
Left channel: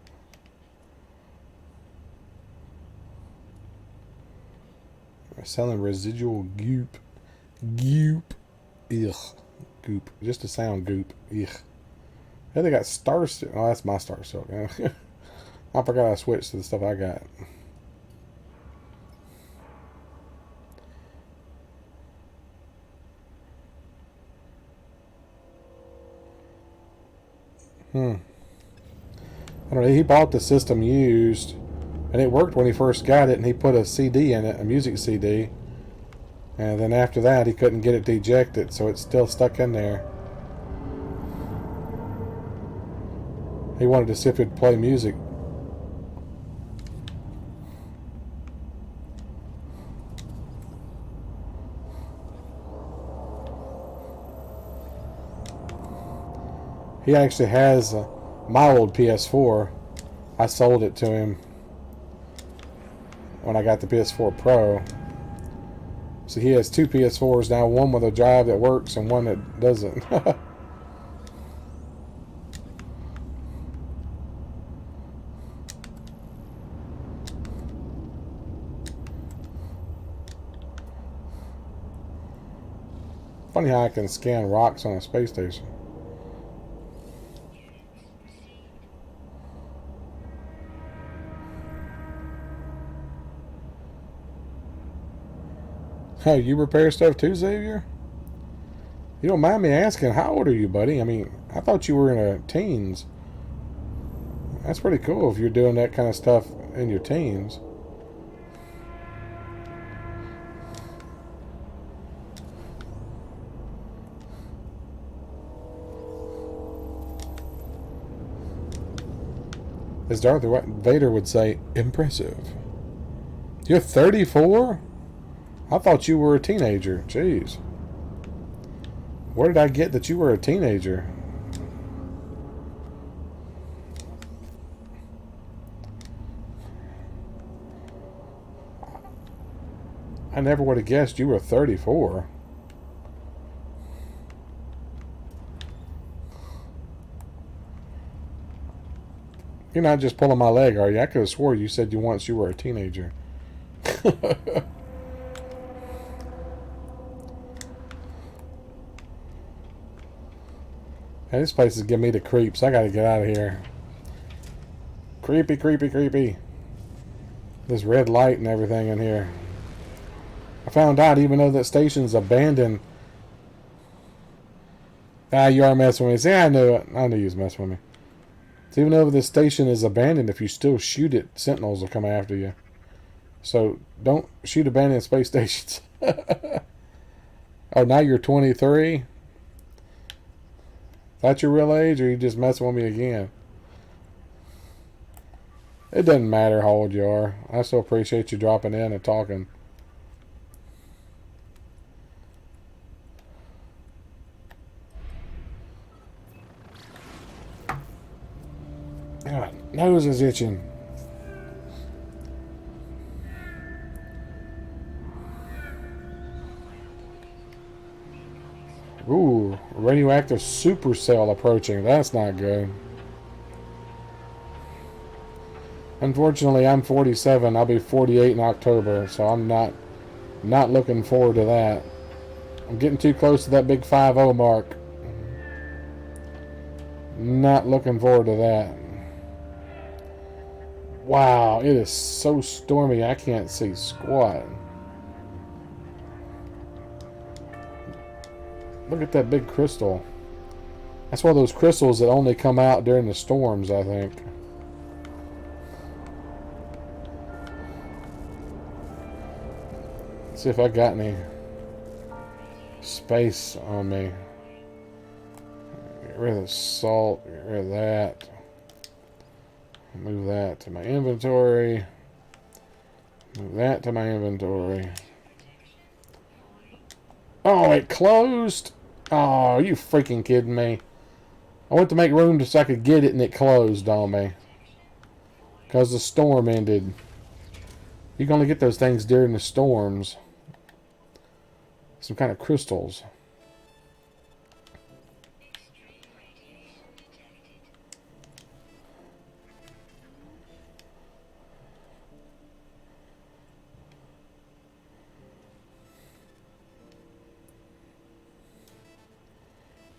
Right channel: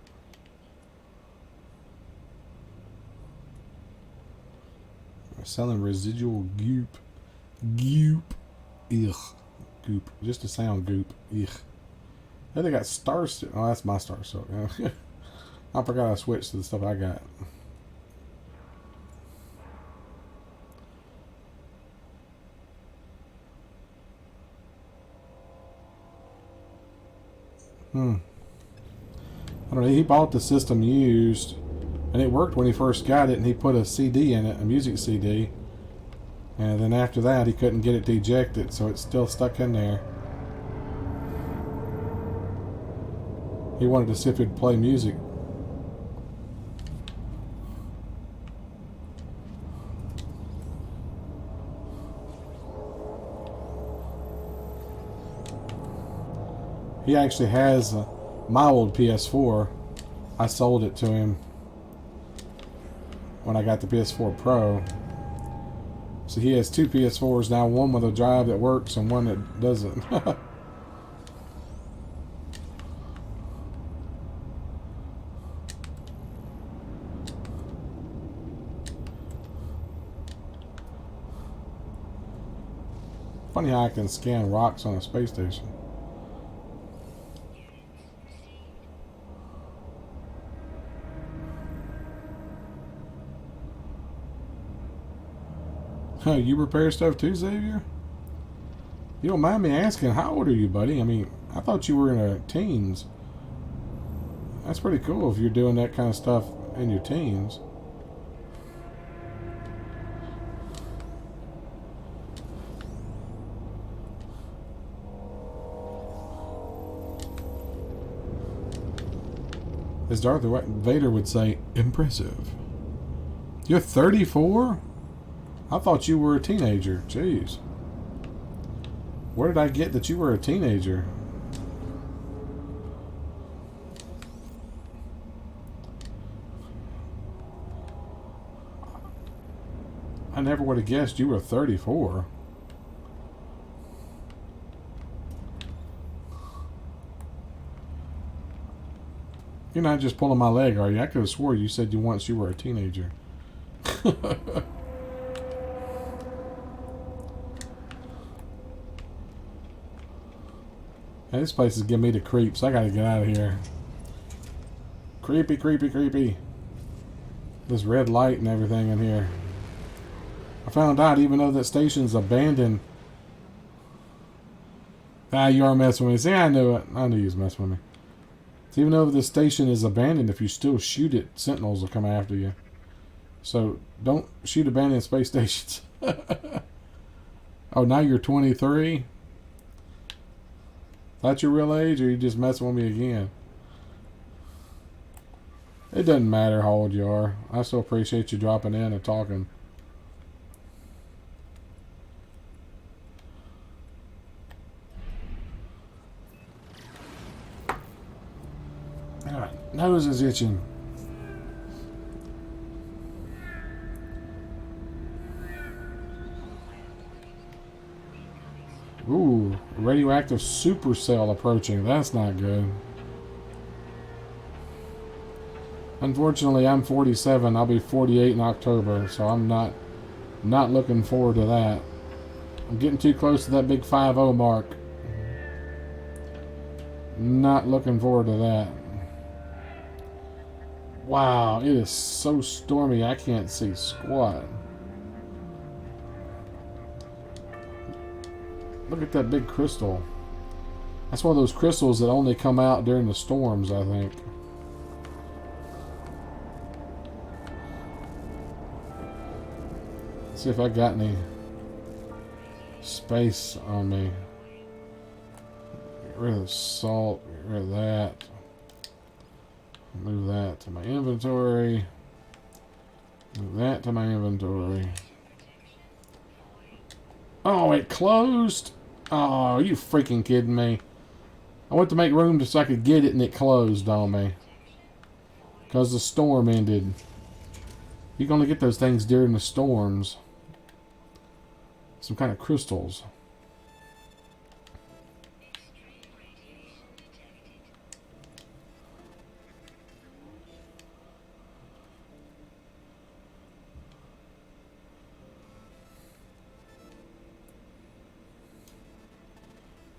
Selling residual goop. Goop. Ugh. Goop. Just a sound goop. Ugh. Yeah, they got Star Silk. Oh, that's my Star Silk. I forgot I switched to the stuff I got. I don't know. He bought the system used, and it worked when he first got it, and he put a CD in it, a music CD. And then after that, he couldn't get it to eject it, so it's still stuck in there. He wanted to see if it'd play music. He actually has my old PS4. I sold it to him when I got the PS4 Pro. So he has 2 PS4s now, one with a drive that works and one that doesn't. Funny how I can scan rocks on a space station. Oh, you repair stuff too, Xavier? You don't mind me asking, how old are you, buddy? I mean, I thought you were in the teens. That's pretty cool if you're doing that kind of stuff in your teens. As Darth Vader would say, impressive. You're 34? I thought you were a teenager. Jeez. Where did I get that you were a teenager? I never would have guessed you were 34. You're not just pulling my leg, are you? I could have swore you said you once you were a teenager. Hey, this place is giving me the creeps. I gotta get out of here. Creepy, creepy, creepy. This red light and everything in here. I found out even though that station's abandoned. Ah, you are messing with me. See, I knew it. I knew you was messing with me. So even though this station is abandoned, if you still shoot it, sentinels will come after you. So don't shoot abandoned space stations. Oh, now you're 23? That's your real age, or are you just messing with me again? It doesn't matter how old you are. I still appreciate you dropping in and talking. God, nose is itching. Ooh, radioactive supercell approaching. That's not good. Unfortunately, I'm 47. I'll be 48 in October, so I'm not looking forward to that. I'm getting too close to that big 5-0 mark. Not looking forward to that. Wow, it is so stormy I can't see squat. Look at that big crystal. That's one of those crystals that only come out during the storms, I think. Let's see if I got any space on me. Get rid of the salt, get rid of that. Move that to my inventory. Move that to my inventory. Oh, it closed? Oh, are you freaking kidding me? I went to make room just so I could get it and it closed on me. Because the storm ended. You can only get those things during the storms. Some kind of crystals.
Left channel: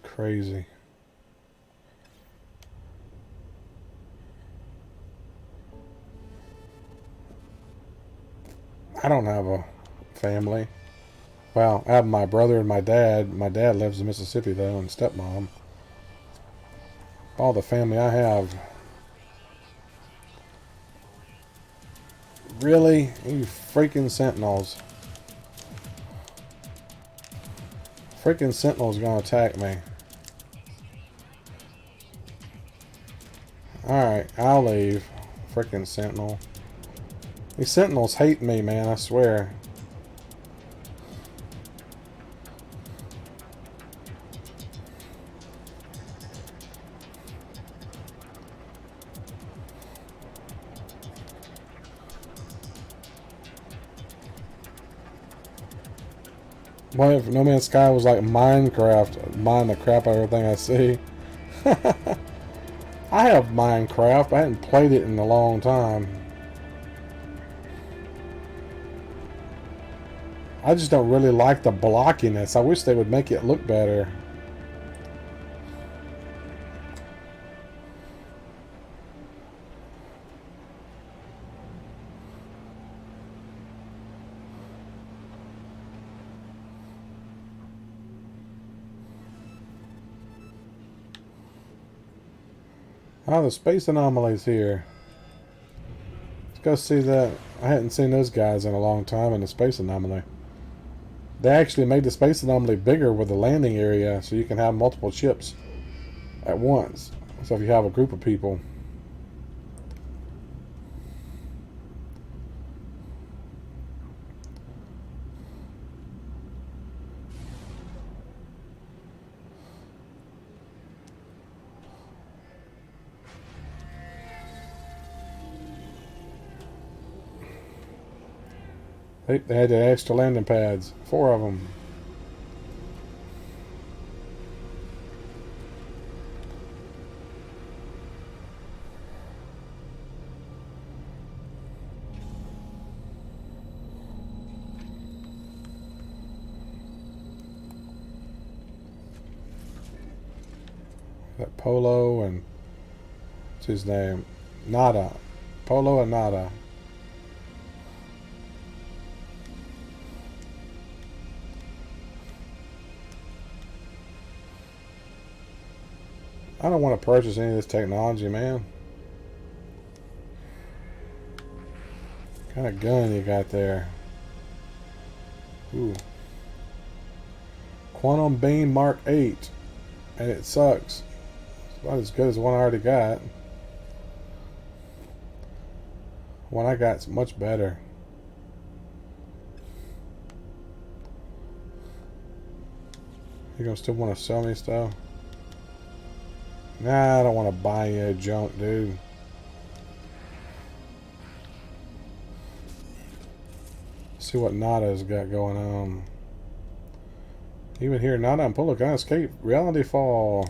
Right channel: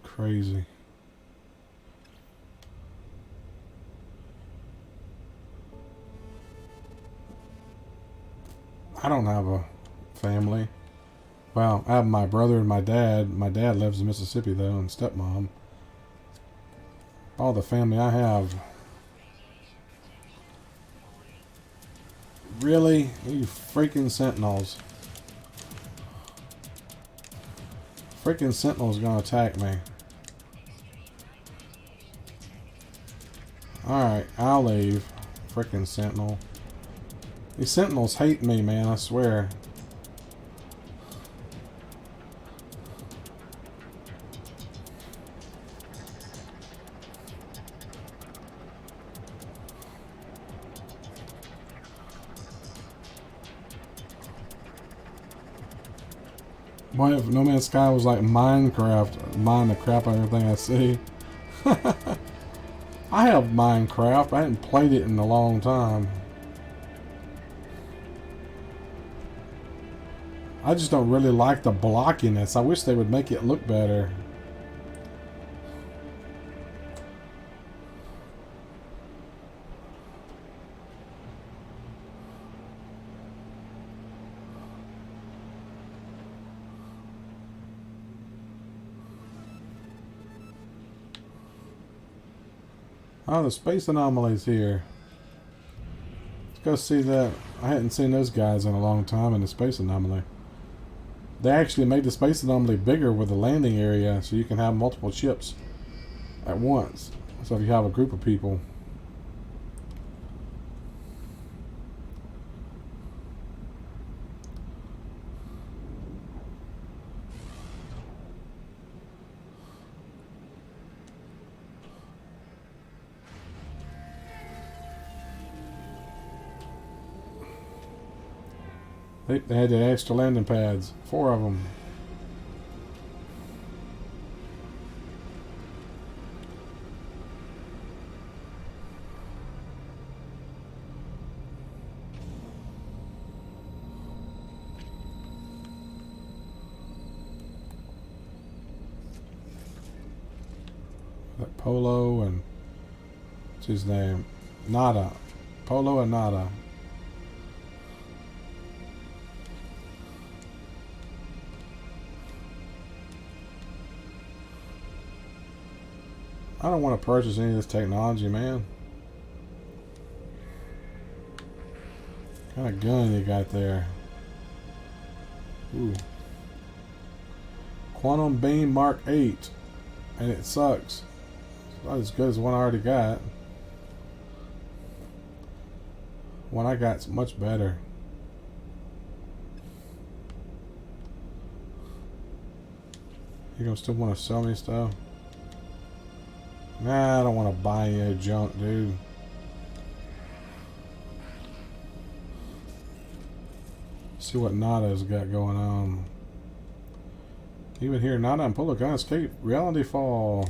Crazy. I don't have a family. Well, I have my brother and my dad. My dad lives in Mississippi, though, and stepmom. All the family I have. Really? You freaking sentinels. Freaking sentinel's gonna attack me. Alright, I'll leave. Freaking sentinel. These sentinels hate me, man, I swear. What if No Man's Sky was like Minecraft? Mine the crap out of everything I see. I have Minecraft. I hadn't played it in a long time. I just don't really like the blockiness. I wish they would make it look better. Oh, the space anomaly's here. Let's go see that. I hadn't seen those guys in a long time in the space anomaly. They actually made the space anomaly bigger with the landing area so you can have multiple ships at once. So if you have a group of people. They had the extra landing pads. 4 of them. That Polo and what's his name? Nada. Polo and Nada. I don't want to purchase any of this technology, man. What kind of gun you got there? Ooh. Quantum Beam Mark 8. And it sucks. Not as good as the one I already got. The one I got's much better. You gonna still want to sell me stuff? Nah, I don't want to buy you junk, dude. See what Nada's got going on. Even here, Nada and Polo can't escape reality fall.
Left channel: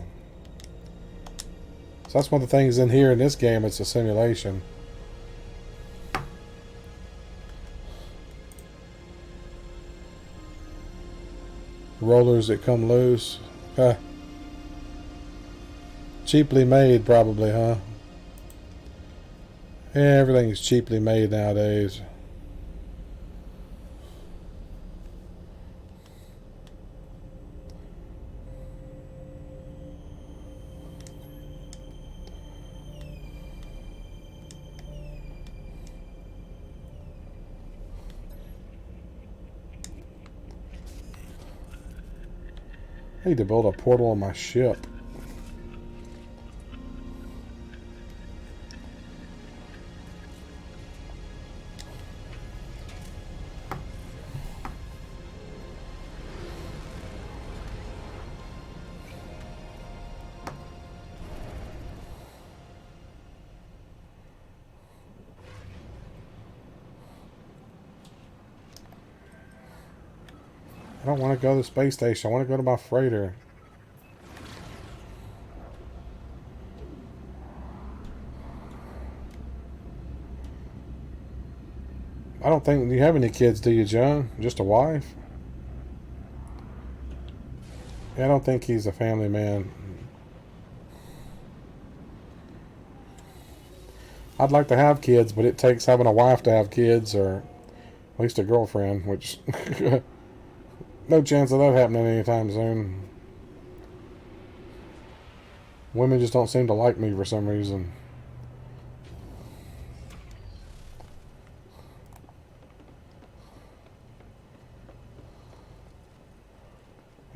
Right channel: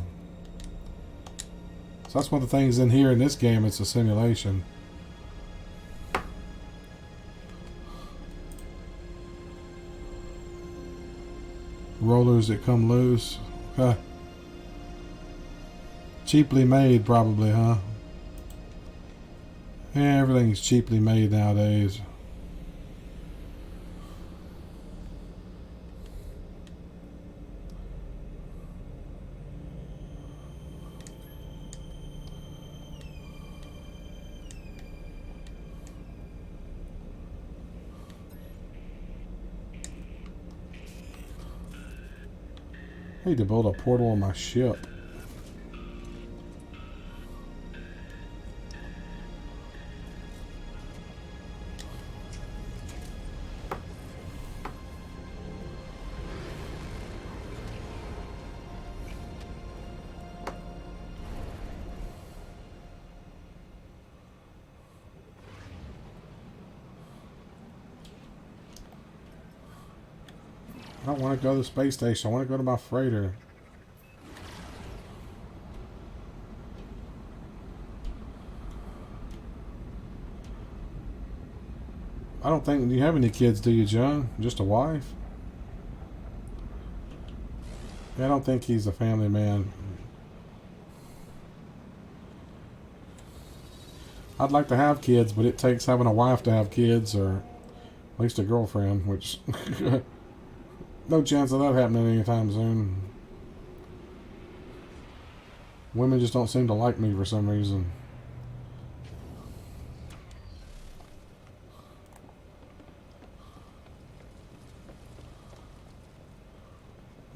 So that's one of the things in here in this game. It's a simulation. Rollers that come loose. Cheaply made, probably, huh? Yeah, everything's cheaply made nowadays. I need to build a portal on my ship. I don't want to go to the space station. I want to go to my freighter. I don't think you have any kids, do you, John? Just a wife? Yeah, I don't think he's a family man. I'd like to have kids, but it takes having a wife to have kids, or at least a girlfriend, which no chance of that happening anytime soon. Women just don't seem to like me for some reason.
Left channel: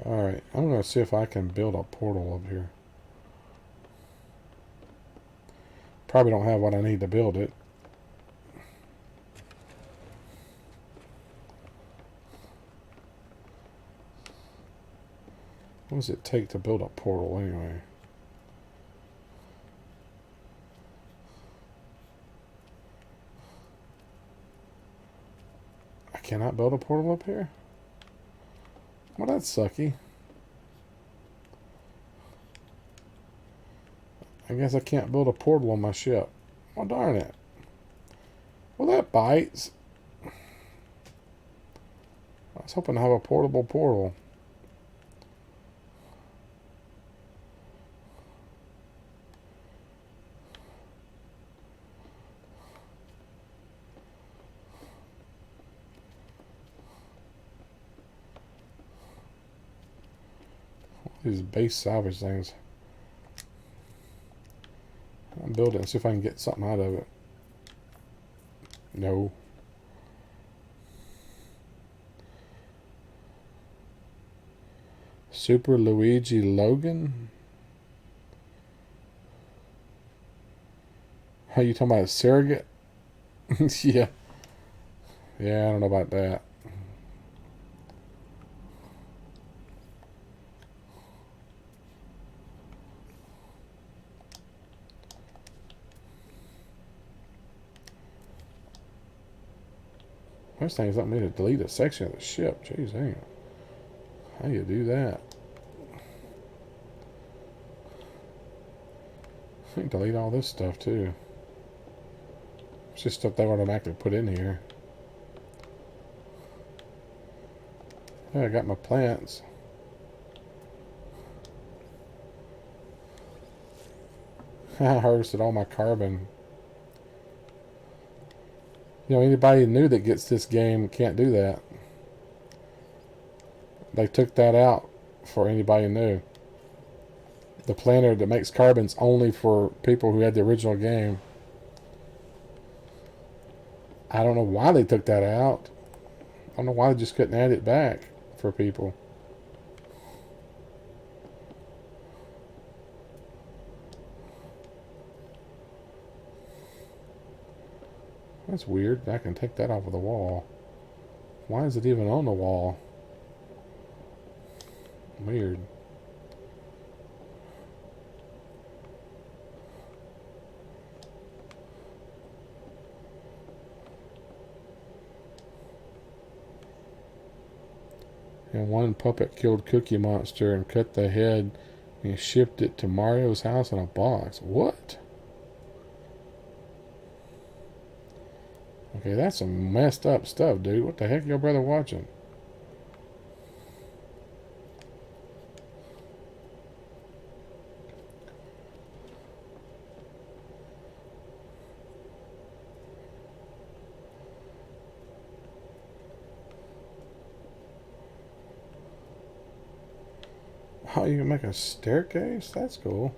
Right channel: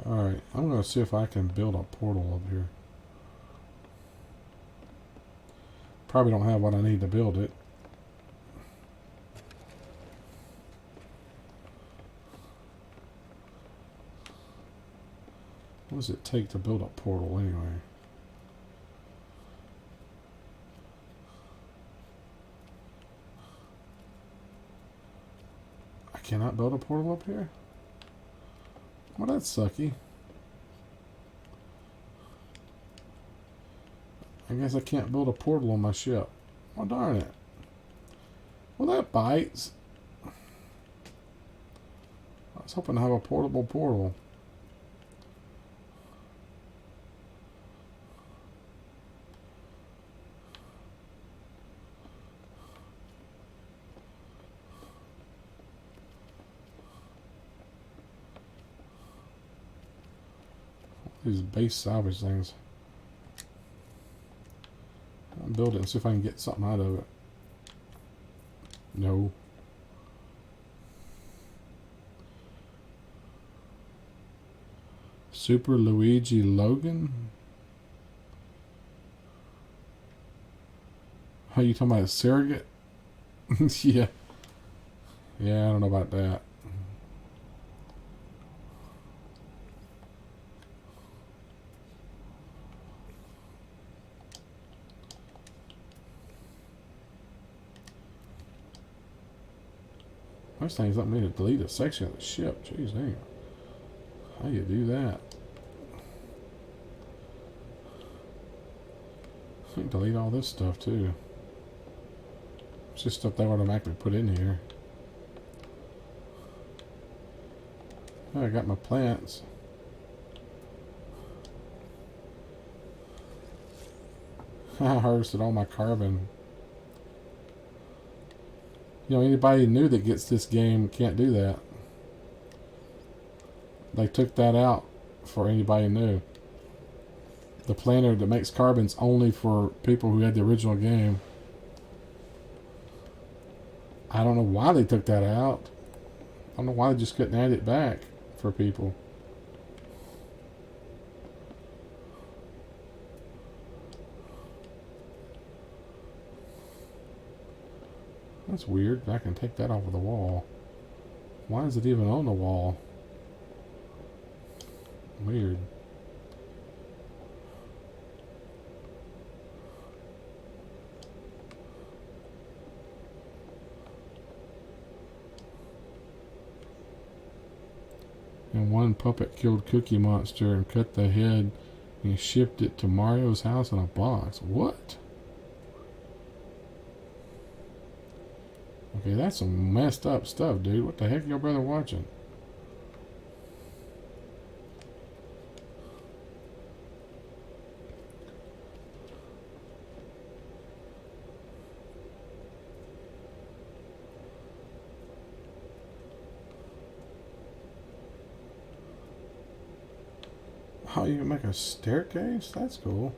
Alright, I'm going to see if I can build a portal up here. Probably don't have what I need to build it. What does it take to build a portal anyway? I cannot build a portal up here? Well, that's sucky. I guess I can't build a portal on my ship. Well, darn it. Well, that bites. was hoping to have a portable portal. These base salvage things. I'll build it and see if I can get something out of it. No. Super Luigi Logan? Are you talking about a surrogate? Yeah. Yeah, I don't know about that. First thing is I need to delete a section of the ship. Jeez, dang. How do you do that? I can delete all this stuff too. It's just stuff they automatically put in here. I got my plants. I harvested all my carbon. You know, anybody new that gets this game can't do that. They took that out for anybody new. The planter that makes carbon's only for people who had the original game. I don't know why they took that out. I don't know why they just couldn't add it back for people. That's weird. I can take that off of the wall. Why is it even on the wall? Weird. And one puppet killed Cookie Monster and cut the head and shipped it to Mario's house in a box. What? Okay, that's some messed up stuff, dude. What the heck your brother watching? Oh, you can make a staircase? That's cool.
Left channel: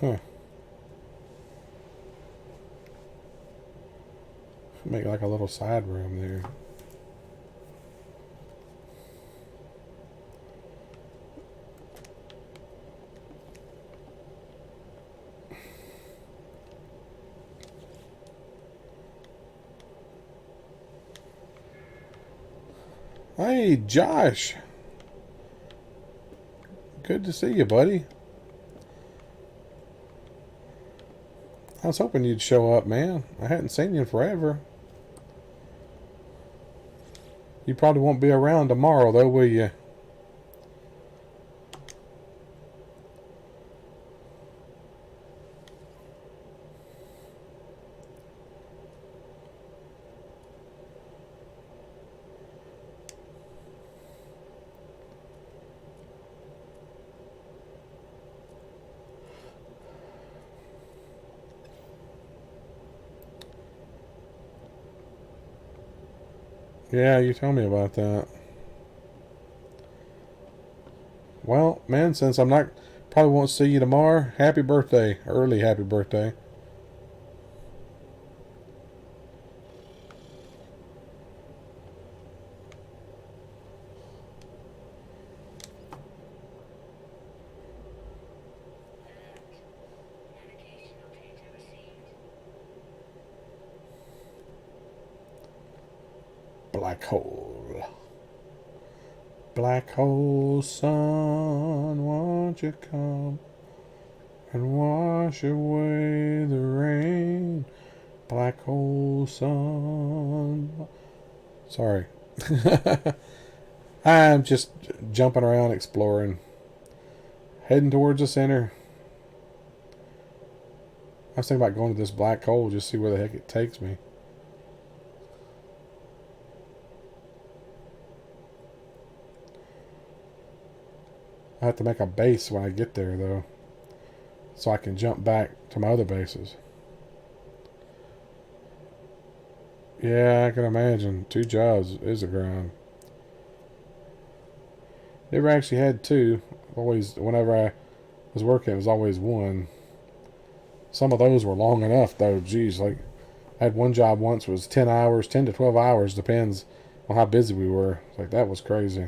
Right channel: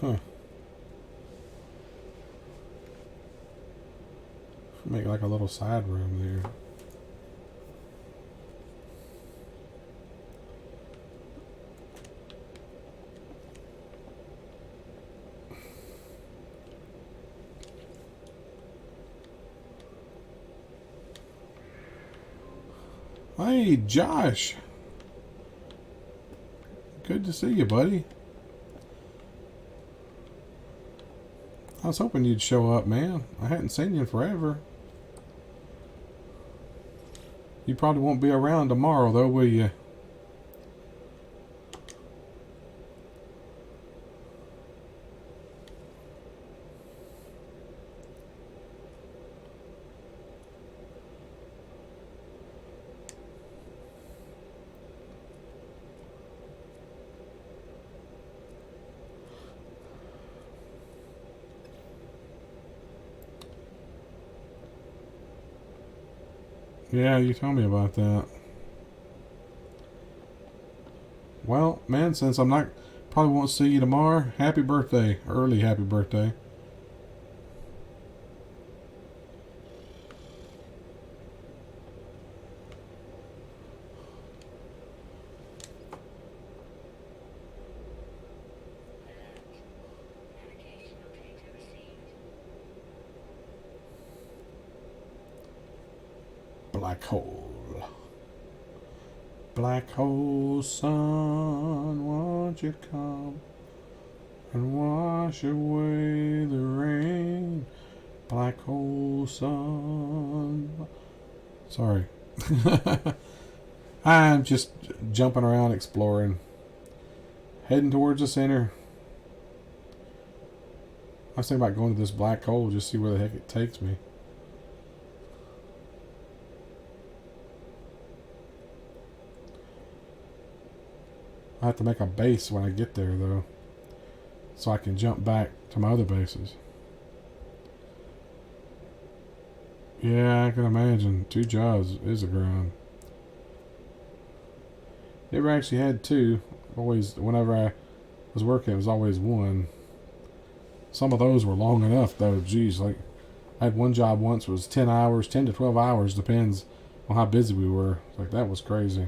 Huh. Make like a little side room there. Hey, Josh. Good to see you, buddy. I was hoping you'd show up, man. I hadn't seen you in forever. You probably won't be around tomorrow, though, will you? Yeah, you told me about that. Well, man, since I'm not, probably won't see you tomorrow, happy birthday. Early happy birthday. Black hole. Black hole sun, won't you come and wash away the rain? Black hole sun. Sorry. I'm just jumping around exploring. Heading towards the center. was thinking about going to this black hole, just see where the heck it takes me. I have to make a base when I get there, though, so I can jump back to my other bases. Yeah, I can imagine. 2 jobs is a grind. Never actually had 2. Always, whenever I was working, it was always 1. Some of those were long enough, though. Geez, like, I had one job once was 10 hours, 10 to 12 hours, depends on how busy we were. Like, that was crazy.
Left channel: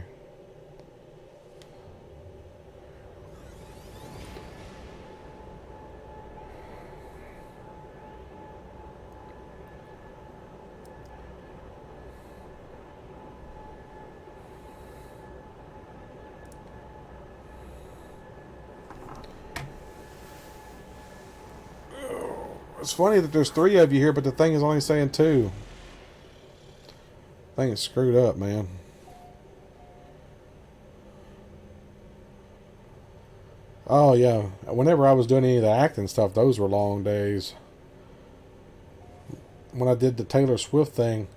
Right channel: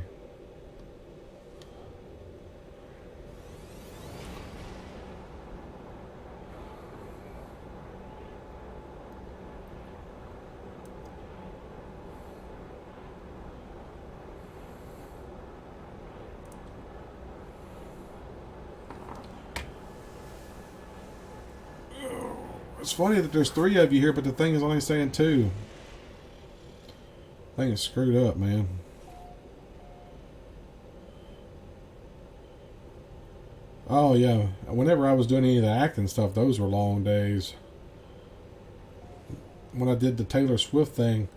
It's funny that there's 3 of you here, but the thing is only saying 2. Thing is screwed up, man. Oh yeah, whenever I was doing any of the acting stuff, those were long days. When I did the Taylor Swift thing,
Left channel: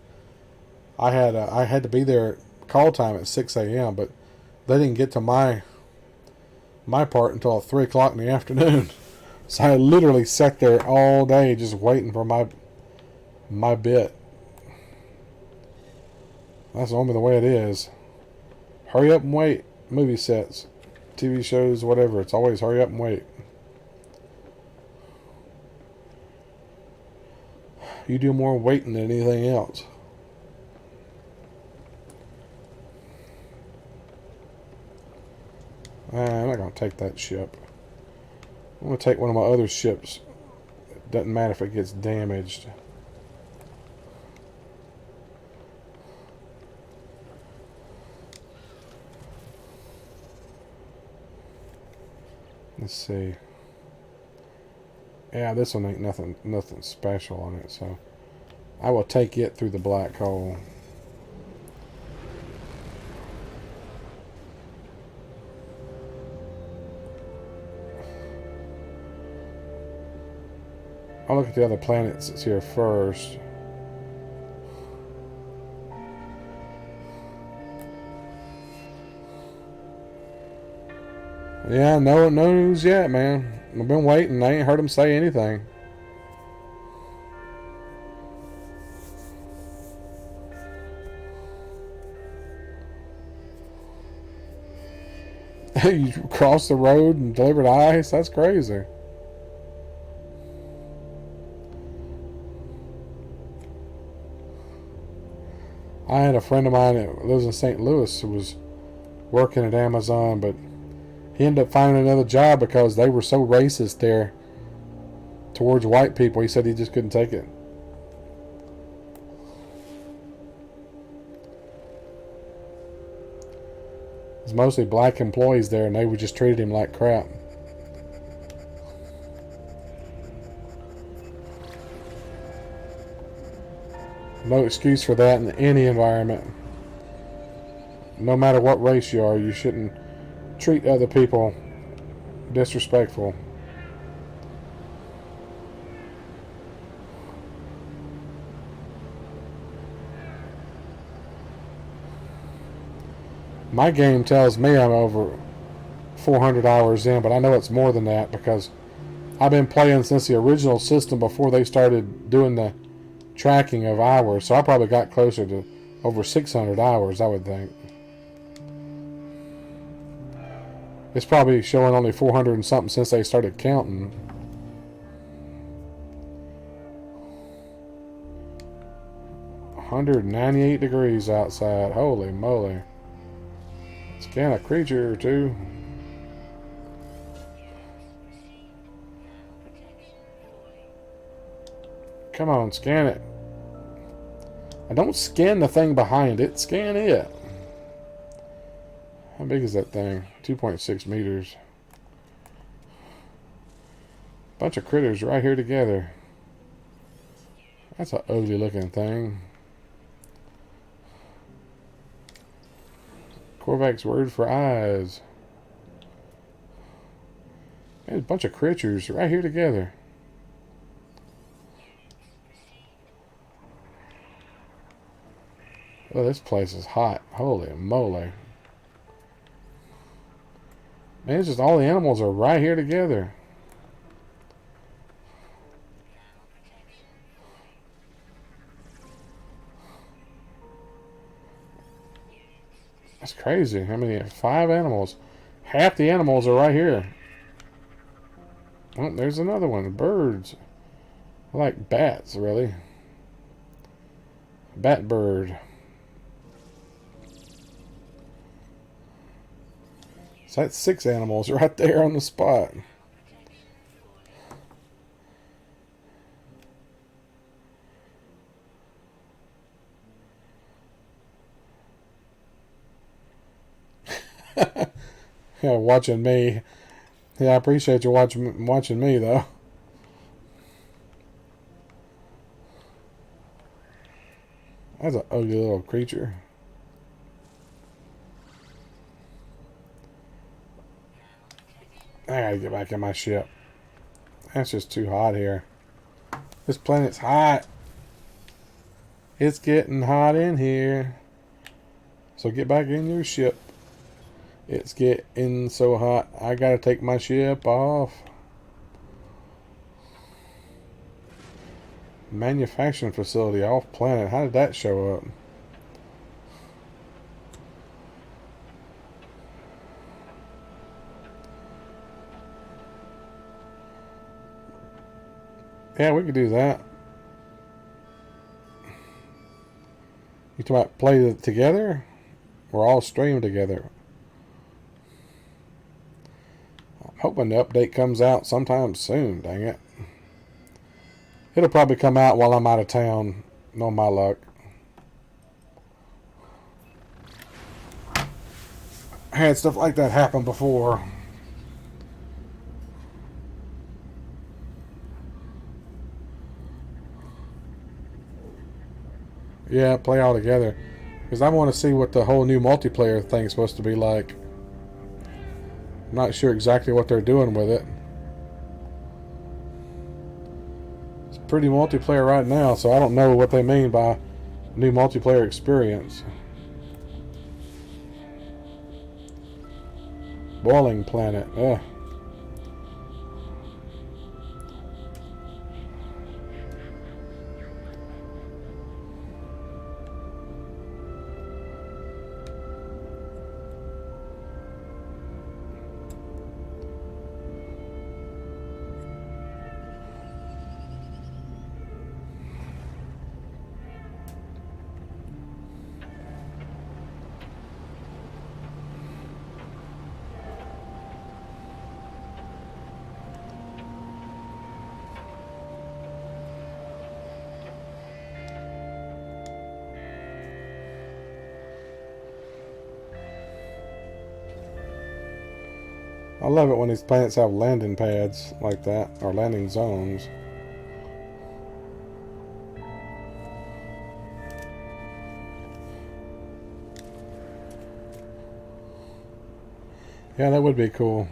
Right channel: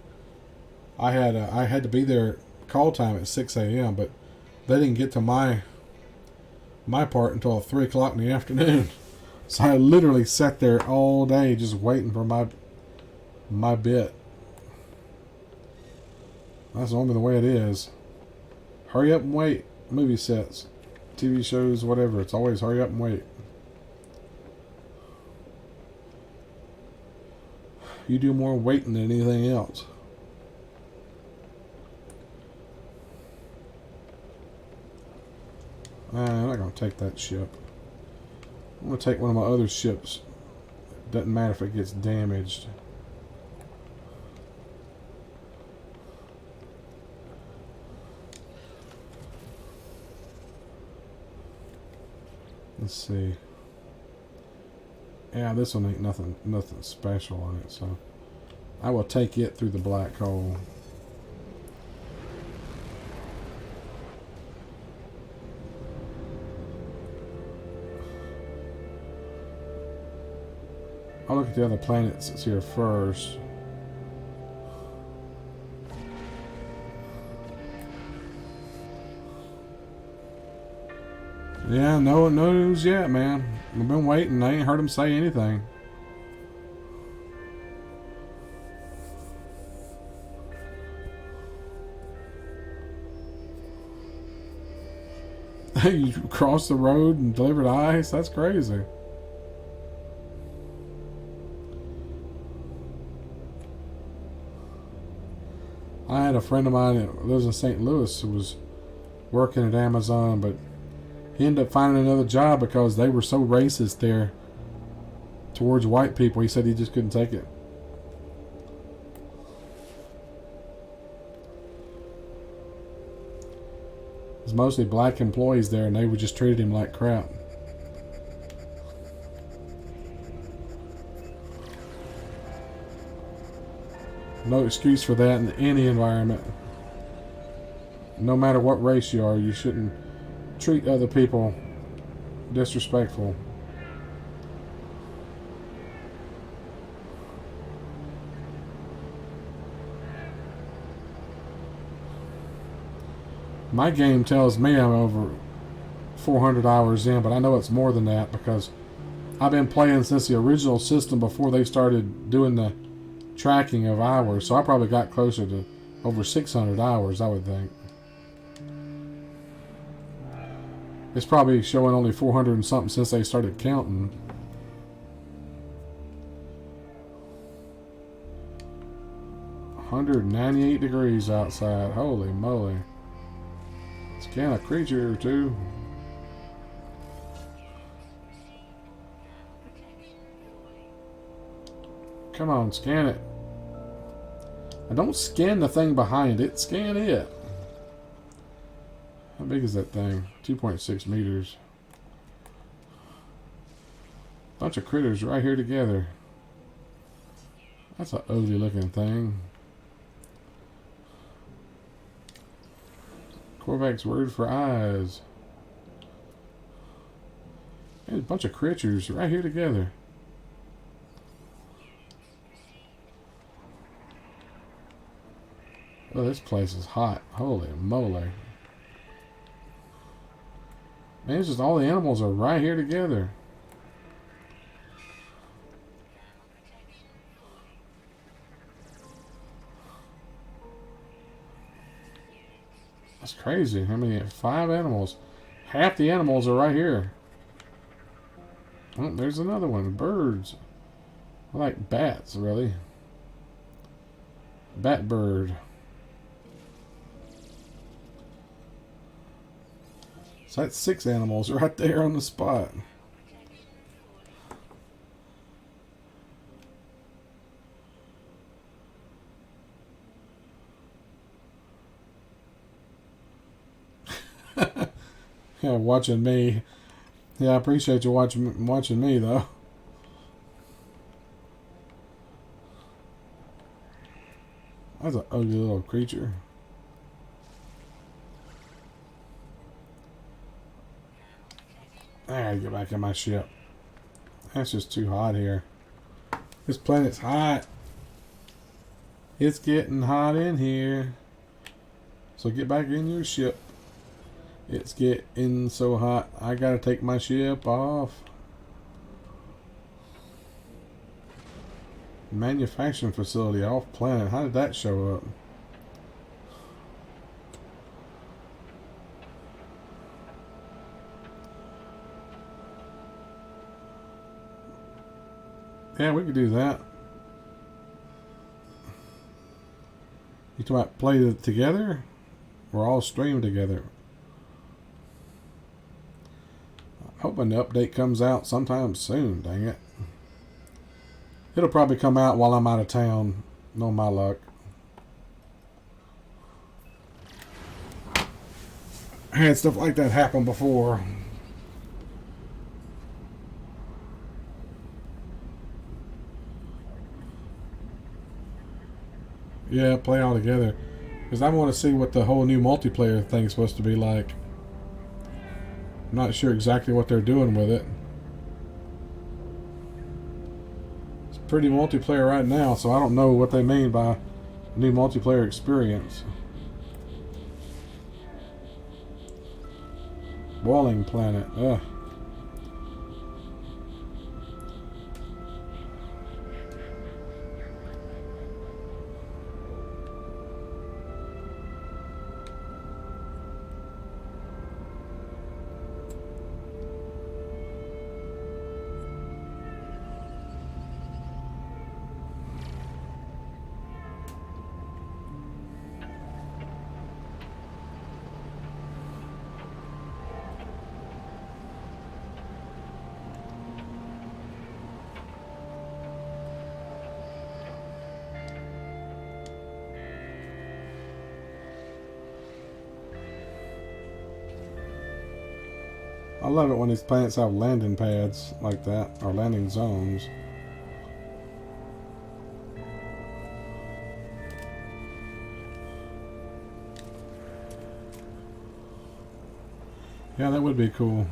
I had to be there call time at 6 a.m. But they didn't get to my part until 3 o'clock in the afternoon. So I literally sat there all day just waiting for my bit. That's normally the way it is. Hurry up and wait. Movie sets, TV shows, whatever. It's always hurry up and wait. You do more waiting than anything else. I'm not going to take that ship. I'm going to take one of my other ships. Doesn't matter if it gets damaged. Let's see. Yeah, this one ain't nothing special on it, so I will take it through the black hole. I'll look at the other planets that's here first. Yeah, no news yet, man. I've been waiting. I ain't heard him say anything. You crossed the road and delivered ice? That's crazy. I had a friend of mine that lives in St. Louis who was working at Amazon, but he ended up finding another job because they were so racist there towards white people. He said he just couldn't take it. It was mostly black employees there, and they would just treated him like crap. No excuse for that in any environment. No matter what race you are, you shouldn't treat other people disrespectful. My game tells me I'm over 400 hours in, but I know it's more than that because I've been playing since the original system before they started doing the tracking of hours, so I probably got closer to over 600 hours, I would think. It's probably showing only 400 and something since they started counting. $198 degrees outside. Holy moly. Scan a creature or two. Come on, scan it. And don't scan the thing behind it. Scan it. How big is that thing? 2.6 meters. Bunch of critters right here together. That's an ugly looking thing. Korvac's word for eyes. There's a bunch of creatures right here together. Oh, this place is hot. Holy moly. Man, it's just all the animals are right here together. That's crazy. I mean, 5 animals. Half the animals are right here. Oh, there's another one. Birds. I like bats, really. Bat bird. So that's 6 animals right there on the spot. Yeah, watching me. Yeah, I appreciate you watching me though. That's an ugly little creature. I gotta get back in my ship. That's just too hot here. This planet's hot. It's getting hot in here. So get back in your ship. It's getting so hot. I gotta take my ship off. Manufacturing facility off planet. How did that show up? Yeah, we could do that. You talking about play it together? Or all stream together? I'm hoping the update comes out sometime soon, dang it. It'll probably come out while I'm out of town. No my luck. I had stuff like that happen before. Yeah, play all together. Because I want to see what the whole new multiplayer thing's supposed to be like. I'm not sure exactly what they're doing with it. It's pretty multiplayer right now, so I don't know what they mean by new multiplayer experience. Boiling planet. Ugh. I love it when these planets have landing pads like that, or landing zones. Yeah, that would be cool.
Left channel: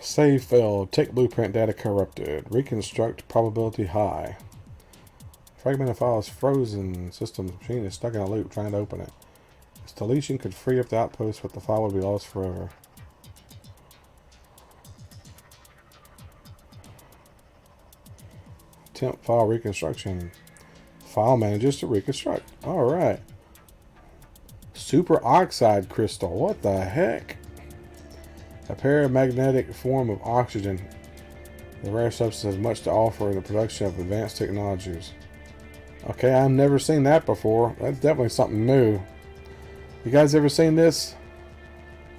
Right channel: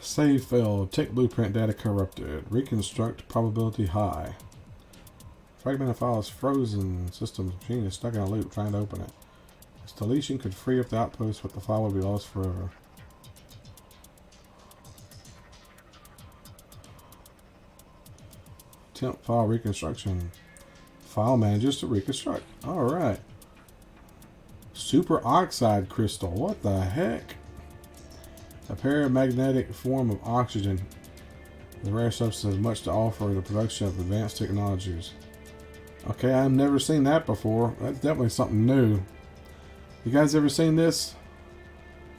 Save failed. Take blueprint data corrupted. Reconstruct probability high. Fragmented file is frozen. System machine is stuck in a loop trying to open it. Its deletion could free up the outpost, but the file would be lost forever. Temp file reconstruction. File managers to reconstruct. Alright. Super oxide crystal. What the heck? A paramagnetic form of oxygen. The rare substance has much to offer in the production of advanced technologies. Okay, I've never seen that before. That's definitely something new. You guys ever seen this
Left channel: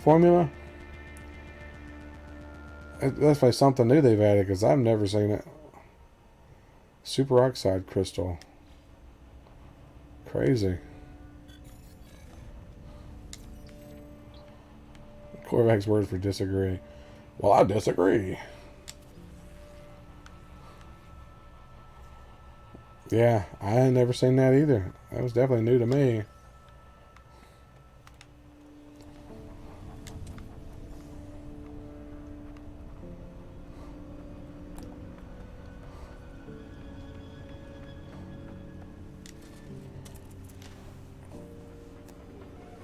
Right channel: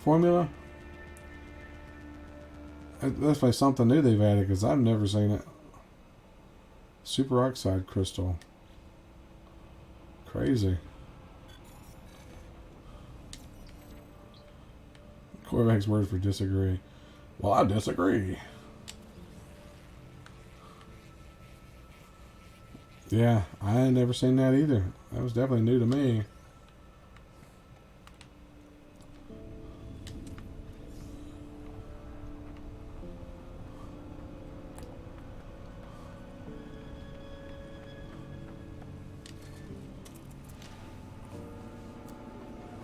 formula? That's definitely something new they've added because I've never seen it. Superoxide crystal. Crazy. Quarterback's word for disagree. Well, I disagree. Yeah, I ain't never seen that either. That was definitely new to me.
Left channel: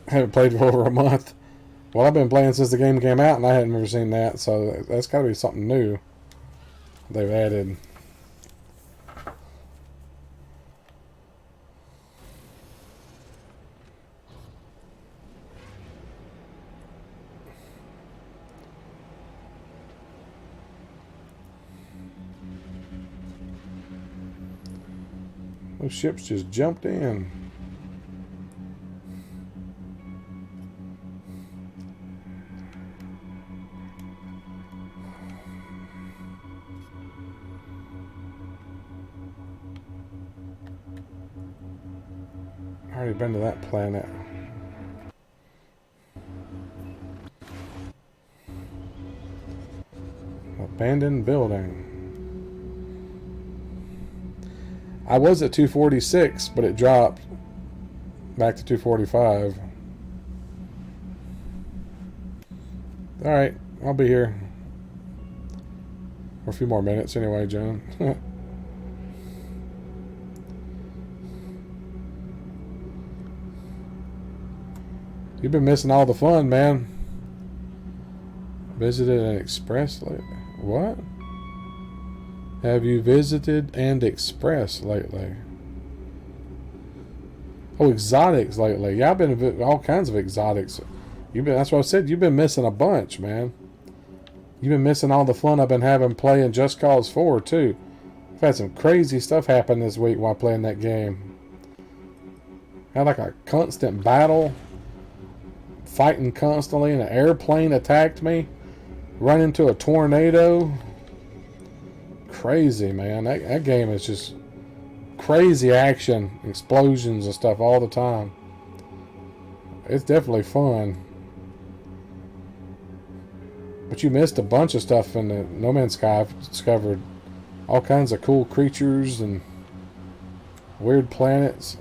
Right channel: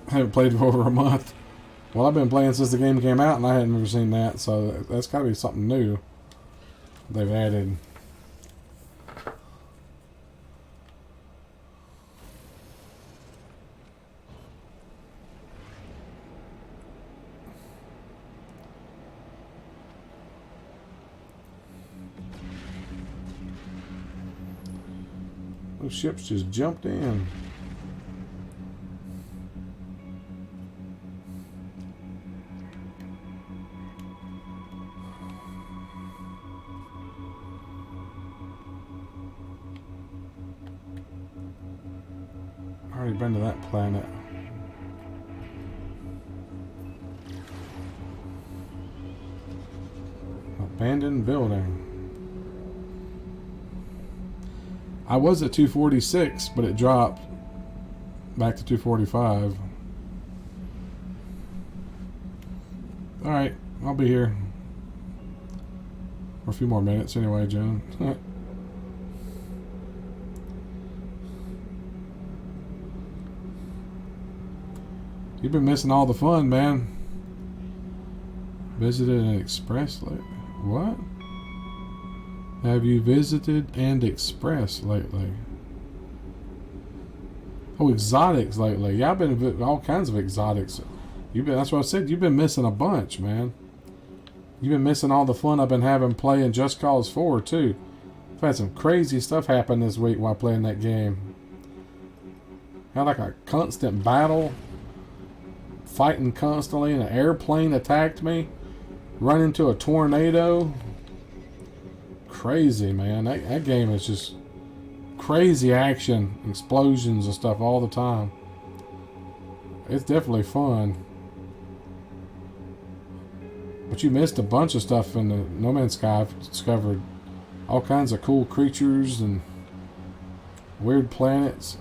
I haven't played for over a month. Well, I've been playing since the game came out, and I hadn't ever seen that, so that's got to be something new they've added. Those ships just jumped in. Already been to that planet. Abandoned building. I was at 246, but it dropped back to 245. Alright, I'll be here for a few more minutes anyway, Joan. You've been missing all the fun, man. Visited an express lately. What? Have you visited and express lately? Oh, exotics lately. Yeah, I've been all kinds of exotics. That's what I said. You've been missing a bunch, man. You've been missing all the fun I've been having playing Just Cause 4 too. I've had some crazy stuff happen this week while playing that game. Had like a constant battle. Fighting constantly, and an airplane attacked me. Run into a tornado. Crazy, man. That game is just crazy action, explosions and stuff all the time. It's definitely fun. But you missed a bunch of stuff in the No Man's Sky. I've discovered all kinds of cool creatures and weird planets.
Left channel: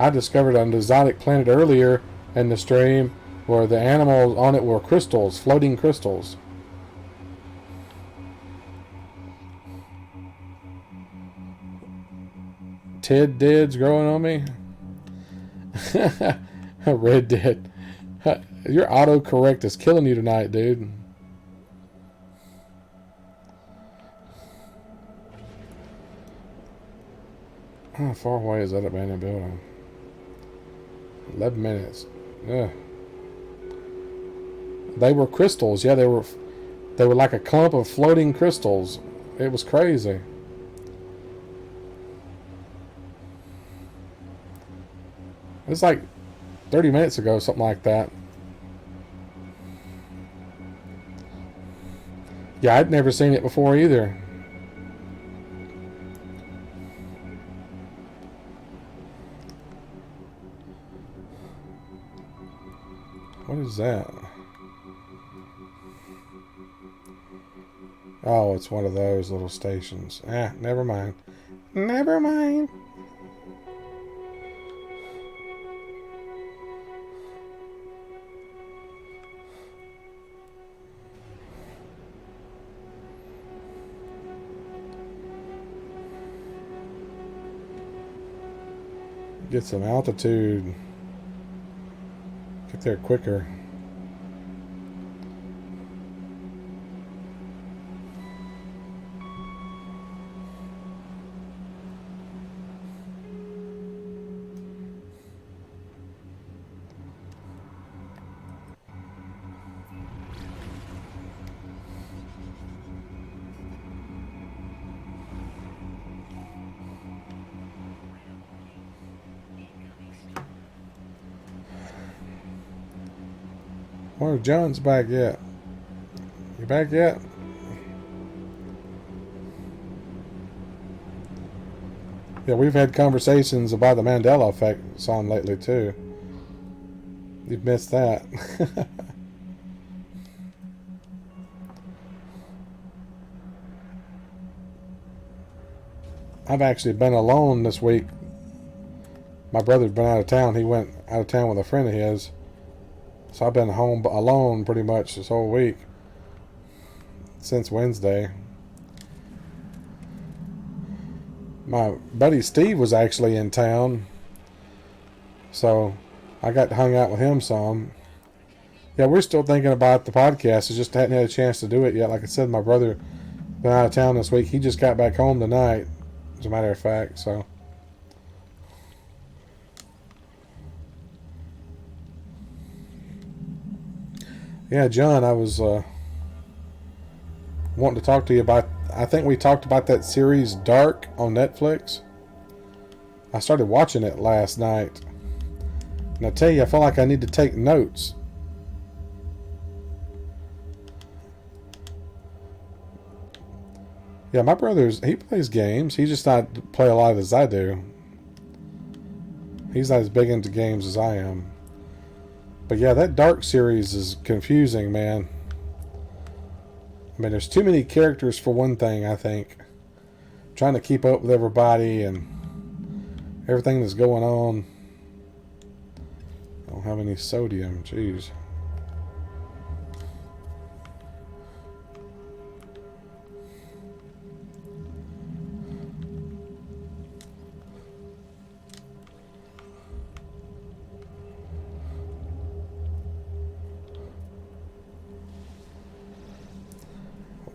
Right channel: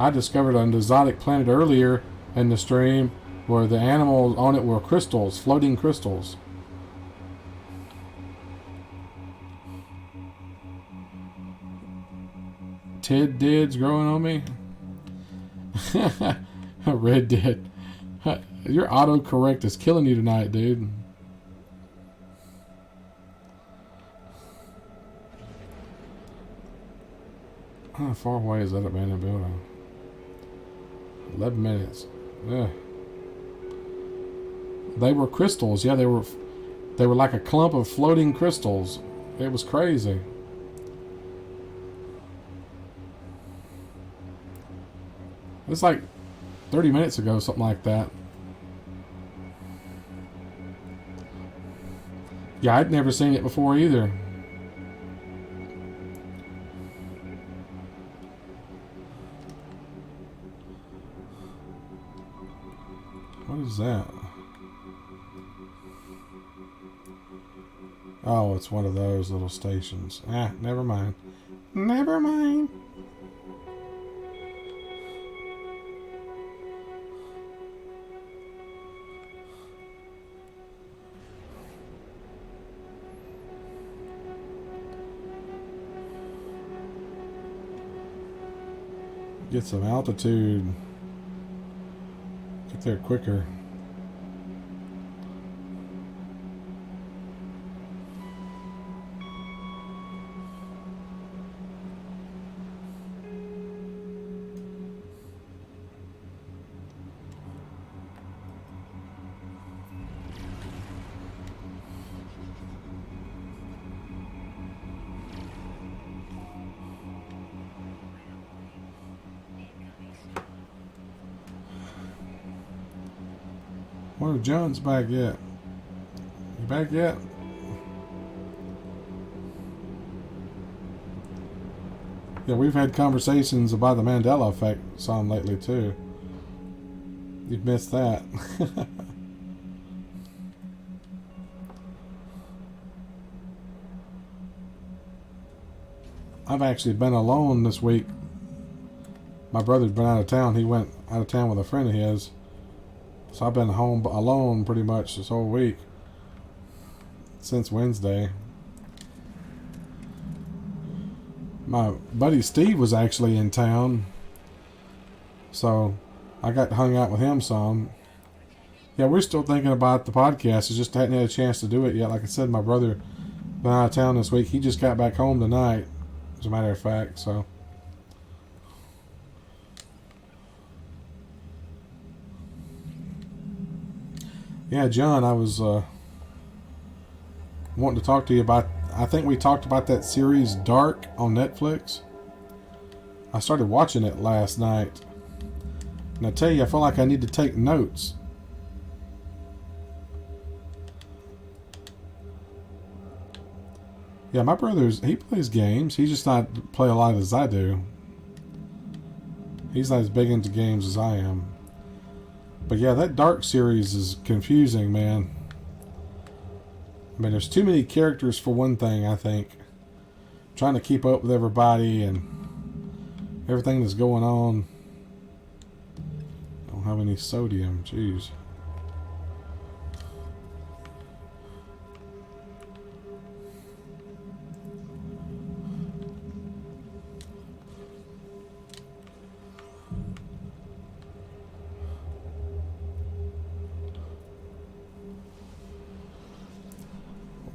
I discovered an exotic planet earlier in the stream where the animals on it were crystals, floating crystals. Ted Dead's growing on me. Red Dead. Your autocorrect is killing you tonight, dude. How far away is that abandoned building? 11 minutes. Yeah. They were crystals. Yeah, they were like a clump of floating crystals. It was crazy. It was like 30 minutes ago, something like that. Yeah, I'd never seen it before either. What is that? Oh, it's one of those little stations. Never mind. Never mind. Get some altitude. Get there quicker. Where's John's back yet? You back yet? Yeah, we've had conversations about the Mandela effect some lately too. You've missed that. I've actually been alone this week. My brother's been out of town. He went out of town with a friend of his. So I've been home alone pretty much this whole week. Since Wednesday. My buddy Steve was actually in town. So I got to hang out with him some. Yeah, we're still thinking about the podcast. It's just hadn't had a chance to do it yet. Like I said, my brother been out of town this week. He just got back home tonight, as a matter of fact. So yeah, John, I was wanting to talk to you about. I think we talked about that series Dark on Netflix. I started watching it last night, and I tell you, I feel like I need to take notes. Yeah, my he plays games. He just not play a lot as I do. He's not as big into games as I am. But yeah, that Dark series is confusing, man. I mean, there's too many characters for one thing, I think. Trying to keep up with everybody and everything that's going on. I don't have any sodium, jeez.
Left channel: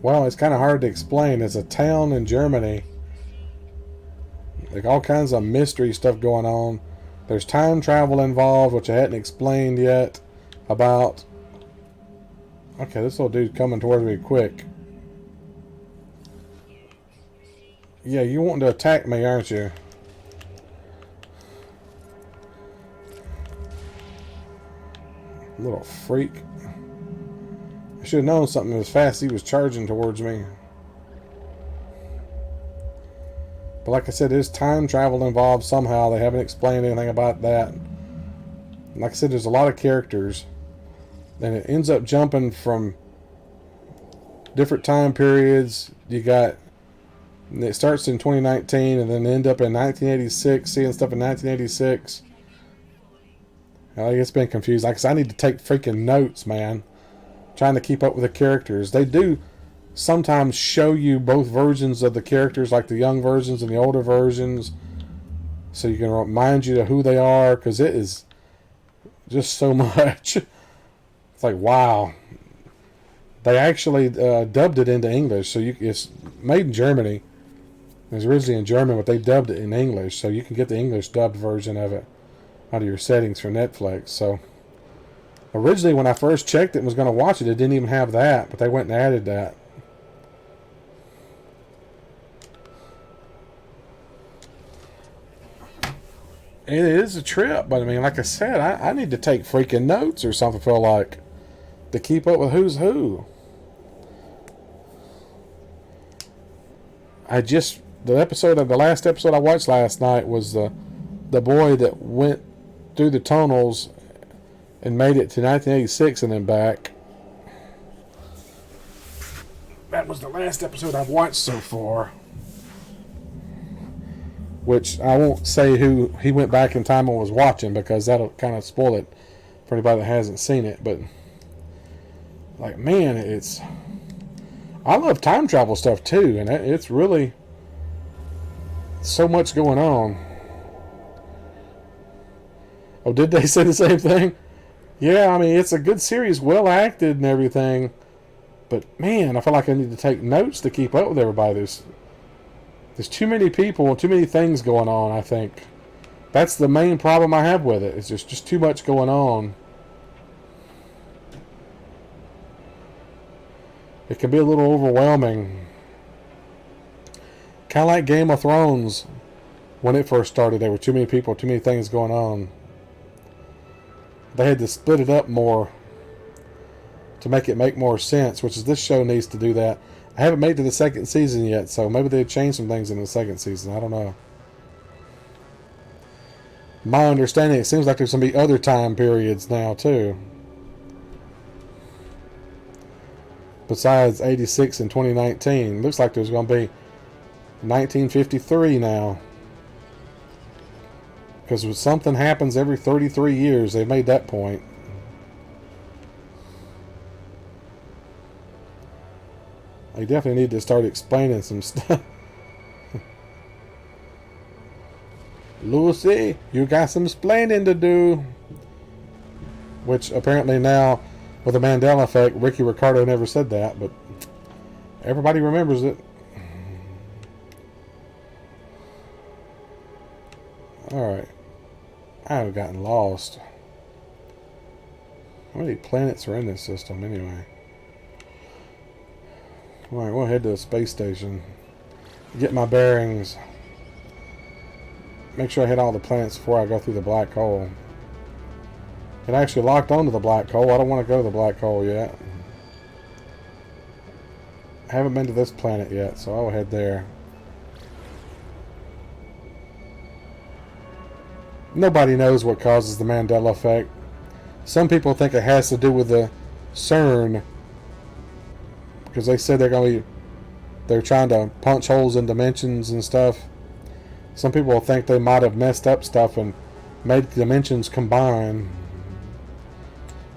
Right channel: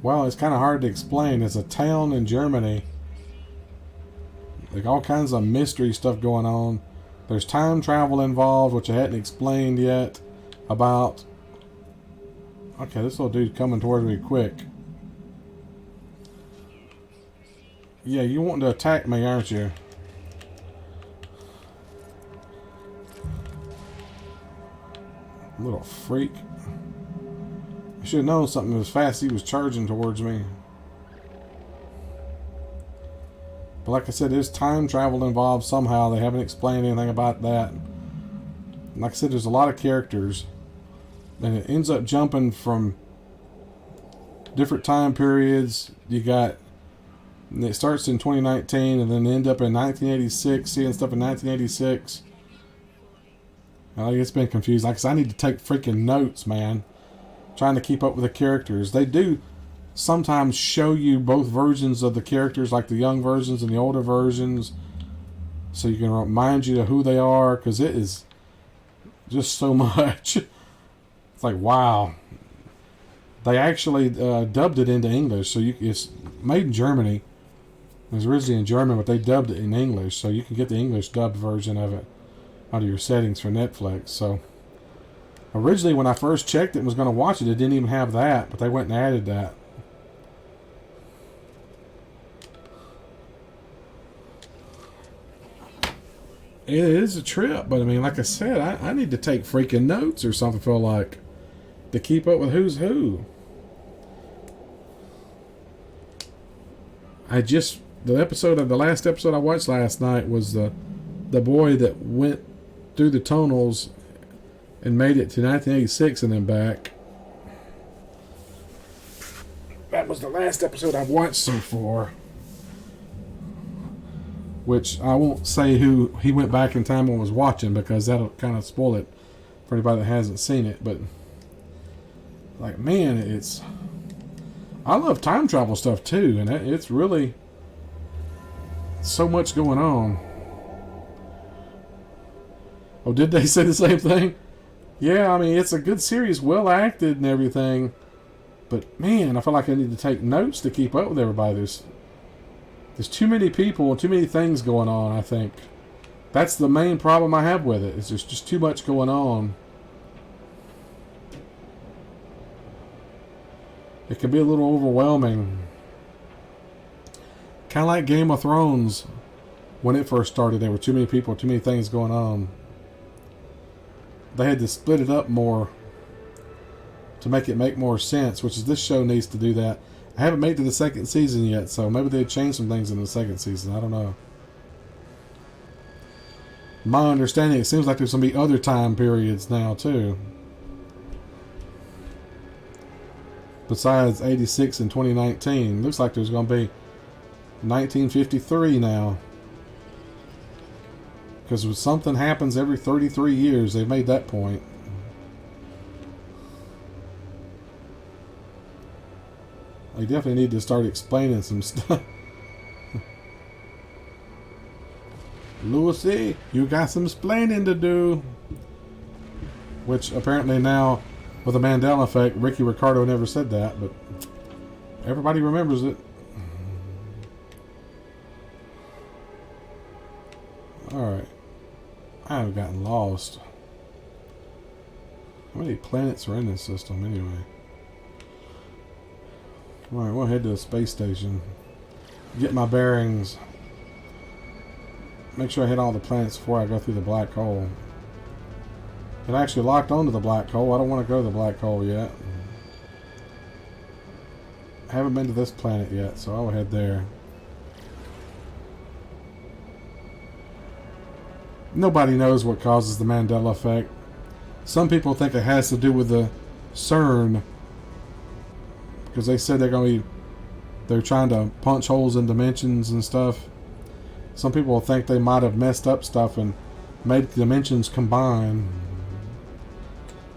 Well, it's kind of hard to explain. It's a town in Germany. Like all kinds of mystery stuff going on. There's time travel involved, which I hadn't explained yet about. Okay, this little dude's coming towards me quick. Yeah, you wanting to attack me, aren't you? Little freak. I should have known something as fast as he was charging towards me. But like I said, there's time travel involved somehow. They haven't explained anything about that. Like I said, there's a lot of characters. And it ends up jumping from different time periods. You got... It starts in 2019 and then end up in 1986, seeing stuff in 1986. It's been confused. Like I said, I need to take freaking notes, man. Trying to keep up with the characters. They do sometimes show you both versions of the characters, like the young versions and the older versions, so you can remind you of who they are, because it is just so much. It's like, wow. They actually dubbed it into English, so it's made in Germany. It was originally in German, but they dubbed it in English, so you can get the English dubbed version of it out of your settings for Netflix. So originally, when I first checked it and was going to watch it, it didn't even have that, but they went and added that. It is a trip, but I mean, like I said, I need to take freaking notes or something, I feel like, to keep up with who's who. The last episode I watched last night was the boy that went through the tunnels and made it to 1986 and then back. That was the last episode I've watched so far. Which I won't say who he went back in time and was watching, because that'll kind of spoil it for anybody that hasn't seen it. But, like, man, I love time travel stuff too, and it's really so much going on. Oh, did they say the same thing? Yeah, I mean, it's a good series, well acted and everything. But, man, I feel like I need to take notes to keep up with everybody. There's too many people, too many things going on, I think. That's the main problem I have with it. It's just too much going on. It can be a little overwhelming. Kind of like Game of Thrones. When it first started, there were too many people, too many things going on. They had to split it up more to make more sense, which is this show needs to do that. I haven't made it to the second season yet, so maybe they've changed some things in the second season. I don't know. My understanding, it seems like there's going to be other time periods now, too. Besides 86 and 2019. Looks like there's going to be 1953 now. Because something happens every 33 years. They've made that point. They definitely need to start explaining some stuff. Lucy, you got some explaining to do. Which apparently now, with the Mandela effect, Ricky Ricardo never said that, but everybody remembers it. Alright. I've gotten lost. How many planets are in this system anyway? Alright, we'll head to the space station. Get my bearings. Make sure I hit all the planets before I go through the black hole. It actually locked onto the black hole. I don't want to go to the black hole yet. I haven't been to this planet yet, so I'll head there. Nobody knows what causes the Mandela effect. Some people think it has to do with the CERN, because they said they're trying to punch holes in dimensions and stuff. Some people think they might have messed up stuff and made the dimensions combine.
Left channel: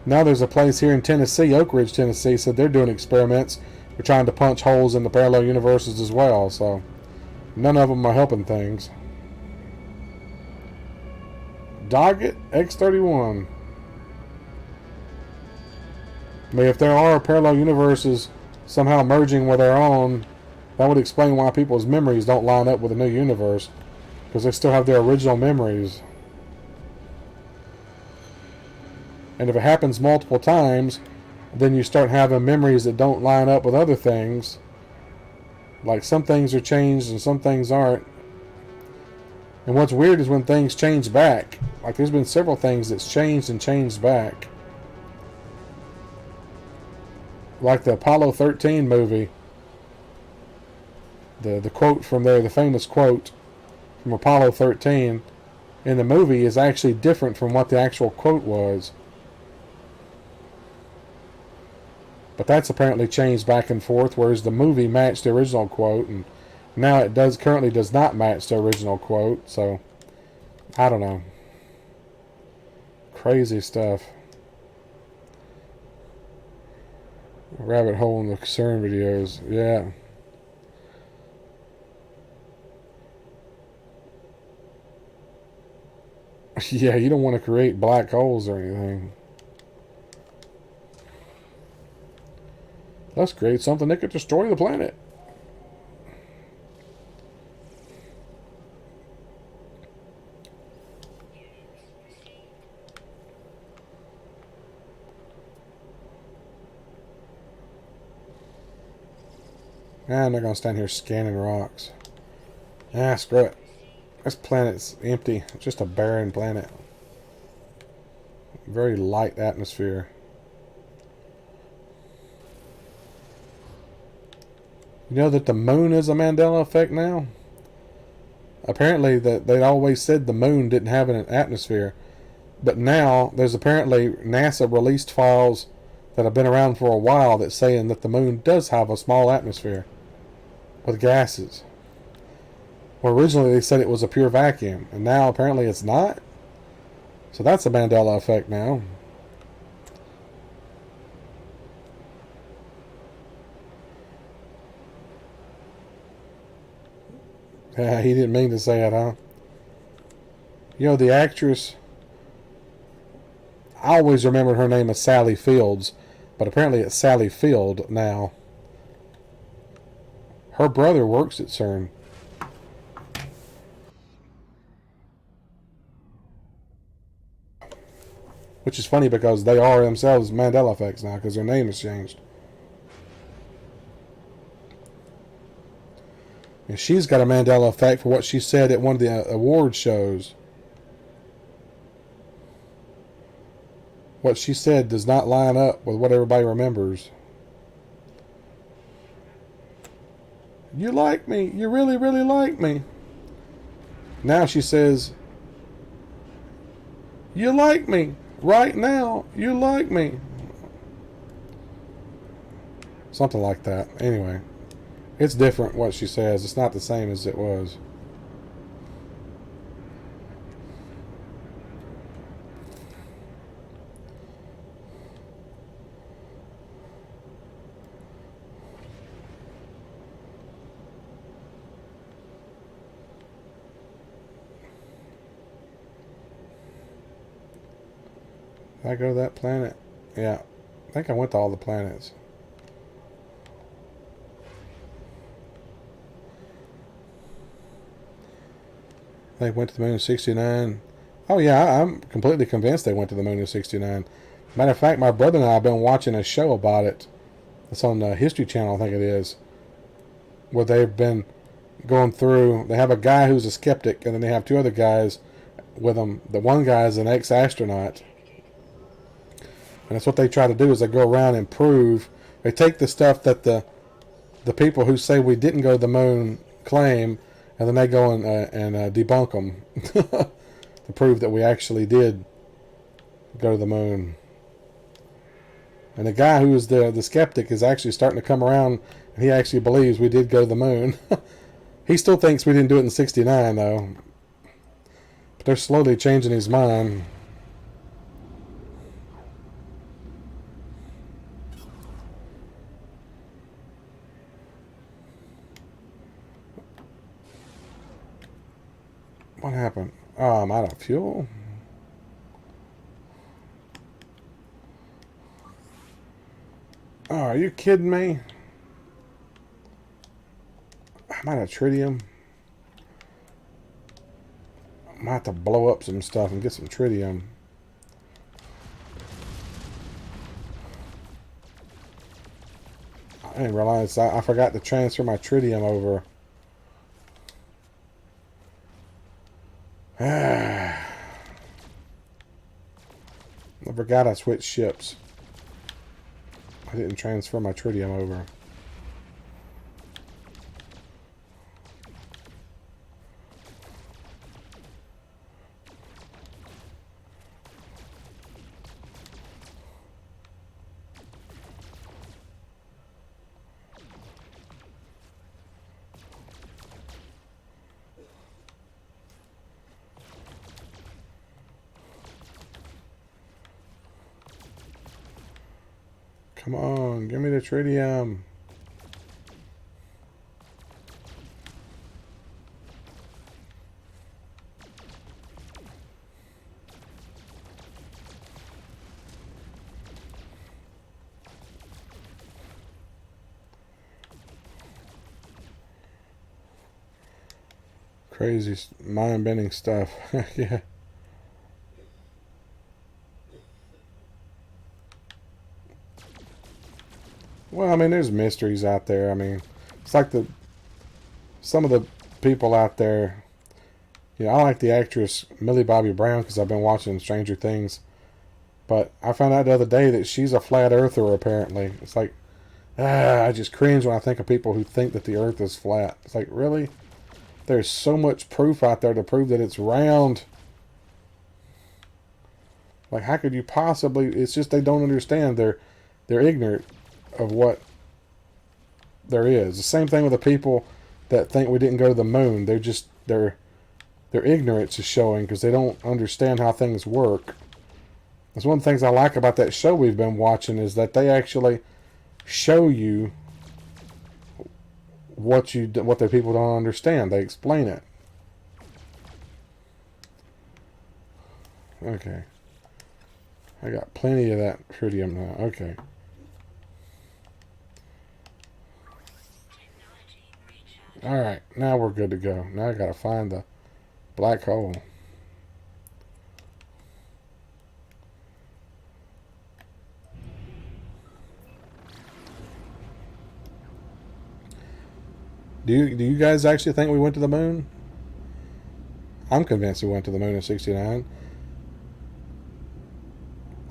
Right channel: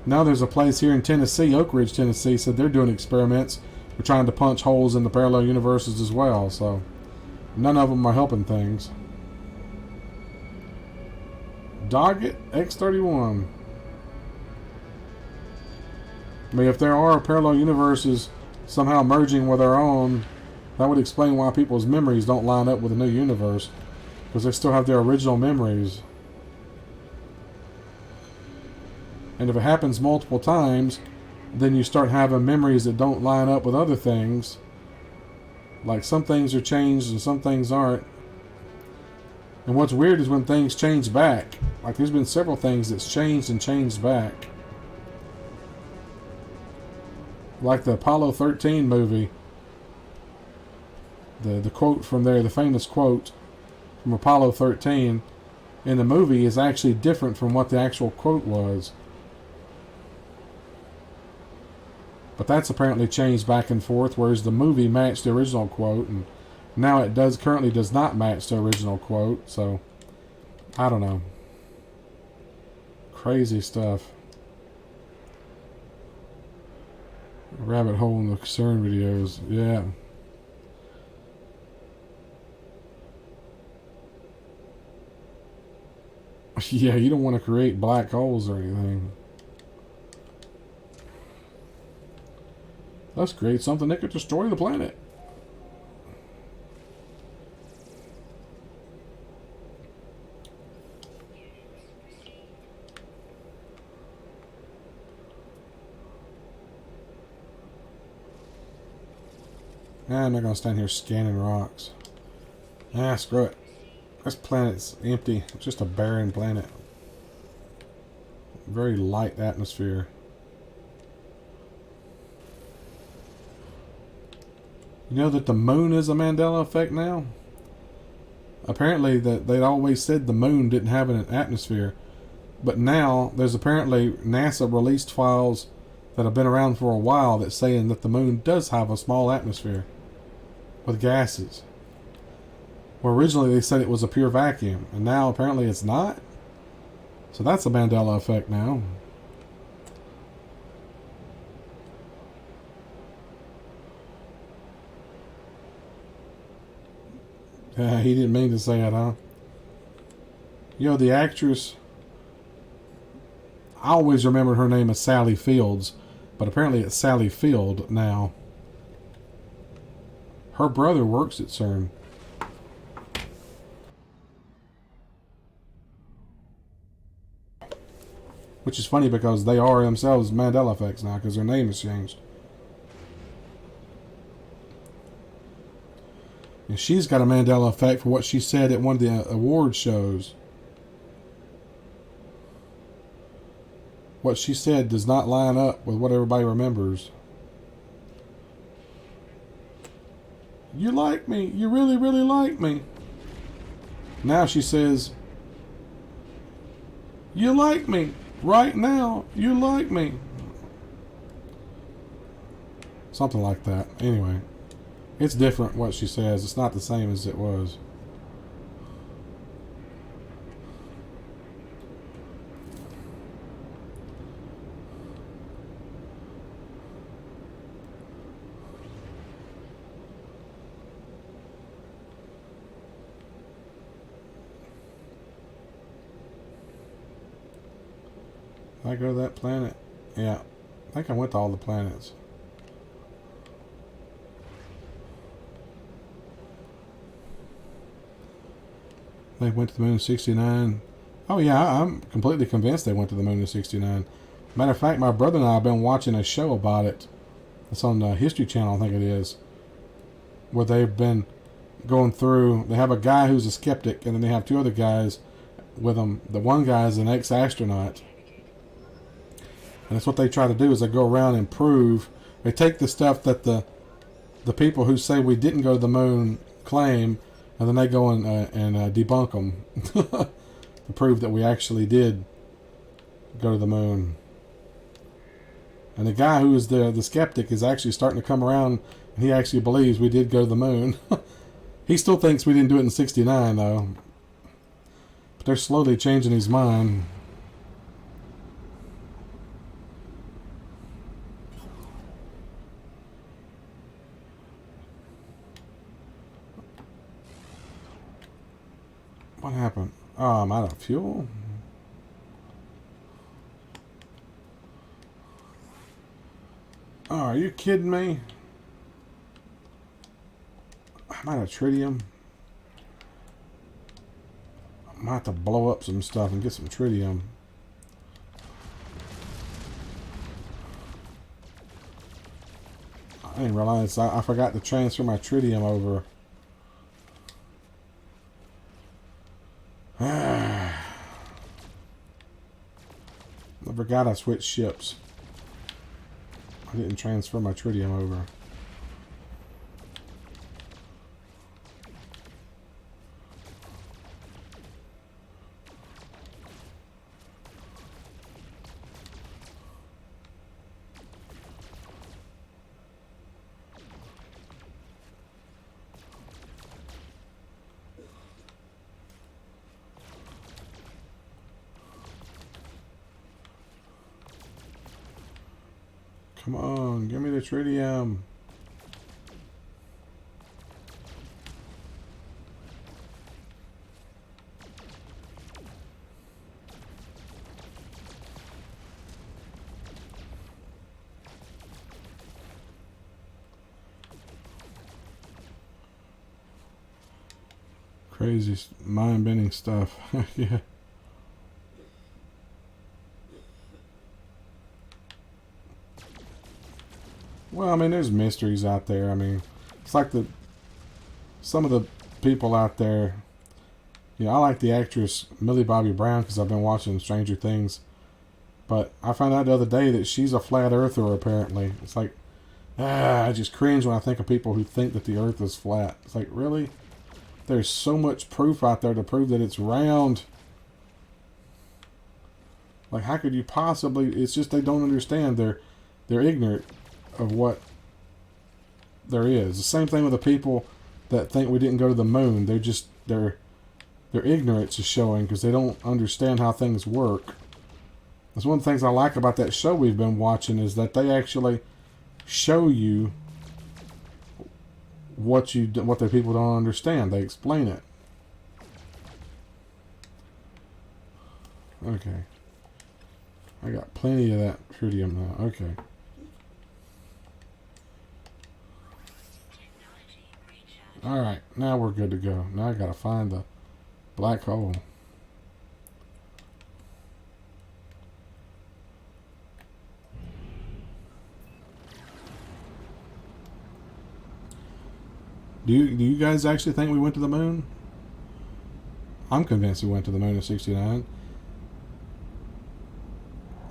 Now there's a place here in Tennessee, Oak Ridge, Tennessee, said they're doing experiments. They're trying to punch holes in the parallel universes as well, so none of them are helping things. Doggett X31. I mean, if there are parallel universes somehow merging with our own, that would explain why people's memories don't line up with the new universe, because they still have their original memories. And if it happens multiple times, then you start having memories that don't line up with other things. Like some things are changed and some things aren't. And what's weird is when things change back. Like there's been several things that's changed and changed back. Like the Apollo 13 movie. The quote from there, the famous quote from Apollo 13 in the movie is actually different from what the actual quote was. But that's apparently changed back and forth, whereas the movie matched the original quote, and now it currently does not match the original quote, so I don't know. Crazy stuff. Rabbit hole in the CERN videos, yeah. Yeah, you don't want to create black holes or anything. Let's create something that could destroy the planet. I'm not going to stand here scanning rocks. Screw it. This planet's empty. It's just a barren planet. Very light atmosphere. You know that the moon is a Mandela effect now? Apparently that they'd always said the moon didn't have an atmosphere. But now there's apparently NASA released files that have been around for a while that's saying that the moon does have a small atmosphere with gases. Well, originally they said it was a pure vacuum, and now apparently it's not. So that's a Mandela effect now. He didn't mean to say it, huh? You know, the actress, I always remembered her name as Sally Fields, but apparently it's Sally Field now. Her brother works at CERN. Which is funny because they are themselves Mandela effects now because their name has changed. And she's got a Mandela effect for what she said at one of the award shows. What she said does not line up with what everybody remembers. You like me. You really, really like me. Now she says, You like me. Right now, you like me. Something like that. Anyway, it's different what she says. It's not the same as it was. Did I go to that planet? Yeah. I think I went to all the planets. They went to the moon in 69. Oh, yeah, I'm completely convinced they went to the moon in 69. Matter of fact, my brother and I have been watching a show about it. It's on the History Channel, I think it is. Where they've been going through. They have a guy who's a skeptic, and then they have two other guys with them. The one guy is an ex-astronaut. And that's what they try to do is they go around and prove. They take the stuff that the people who say we didn't go to the moon claim, and then they go and debunk them to prove that we actually did go to the moon. And the guy who is the skeptic is actually starting to come around, and he actually believes we did go to the moon. He still thinks we didn't do it in 69, though. But they're slowly changing his mind. What happened? Oh, I'm out of fuel. Oh, are you kidding me? I'm out of tritium. I might have to blow up some stuff and get some tritium. I didn't realize I forgot to transfer my tritium over. I forgot I switched ships. I didn't transfer my tritium over. Come on, give me the tritium. Crazy mind-bending stuff. Yeah. Well, I mean, there's mysteries out there. I mean, it's like some of the people out there. I like the actress Millie Bobby Brown because I've been watching Stranger Things. But I found out the other day that she's a flat earther, apparently. It's like, I just cringe when I think of people who think that the earth is flat. It's like, really? There's so much proof out there to prove that it's round. Like, how could you possibly... It's just they don't understand. They're ignorant of what there is. The same thing with the people that think we didn't go to the moon. They're just... Their ignorance is showing because they don't understand how things work. That's one of the things I like about that show we've been watching is that they actually show you what the people don't understand. They explain it. Okay. I got plenty of that tritium now. Okay. Alright, now we're good to go. Now I gotta find the black hole. Do you guys actually think we went to the moon? I'm convinced we went to the moon in 69.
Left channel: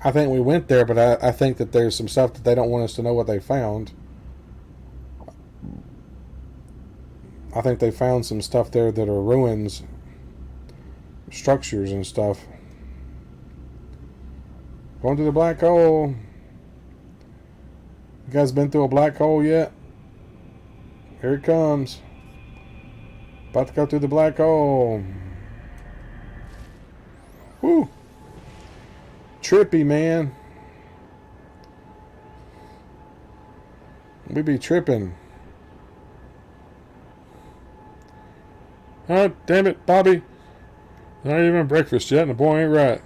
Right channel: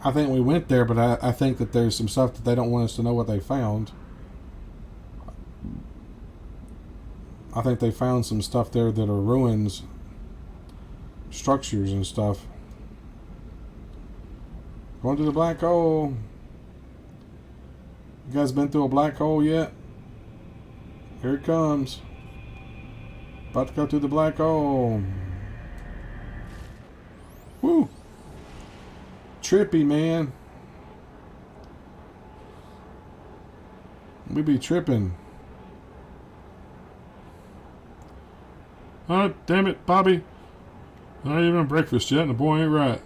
I think we went there, but I think that there's some stuff that they don't want us to know what they found. I think they found some stuff there that are ruins, structures and stuff. Going to the black hole. You guys been through a black hole yet? Here it comes. About to go through the black hole. Woo! Trippy, man. We be tripping. Oh, damn it, Bobby. Not even breakfast yet, and the boy ain't right.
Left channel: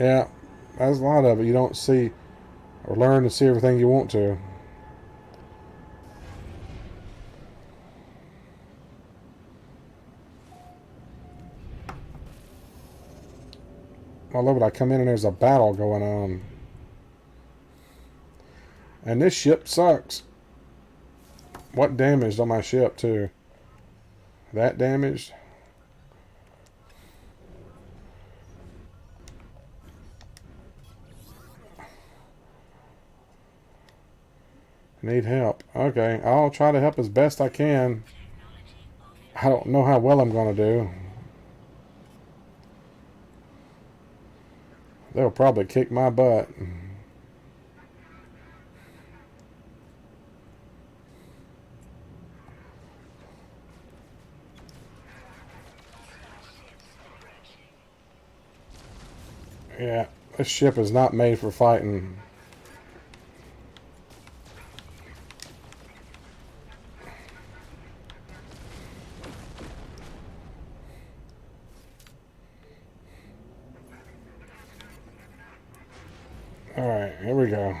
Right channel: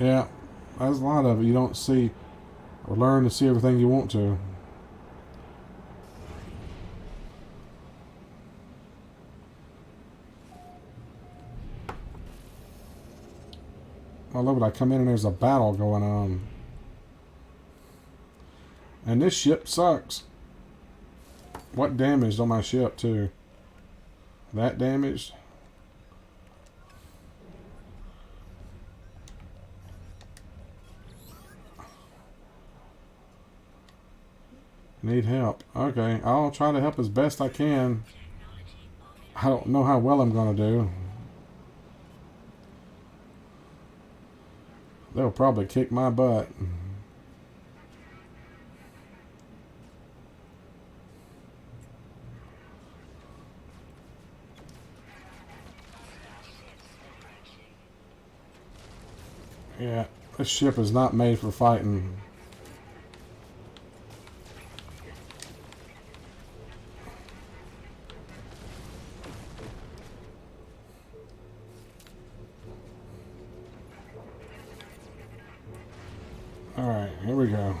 Yeah, there's a lot of it. You don't see or learn to see everything you want to. I love it. I come in and there's a battle going on. And this ship sucks. What damaged on my ship, too? That damaged? Need help. Okay, I'll try to help as best I can. I don't know how well I'm going to do. They'll probably kick my butt. Yeah, this ship is not made for fighting. Alright, here we go.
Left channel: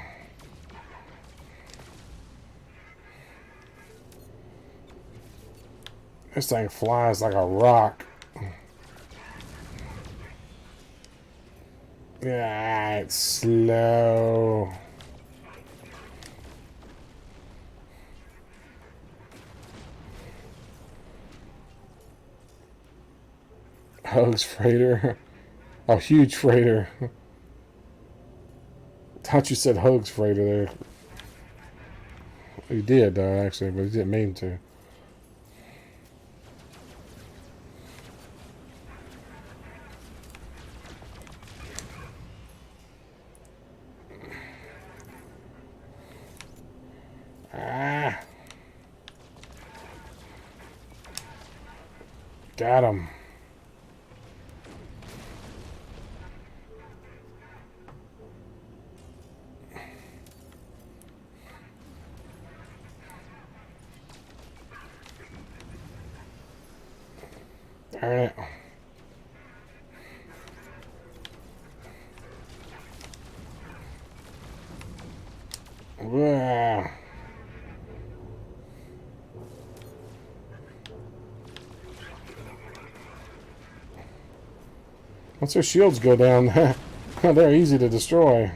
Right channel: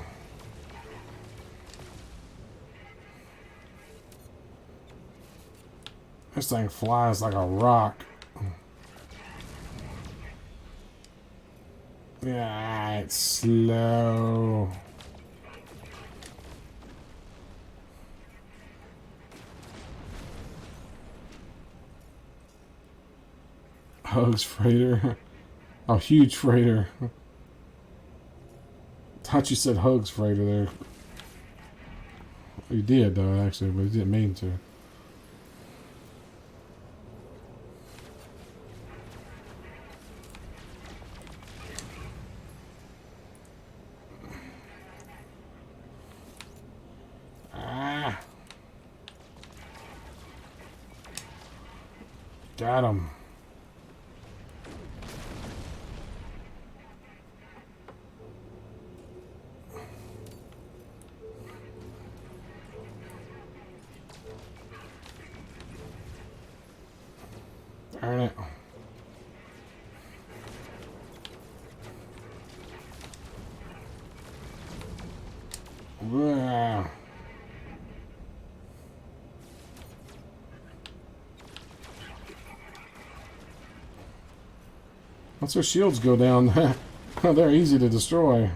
This thing flies like a rock. Yeah, it's slow. Hugs freighter. A huge freighter. Thought you said Hugs freighter there. He did though, actually, but he didn't mean to. Ah! Got him. Darn it. Wow. Once their shields go down, they're easy to destroy.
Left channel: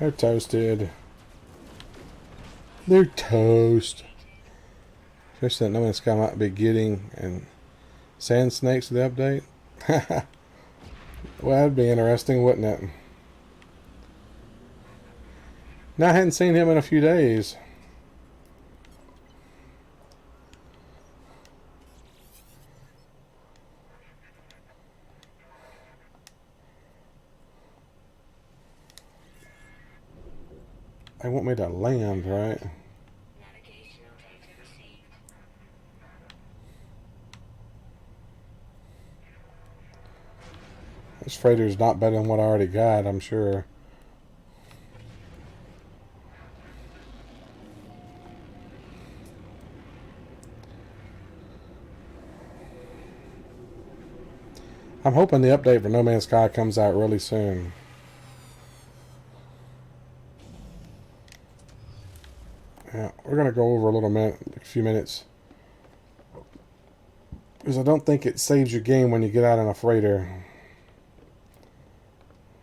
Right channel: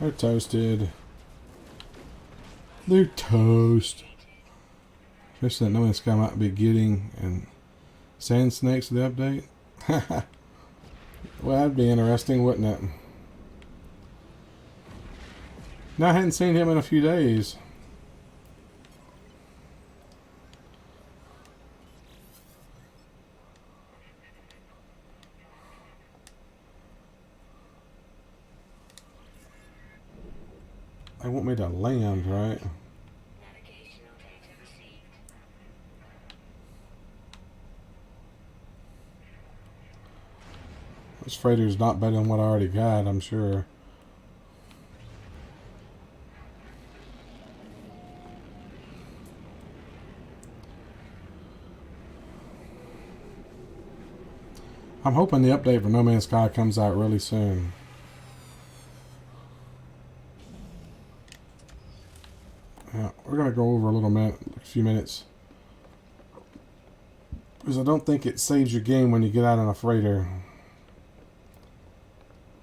They're toasted. They're toast. Fish that No Man's Sky might be getting and sand snakes to the update. Well, that'd be interesting, wouldn't it? Now I hadn't seen him in a few days. They want me to land, right? This freighter's not better than what I already got, I'm sure. I'm hoping the update for No Man's Sky comes out really soon. Yeah, we're gonna go over a few minutes, because I don't think it saves your game when you get out on a freighter.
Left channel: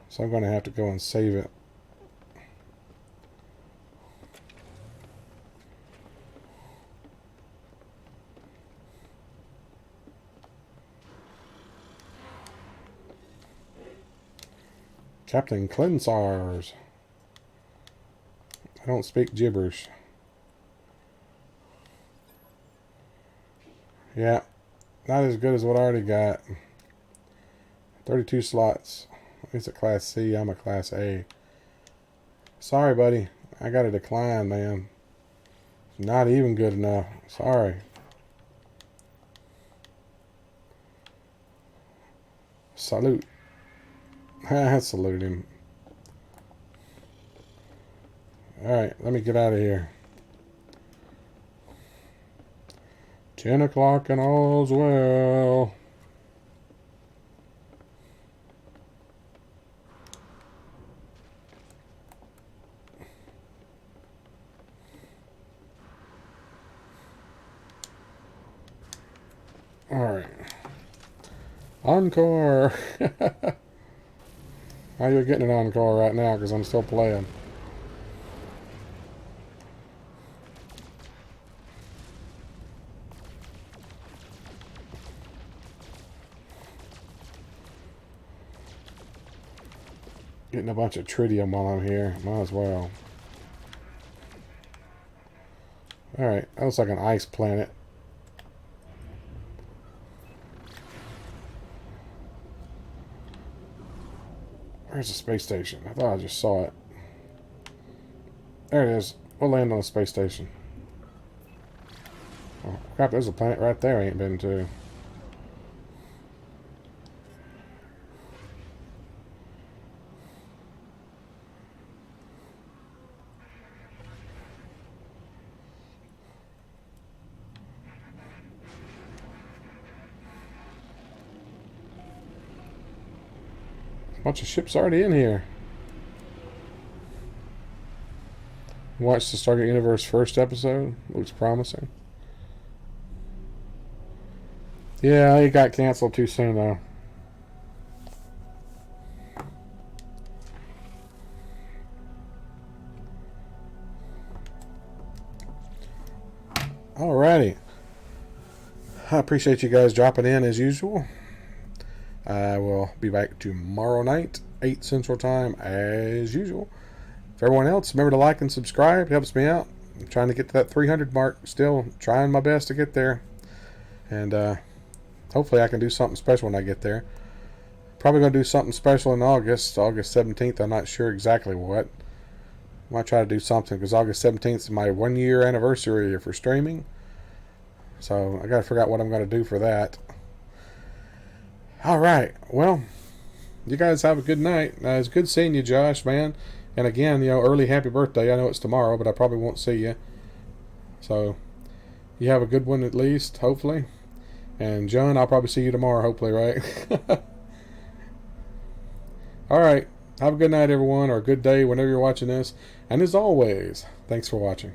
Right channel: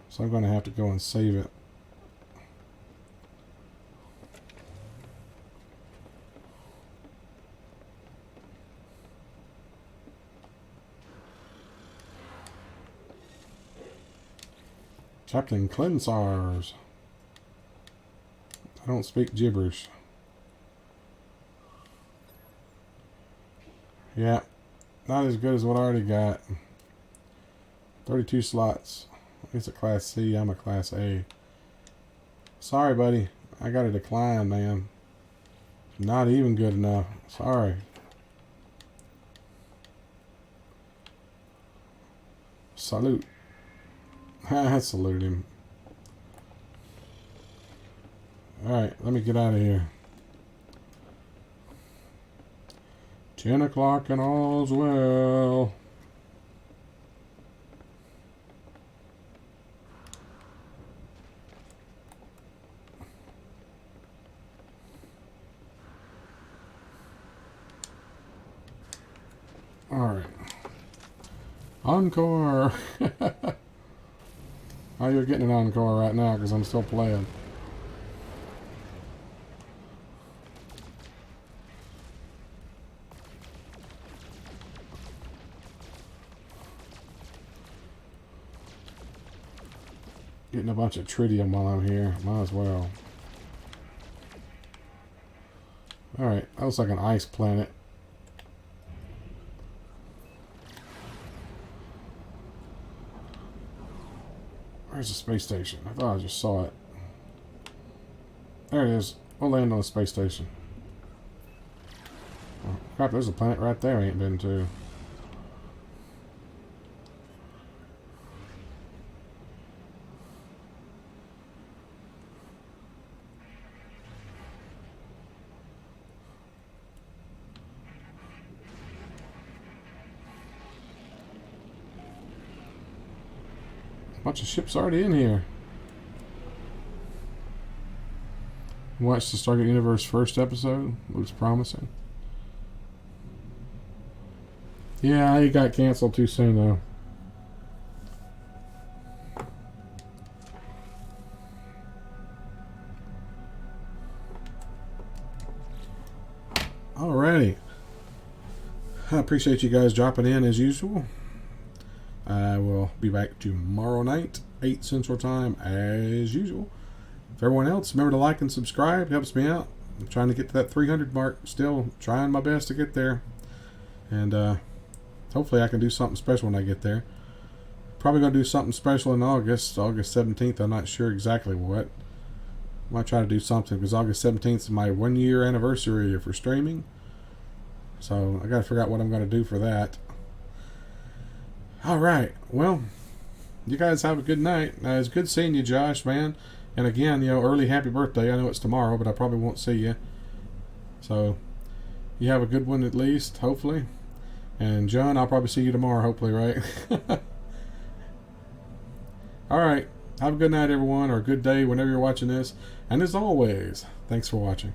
So I'm gonna have to go and save it. Captain Clemsars. I don't speak gibberish. Yeah, not as good as what I already got. 32 slots. He's a Class C, I'm a Class A. Sorry, buddy. I got a decline, man. Not even good enough. Sorry. Salute. Salute him. Alright, let me get out of here. 10 o'clock and all's well. Alright. Encore. Oh, you're getting an encore right now because I'm still playing. Getting a bunch of tritium while I'm here. Might as well. Alright, that looks like an ice planet. Where's the space station? I thought I just saw it. There it is. We'll land on the space station. Oh, crap, there's a planet right there I ain't been to. Bunch of ships already in here. Watch the Stargate Universe first episode. Looks promising. Yeah, it got canceled too soon though. Alrighty. I appreciate you guys dropping in as usual. I will be back tomorrow night, 8 Central Time, as usual. For everyone else, remember to like and subscribe. It helps me out. I'm trying to get to that 300 mark. Still trying my best to get there. And hopefully I can do something special when I get there. Probably going to do something special in August 17th. I'm not sure exactly what. I might try to do something because August 17th is my 1-year anniversary for streaming. So I got to figure out what I'm going to do for that. Alright, well, you guys have a good night. It's good seeing you, Josh, man. And again, early happy birthday. I know it's tomorrow, but I probably won't see you. So, you have a good one at least, hopefully. And John, I'll probably see you tomorrow, hopefully, right? Alright, have a good night, everyone, or a good day whenever you're watching this. And as always, thanks for watching.